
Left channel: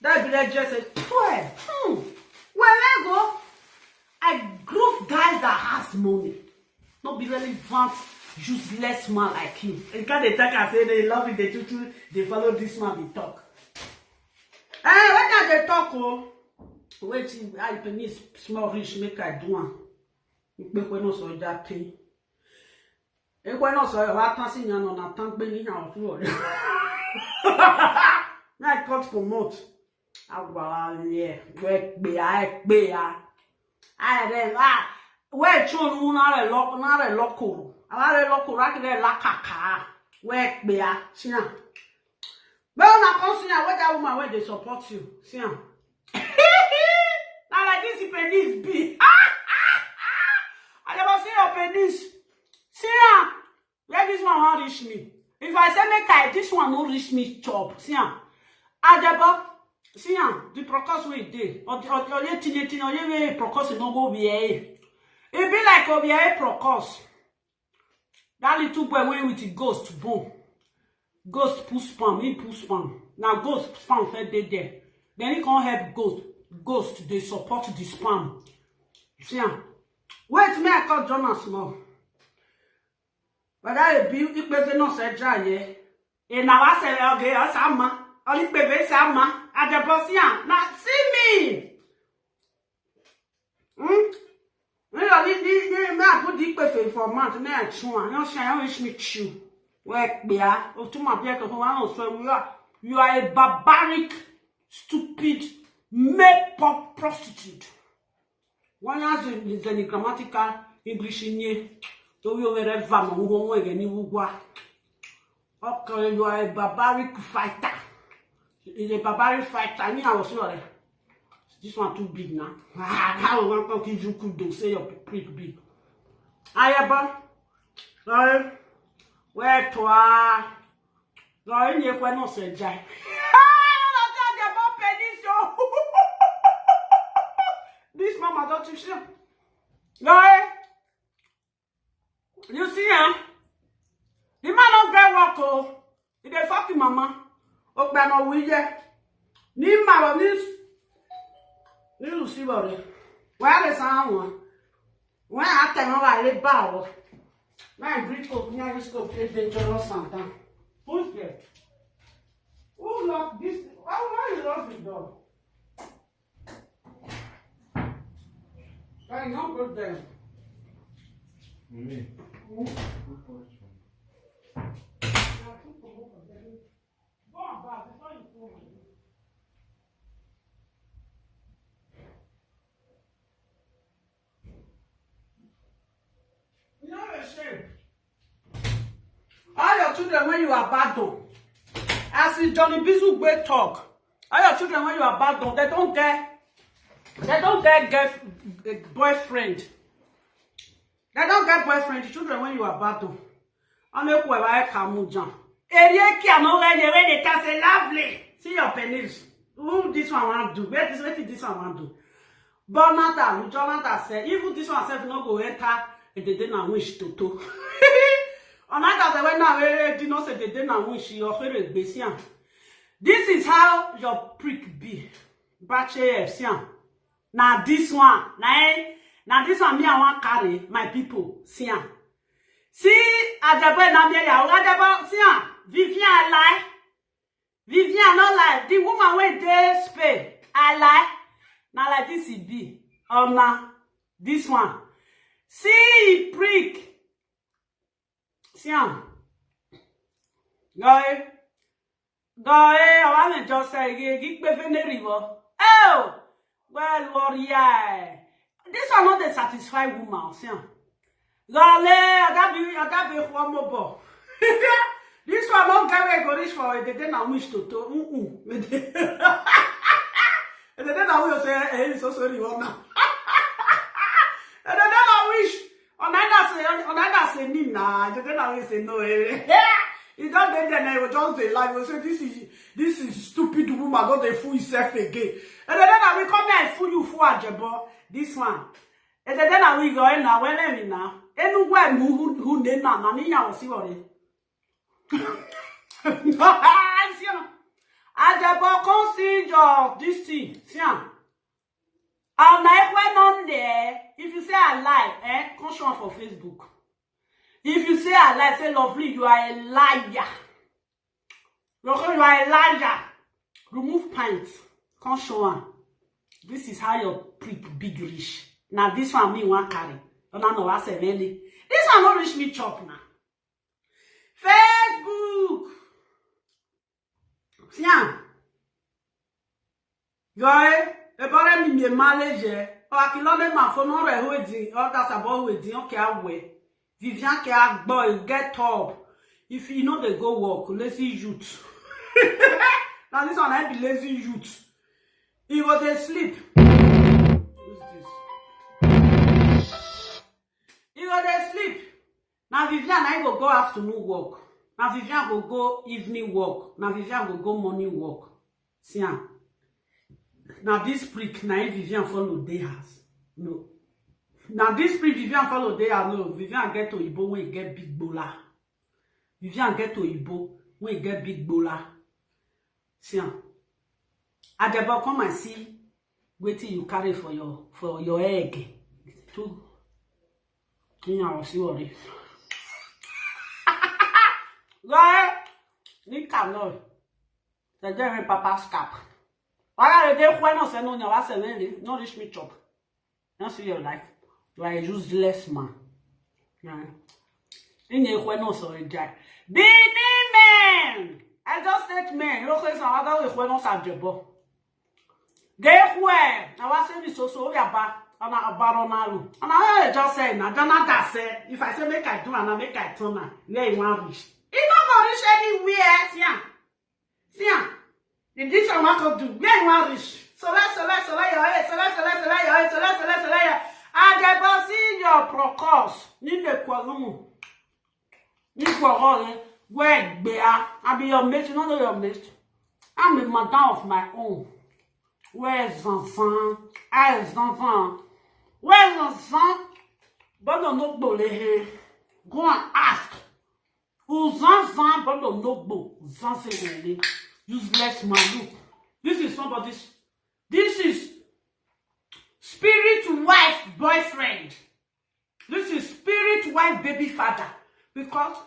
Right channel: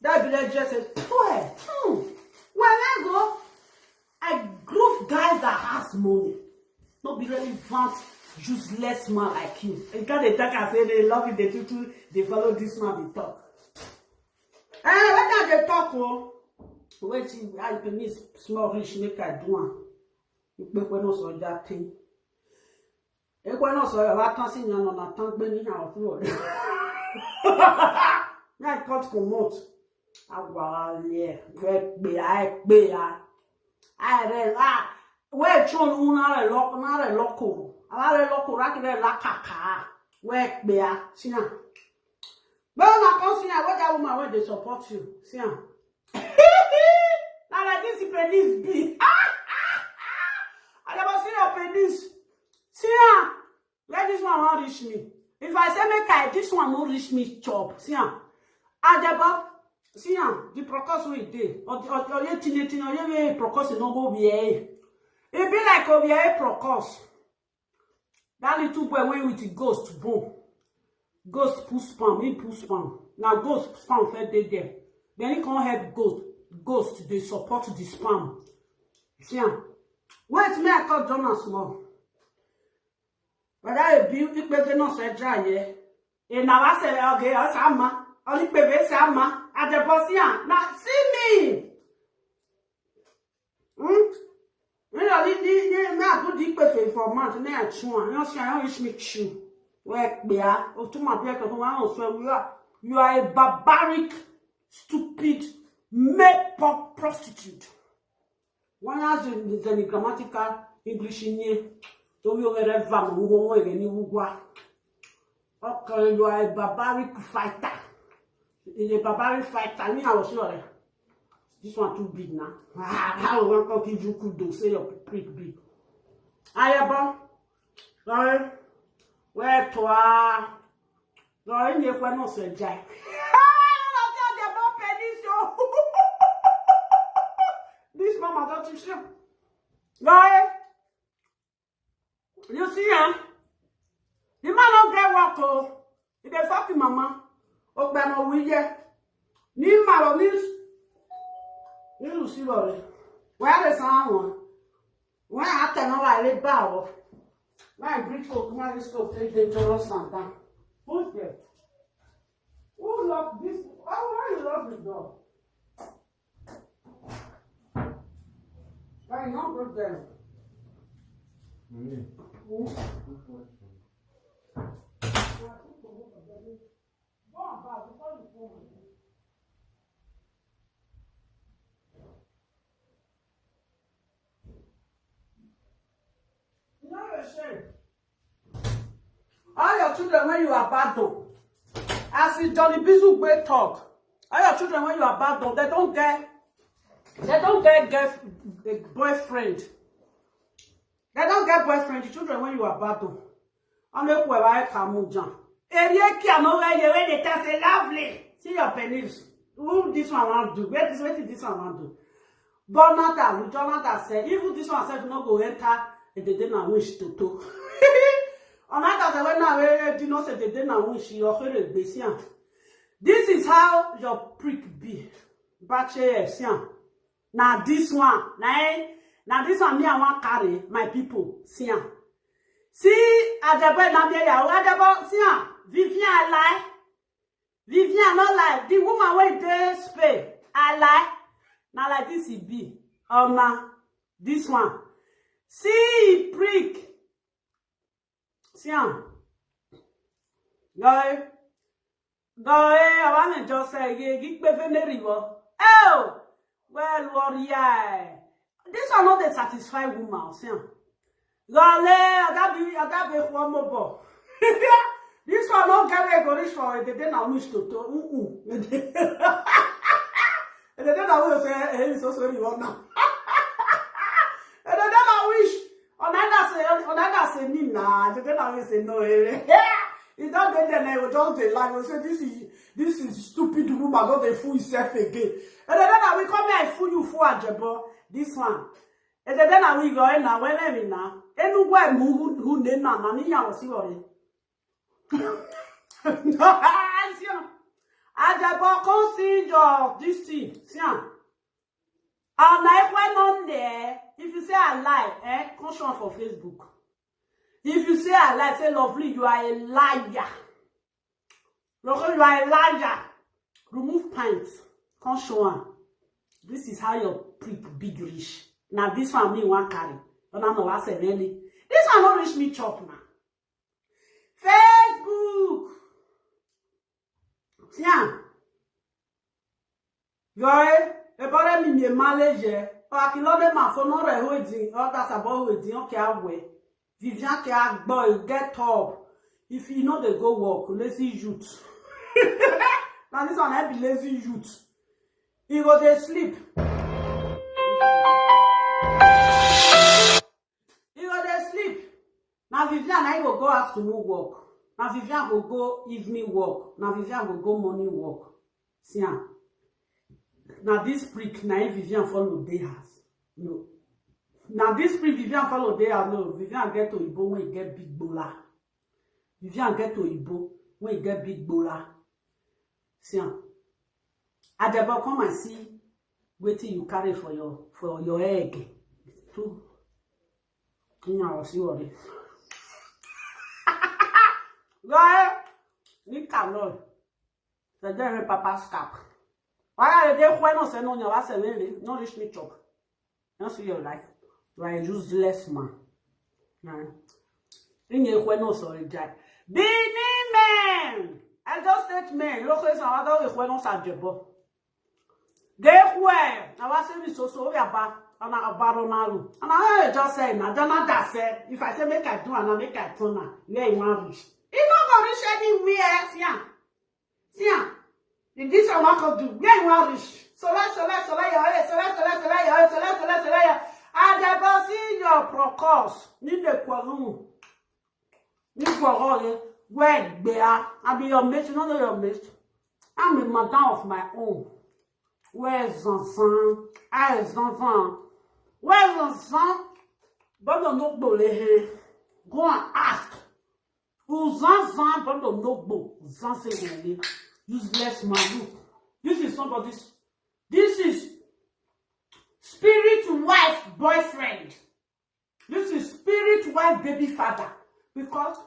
That be like just say pwah. When I go, I group guys that has money. Not be relevant. Useless man like you. You can't talk and say they love it, they tutu, they follow this man, they talk. What can they talk? Oh, wait, I penis small rich make I do one. You make one also that thing. You when also I can't see you on a tank being out road. I can't promote. Ah, yeah, work be I. Where chon una loco. Avare loco rakide la kaka. Where be a sia. But na consider what that woman where they support you. Sia. Now like this penis be. I never see your penis. Sia. Let this one won't reach me. If I say make I this one no reach me chop. Sia. Ajebor. Sia. The process we dey. Or ye tinye or ye process no go be eh. It be like Obiae Procos. That little boy went with the ghost, boom. Ghost push spam, he push spam. Now ghost spam fed dead there. Then he can't help ghost, they support the spam. See ya. Wait, me I call Jonas more. But I be it better not say dry, yeah. And now I say, okay, I'm Sama. Only baby Sama. At the boss, yeah. Now see me. I put the perfect for a month, and I chew. You say I wish me chew. Work beer, or to my beer, you are a barbaric, stupid, make-pop prostitute. One has the grammatical English in ye, so you are a vam who won't again. You are a barbaric fighter. Is a barbaric fighter. I mean, I was sorry. This one too big now. How will I give you could do? Say your prick big. Ajebor. Sorry. Where to ah? Sorry, you can't not say jai. This mama don't you see? Sorry. You see, huh? The man don't get work. Oh, he dey fucking mama. Oh, but no we yeah. Ni mama this. You see what it? Where is someone? When I tell you I live bow. Now Brit open your scope, play dangerous sometimes. Who's there? Who locked this? Why you lock the door? I know good there. Me. All your children when you are bad done, as with Johnny Bizu Gbe talk, all your children when you are bad done, they don't get boyfriend. They don't get boyfriend. The children when you are bad done, only whoever I come down. Area cannot when they can say lovely. See your penis. Who this one want to do? Where this one want to do? But not that. Jonathan said, even this one said not go enter. And they didn't wish to. On that when I did not say they didn't wish your favorite basian. This is how your prick be. Bachelor now this one, now this one me I want carry my people. See Ajebor na me ya. Ajebor see Vivian lie. Vivian not lie. The woman wey dey Spain, I lie. Now like this it be. Now this one. See prick. See I want to just say get river. Oh well warrior. This one not the satisfied woman. See Gale, adabi one more. This one don't get go reach for the day now wish to. And the day now we say, hey, so sorry, what now? And the day now wish, on either say, Nina, the day now we say, no, he don't then I will just say, like, we say, this is stupid woman, got the fool himself again. And the day now we come here and fool you for Ajebor, this one. And the day now we go in now, well, let me now. Anywhere who did not, Nania was see Ajebor consider this thing. And I went on there. If you say I lie, come show for Facebook. If you say I lie, say lovely, you are a liar. You are a liar. Remove pants. Come show on. This is how your prick big rich. Now this one me one carry. You don't know what I say really. This one not reach me chop now. Facebook. Tiens. Yoy, e bore mi manager. O akilo de ma phone re ho edin. O that about ho edin o ke awe. Vivian ke agbo get up. If you know they go work, lazy youth. Now this one I be lazy youth. He go dey sleep. He go dey sleep. Now Vivian I go afternoon work. Now Vivian go evening work. Now Vivian go morning work. See am. Now this prick now Vivian follow day house. No. Now this prick Vivian follow day house. No. Vivian get to Ibo when he get big bola. Vivian get to Ibo when he get big bola. See am. Ajebor come and see wetin you carry for your egg. Too. Kinya was worry. Go ahead. Ni cannot. The day papa's cap. Why are they when no say no nyawa say no reach me chop. You see your life. You are a useless man. Yeah. In a when no so die. Bini man. I just said man. Look at some other when no Ajebor. Get where? I was saying so we are back. And I just say now, Jonathan said, if I say make I do and I make I turn where you want reach. It's not gonna reach anywhere. See, this one I could do. Where you want reach? So let's your Ajebor see your procos. Need the qualum. Need for where bear. I be your mate, you don't know your mate. I'm a madam of my own. Where's Zanzan? Where's Zanzan? But don't know go and ask. Who's Zanzan? But don't know Zanzan. Useless man. Look. This is somebody's. This is spirit wife boyfriend. This is spirit wife baby father. Because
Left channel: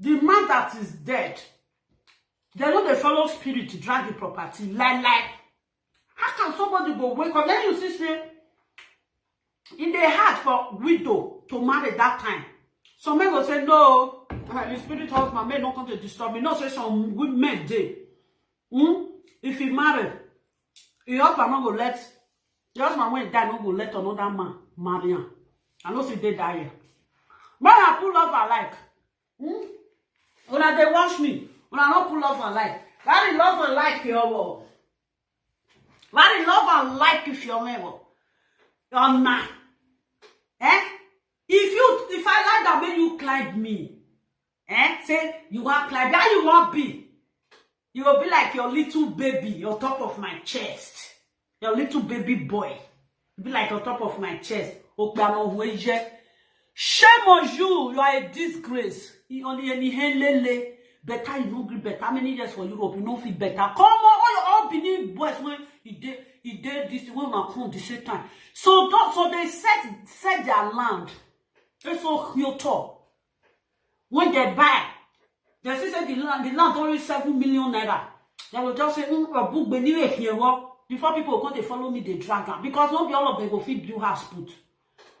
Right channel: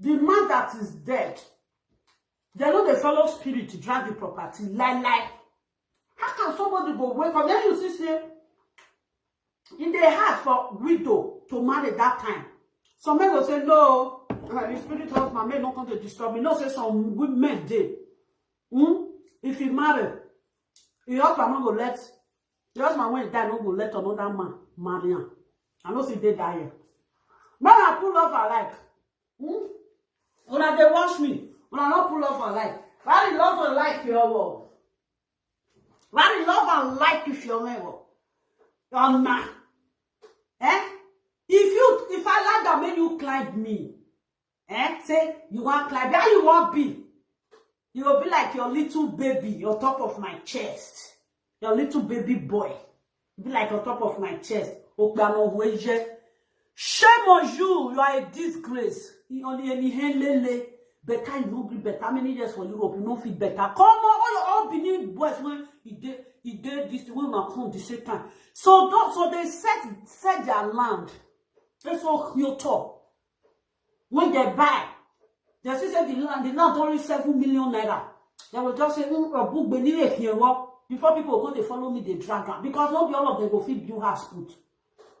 the man that is dead, they know the fellow spirit to drag the property. Like. How can somebody go wake up? Then you see, say, in the heart for widow to marry that time. Some men will say, no, the spirit husband may not come to disturb me. No, say some good men day. If he marry, the husband not go let, the husband when he die, not go let another man marry him. I know see they die here. When I pull off her like, when they watch me, when I not pull off her like, that is love and like your world. What is love and like if you're never? You're not. If I like that when you climb me, say you want climb, how you want be? You will be like your little baby on top of my chest. Your little baby boy. Be like on top of my chest. Shame on you. You are a disgrace. You only any lele. Better you don't agree better. How many years for Europe? You don't feel better. Come on, all Benin boys when he did this when Macron the same time. So they set their land. They so Kyoto. When they buy, they say the land only 7 million naira. They will just say, a book beneath here. Before people come, they follow me, they drag them. Because not be all of them go feed you house put.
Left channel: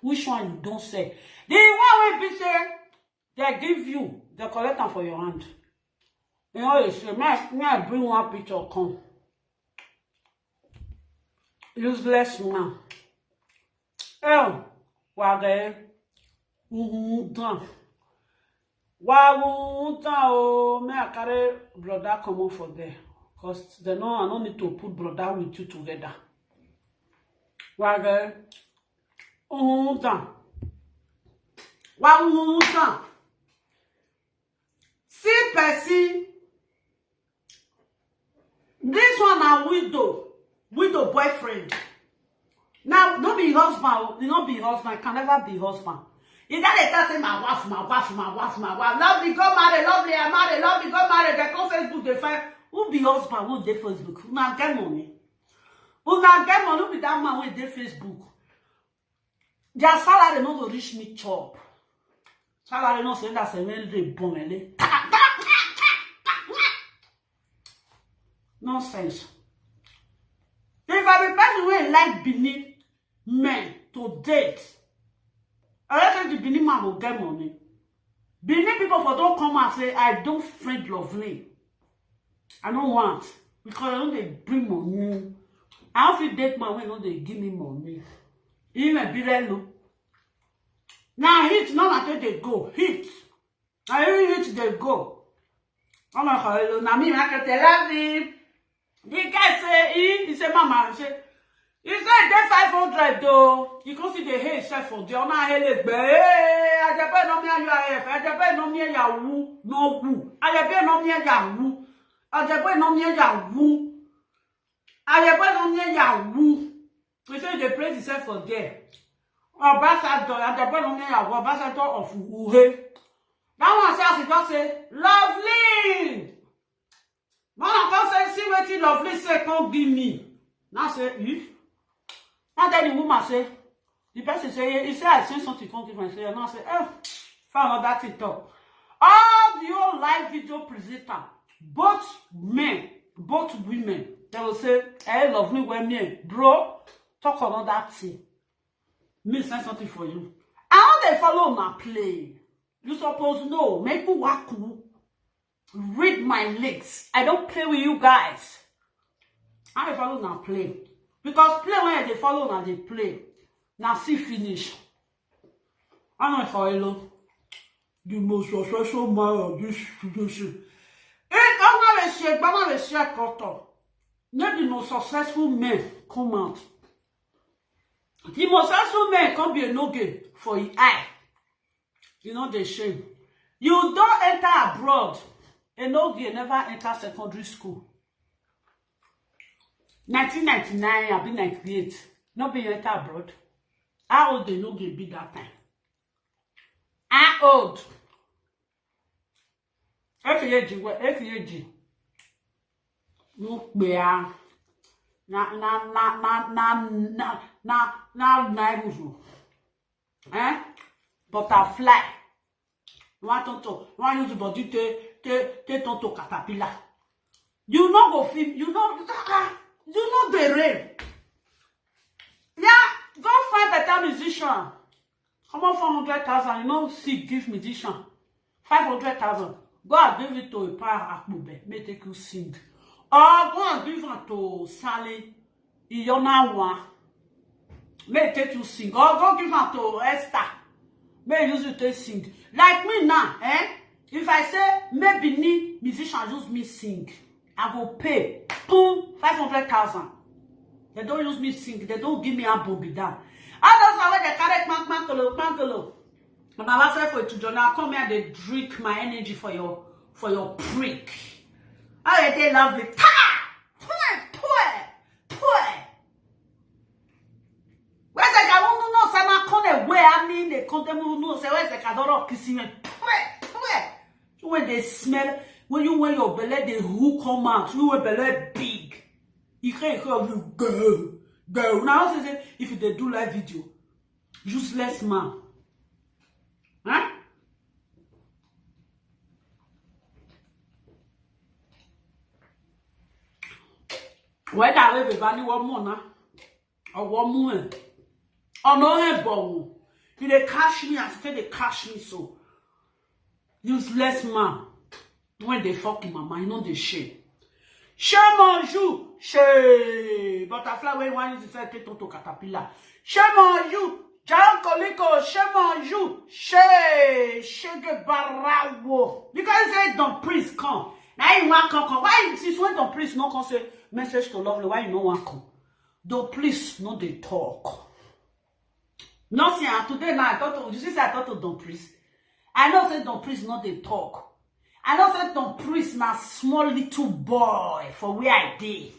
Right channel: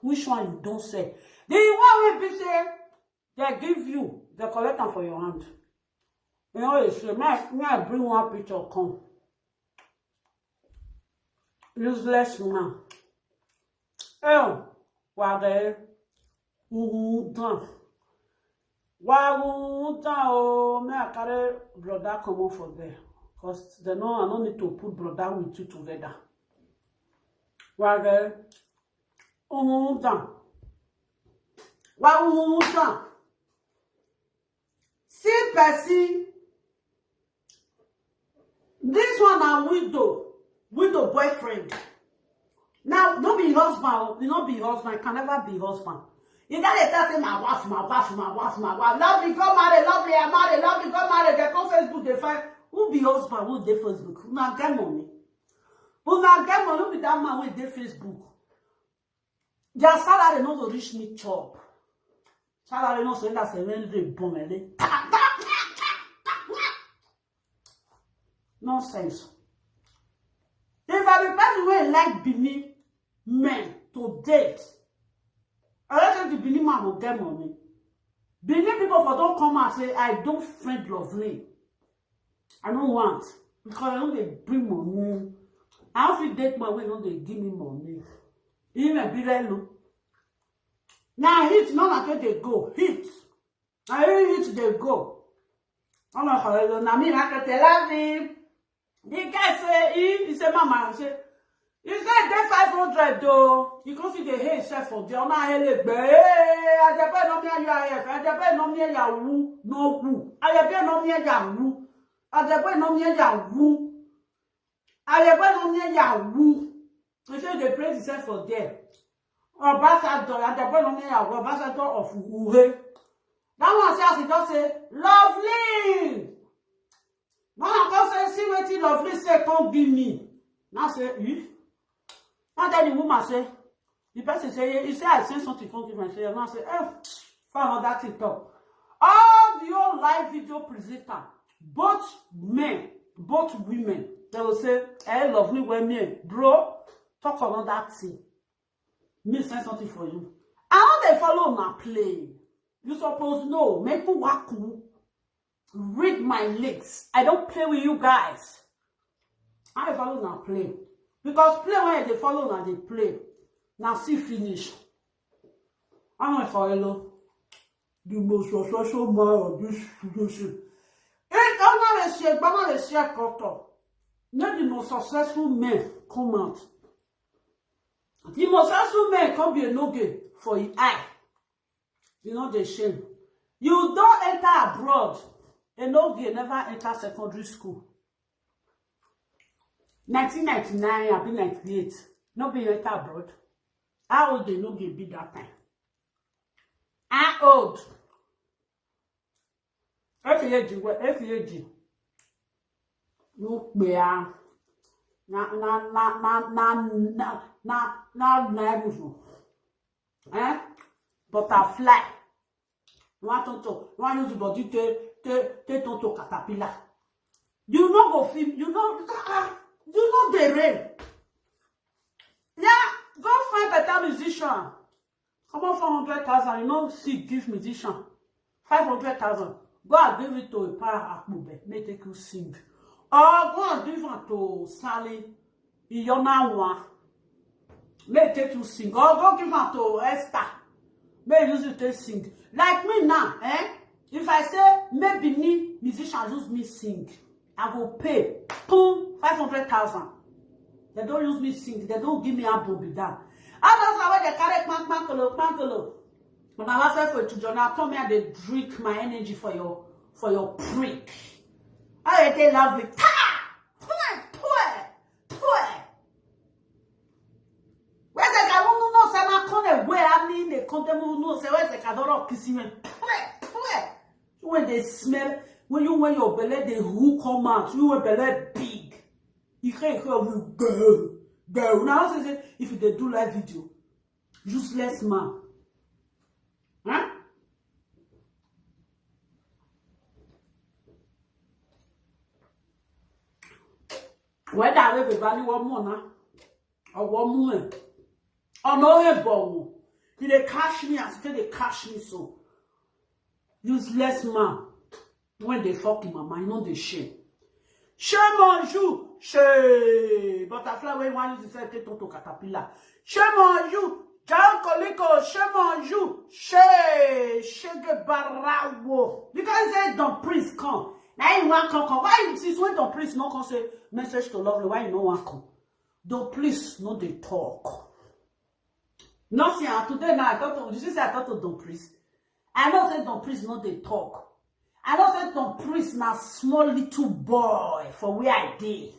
Which one you don't say? The one will be say, they give you, they collect them for your hand. You know, may I bring one picture come. Useless man. Oh, wage. Done. Wow, done. Oh, may I carry brother come on for there? Because they know I don't need to put brother with you together. Wow, done. Wow, done. See, Percy. This one a widow boyfriend. Now, not be husband, not be husband, can never be husband. You gotta say my wife. Lovely, go marry, lovely, I marry, lovely, go marry. They come Facebook, they find who be husband, who dey Facebook. Who not get money? Who not get money? Who be that man with dey Facebook? Their salary not to reach me chop. Salary not say that's a very bon ele. Nonsense. If I be person wey like Benin men to date, I don't think the Benin man will get money. Benin people for don't come and say I don't friend lovely. I don't want because I know they bring money. I don't feel date man when no they give me money. Even be low. Now hit no matter they go hit. I hit they go. I'm not going to me I can tell him. The guy say he say mama say he said they 500 though. You can see the hair self for the honor hele gbe. Ajebor no me ya Ajebor no me ya wu no wu. Ajebor no me ya wu. Ajebor no me ya wu. Ajebor no me ya wu. He say they praise himself for there. Ambassador Ajebor no me ya wu. Ambassador of Uhe. That one says he just say lovely. Man, I say, see what you lovely say, come give me. Now say, if. And then the woman say, the person say, he say, I say something, come give me. Say, and I say, found that TikTok. All the old live video presenter, both men, both women, they will say, hey, lovely women, bro, talk about that thing. Me say something for you. I know they follow my play. You suppose know, make you walk cool. Read my legs. I don't play with you guys. I follow now play. Because play when they follow now they play. Now see finish. I know if I know the most successful man of this situation. I'm not a share cutter. Not the most successful men come out. The most successful men can be a no game for your eye. You know the shame. You don't enter abroad. A no girl never enter secondary school. 1999, I've been 98. No be enter abroad. How old they no girl be that time? How old? F.A.G. No be butterfly. One use the body take tonto caterpillar. You know go film. You know the rain. Yeah, go find better musician. Come on, 400,000. You know, see, give musician 500,000. Go and give it to a power akbube. May take you sing. Or go and give it to Sally. Iyona one. May take you sing. Or go give it to Esther. May use it to sing. Like me now, if I say maybe me musician use me sing, I go pay 500,000. They don't use me sing. They don't give me a bobby down. I don't know where they carry pankolo. And I say for it to journal, come here, they drink my energy for your prick. I they love it. Where's the guy who knows I'm not where I mean they come them who knows where's the cadoro kissing me. When they smell, when your belly the who come out, you will belly big. You can't hear you go. Now say if they do live video, useless man. Huh? Whether I have a value one more now or one more. Oh no, bon. If they cash me, I say they cash me so. Useless man. When they fuck in my mind, you know they shame. Shame on you. Shame. Butterfly when one is inside take to caterpillar. Shame on you. John Koliko, shame on you. Shege barawo. Because he said, don't priest come. Now you want come. Why since when don't priest not come say message to lovely? Why you no want come? Don't priest not they talk. No, see, today now I thought to, you see, I thought to don't priest. I know say don't priest not they talk. I know say don't priest na small little boy for where I did.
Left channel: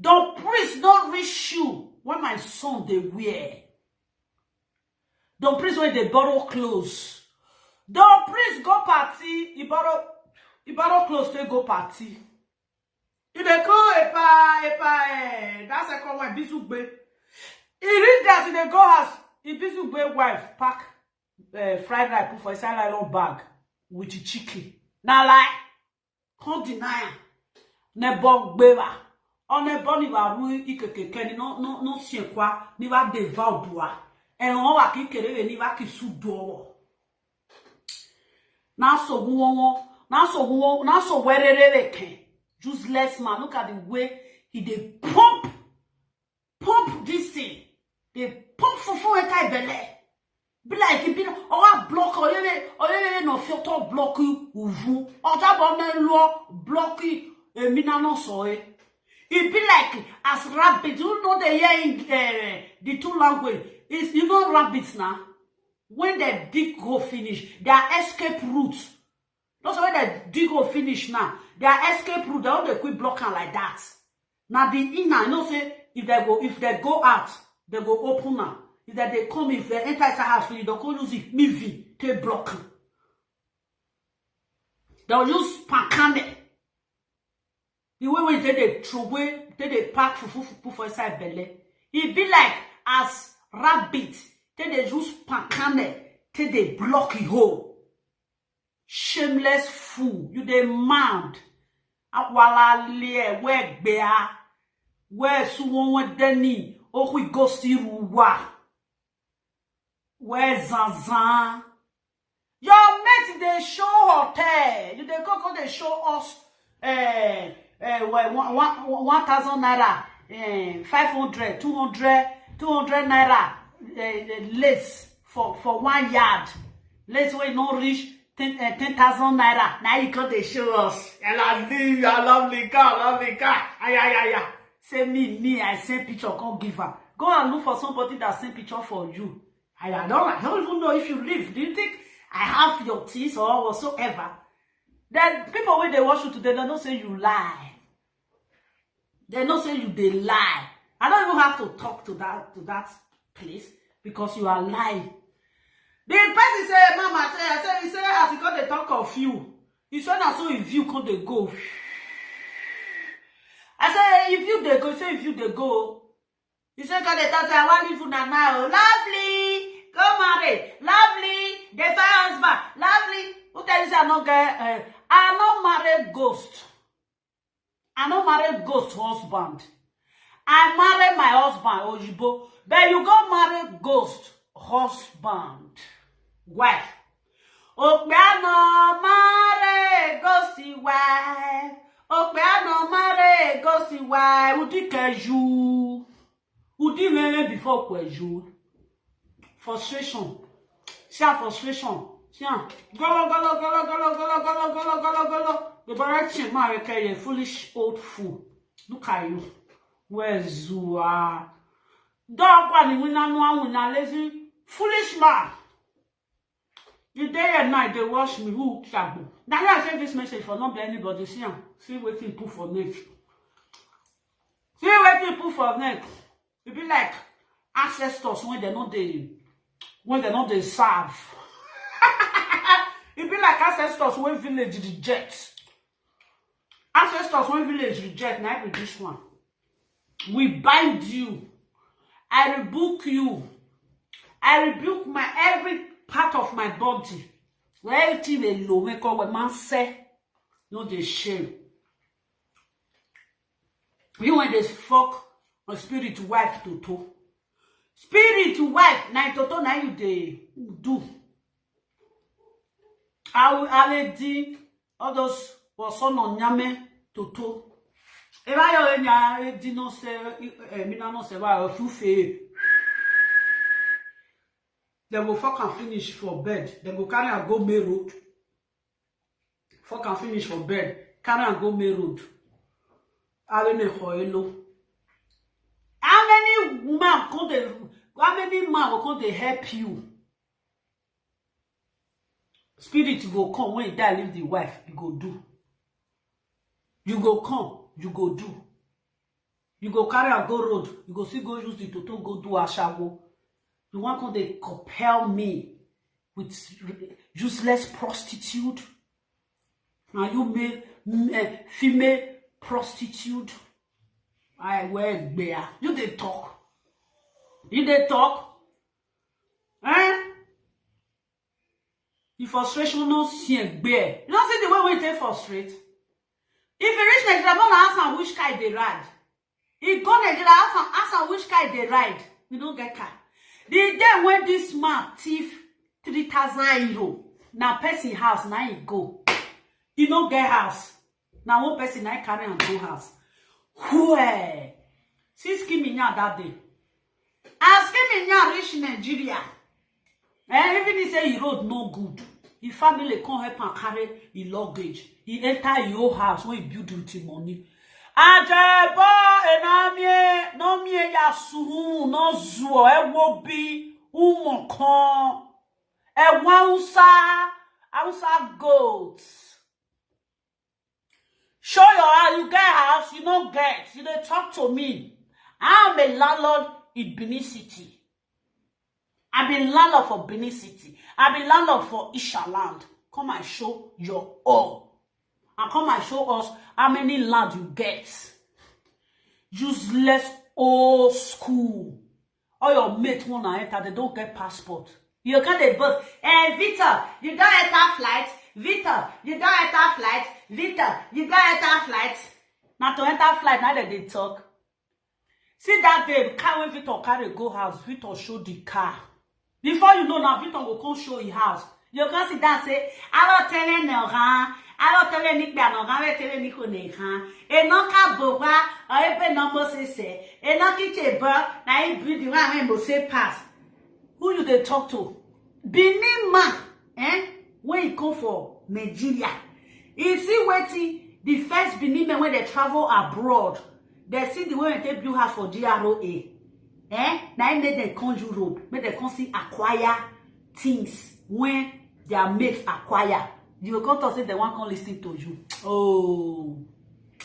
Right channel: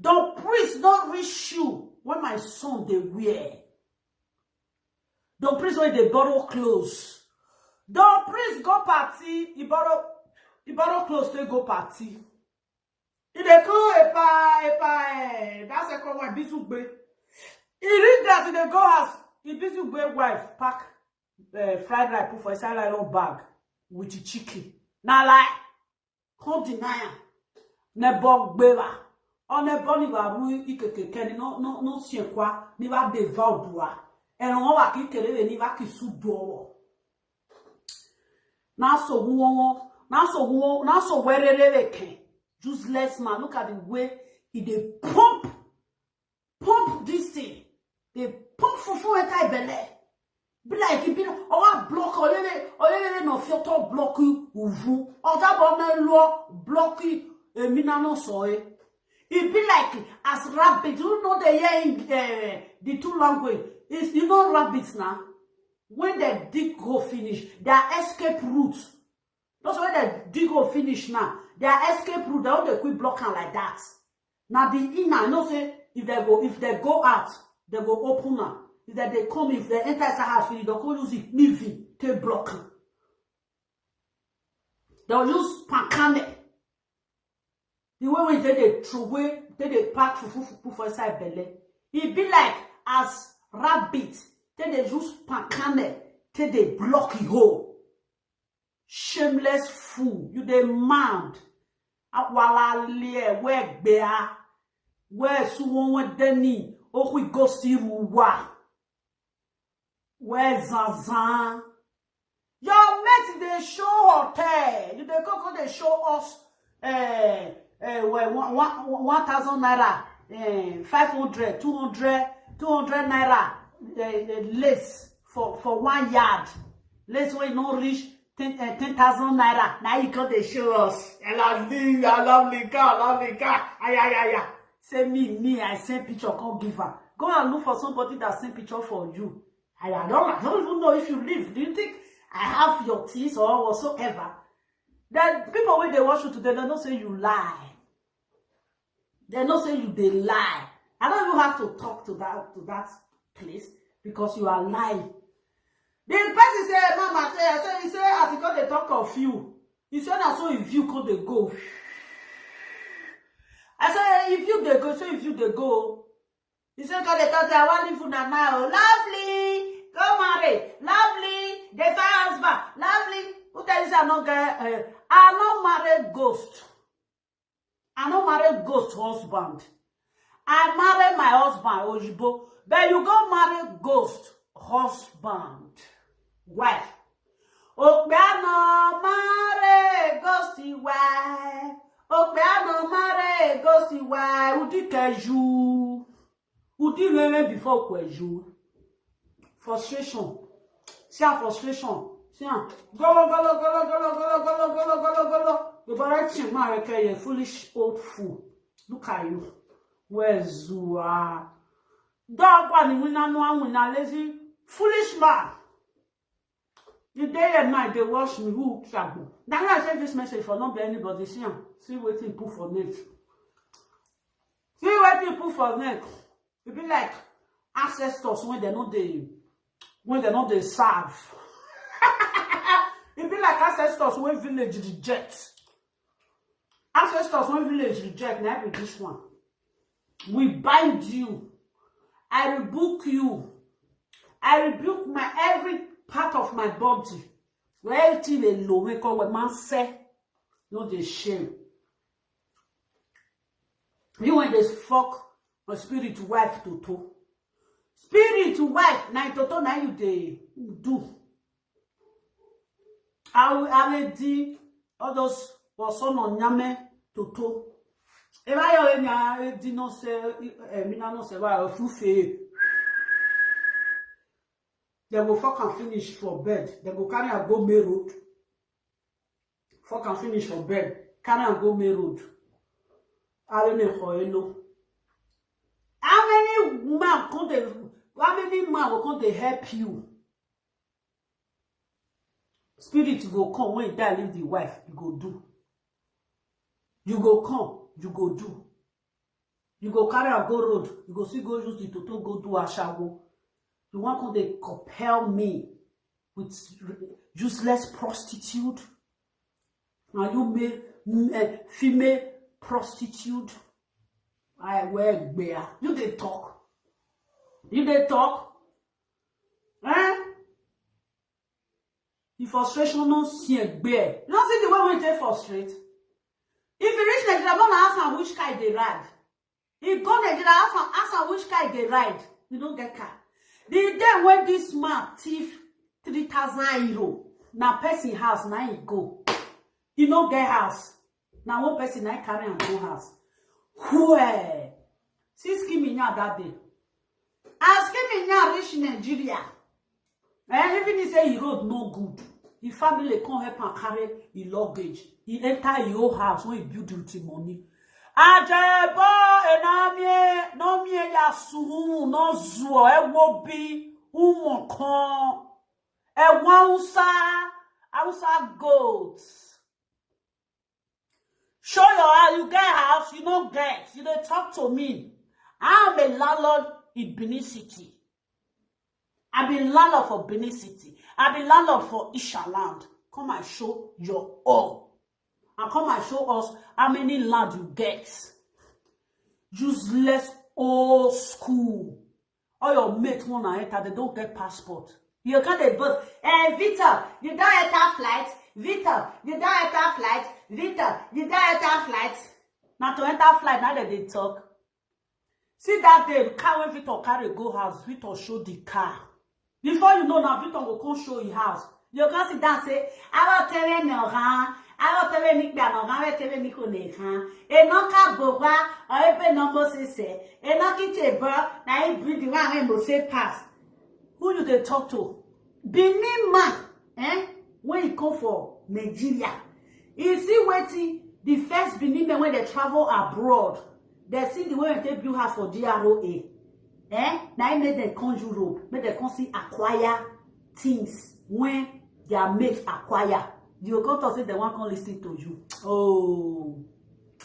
Don't priest not reach you when my son they wear. Don't priest when they borrow clothes. Don't priest go party. He borrow clothes to go party. If they go that's a common bisugbe. He read that in the go house. He bisugbe wife pack fried rice put for inside nylon bag with the chicken. Now lie, can't deny am. Nebo gbera. On ne bon ni va ru ikekeke ni no sien kwa ni va deva odua. En on wa ki kere ni va ki su do. Na so werere ken. Useless man. Look at the way he dey pump this thing. They pump fufu etai belle. Be like he be or block oyele no filter block uvu. Oja bon na lo block mina no so e. It be like as rabbits. You know they hear in the two language. Is you know rabbits now. When they dig go finish, their escape route. That's when they dig go finish now. Their escape route, they don't quit blocking like that. Now the inner, you know say if they go out, they go open now. If they come, if they enter the house, they don't use it. Me to block. They'll use pankane. The way we did they throw away, they pack for inside belly. It be like as rabbit, they use pankane, they block it hole. Shameless fool, you the mad. Awala lie, where bear, where suwon deni, oh we ghosti ruwa. Where Zazan? Your mate they show hotel. You they go they show us 1,000 naira, 500, 200 naira less for 1 yard. Let's way no reach 10,000 naira. Now you come they show us. I love the car. Ay. Say me, I send picture, can't give her. Go and look for somebody that send picture for you. I don't even know if you live. Do you think I have your teeth or whatsoever? Then people when they watch you today, they don't say you lie. They don't say you they lie. I don't even have to talk to that place because you are lying. The person say, Mama, he say, as you they talk of you. He said, I saw if you come they go. I say, if you they go, say if you they go. He said, God, they talk, I want you now. Lovely. Go marry. Lovely. They find husband. Lovely. Who tell you say I not get I not marry ghost. I not marry ghost husband. I marry my husband, Ojibo. But you go marry ghost husband. Wife. Okpe no marry ghosty wife. Okpe no marry ghosty wife. Udi keju. Udi meme before kweju. Frustration. See frustration. See golo. The direction man you foolish old fool. Look at you. Where's you are? Dog one win lazy foolish man. The day and night they wash me. Who shabu? Now I say this message for not be anybody. See what you put for neck. See what you put for neck. It be like ancestors when they know they serve. It be like ancestors when village reject. Ancestors when village reject. Now be this one. We bind you. I rebuke you. I rebuke my every part of my body. Where everything they low, we call what man say, no they shame. You when they fuck a spirit wife to. Spirit wife, na toto na you they do. I will do all those was on nyame toto. If I nya di no say mina no say wa fufe. They go fuck and finish for bed. They go carry and go May Road. Fuck and finish for bed. Carry and go May Road. How many women come they? How many man will come they help you? Spirit go come when you die, leave the wife. You go do. You go come. You go do. You go carry and go road. You go see go use the toto go do ashawo. You want come they compel me with useless prostitute? Now you may female prostitute. I wear bear. You they talk. You they talk. Eh? The frustration no see bear. You don't see the way we take frustrate. If you reach Nigeria, go and ask am which car they ride. If go Nigeria, ask am which car they ride. We don't get car. The day when this man thief 3,000 euro, now person house, now he go. He no get house. Now one person now carry and go house. Where? See Skiminya that day. As Skiminya reach Nigeria, even he say he road no good. His family come help and carry his luggage. He enter your house when he build with his money. Ajebor enamie no mie ya suhu no zuo ewo bi umokon Hausa goats. Show your house, you get house, you don't get. You don't talk to me. I'm a landlord in Benin City. I've been landlord for Benin City. I've been landlord for Ishaland. Come and show your own. And come and show us how many land you get. Useless old school. All your mates wanna enter, they don't get passport. You can't they both. Victor, you don't enter flight. Victor, you don't enter flight. Victor, you don't enter flight. Now to enter flight, now that they talk. See that day, car when Victor carry go house, Victor show the car. Before you know now, Victor will come show his house. You can sit down and say, I will tell you no, I will tell you Nick Piano, I will tell you Nico Nehan. And no car boba, or even no more say, and no kitchen bar, now you breathe the one when you say pass. Who you they talk to? Benin man, when you come for Nigeria. You see waiting, the first Benin men when they travel abroad, they see the way they build house for GROA. Now make them come Europe, make them come see acquire things when their mates acquire. You go to say they want to listen to you. Oh,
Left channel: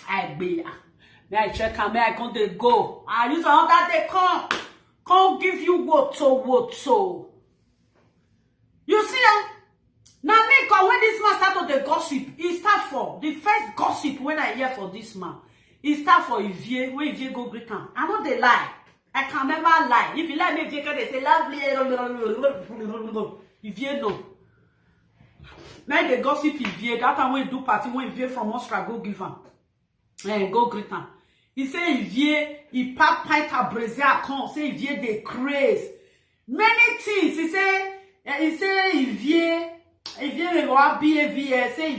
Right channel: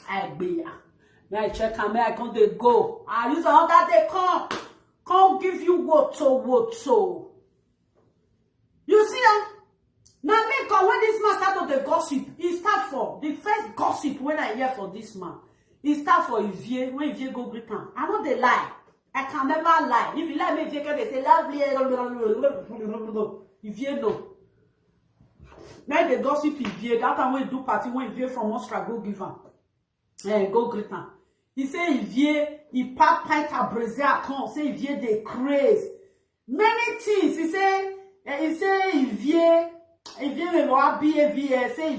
I be. May I check and may I come they go. I use all that they come give you what so. You see, now make when this man start to the gossip, he start for the first gossip when I hear for this man. He start for Ivie, when Ivie go greet him. I know they lie. I can never lie. If you like me, Ivie they say lovely. Ivie no. Now they gossip Ivie. That time when do party, when Ivie from Austria go give him. Go greet him. He say Ivie, he pack pint a Brazil account. Say Ivie they craze. Many things. He say Ivie will be say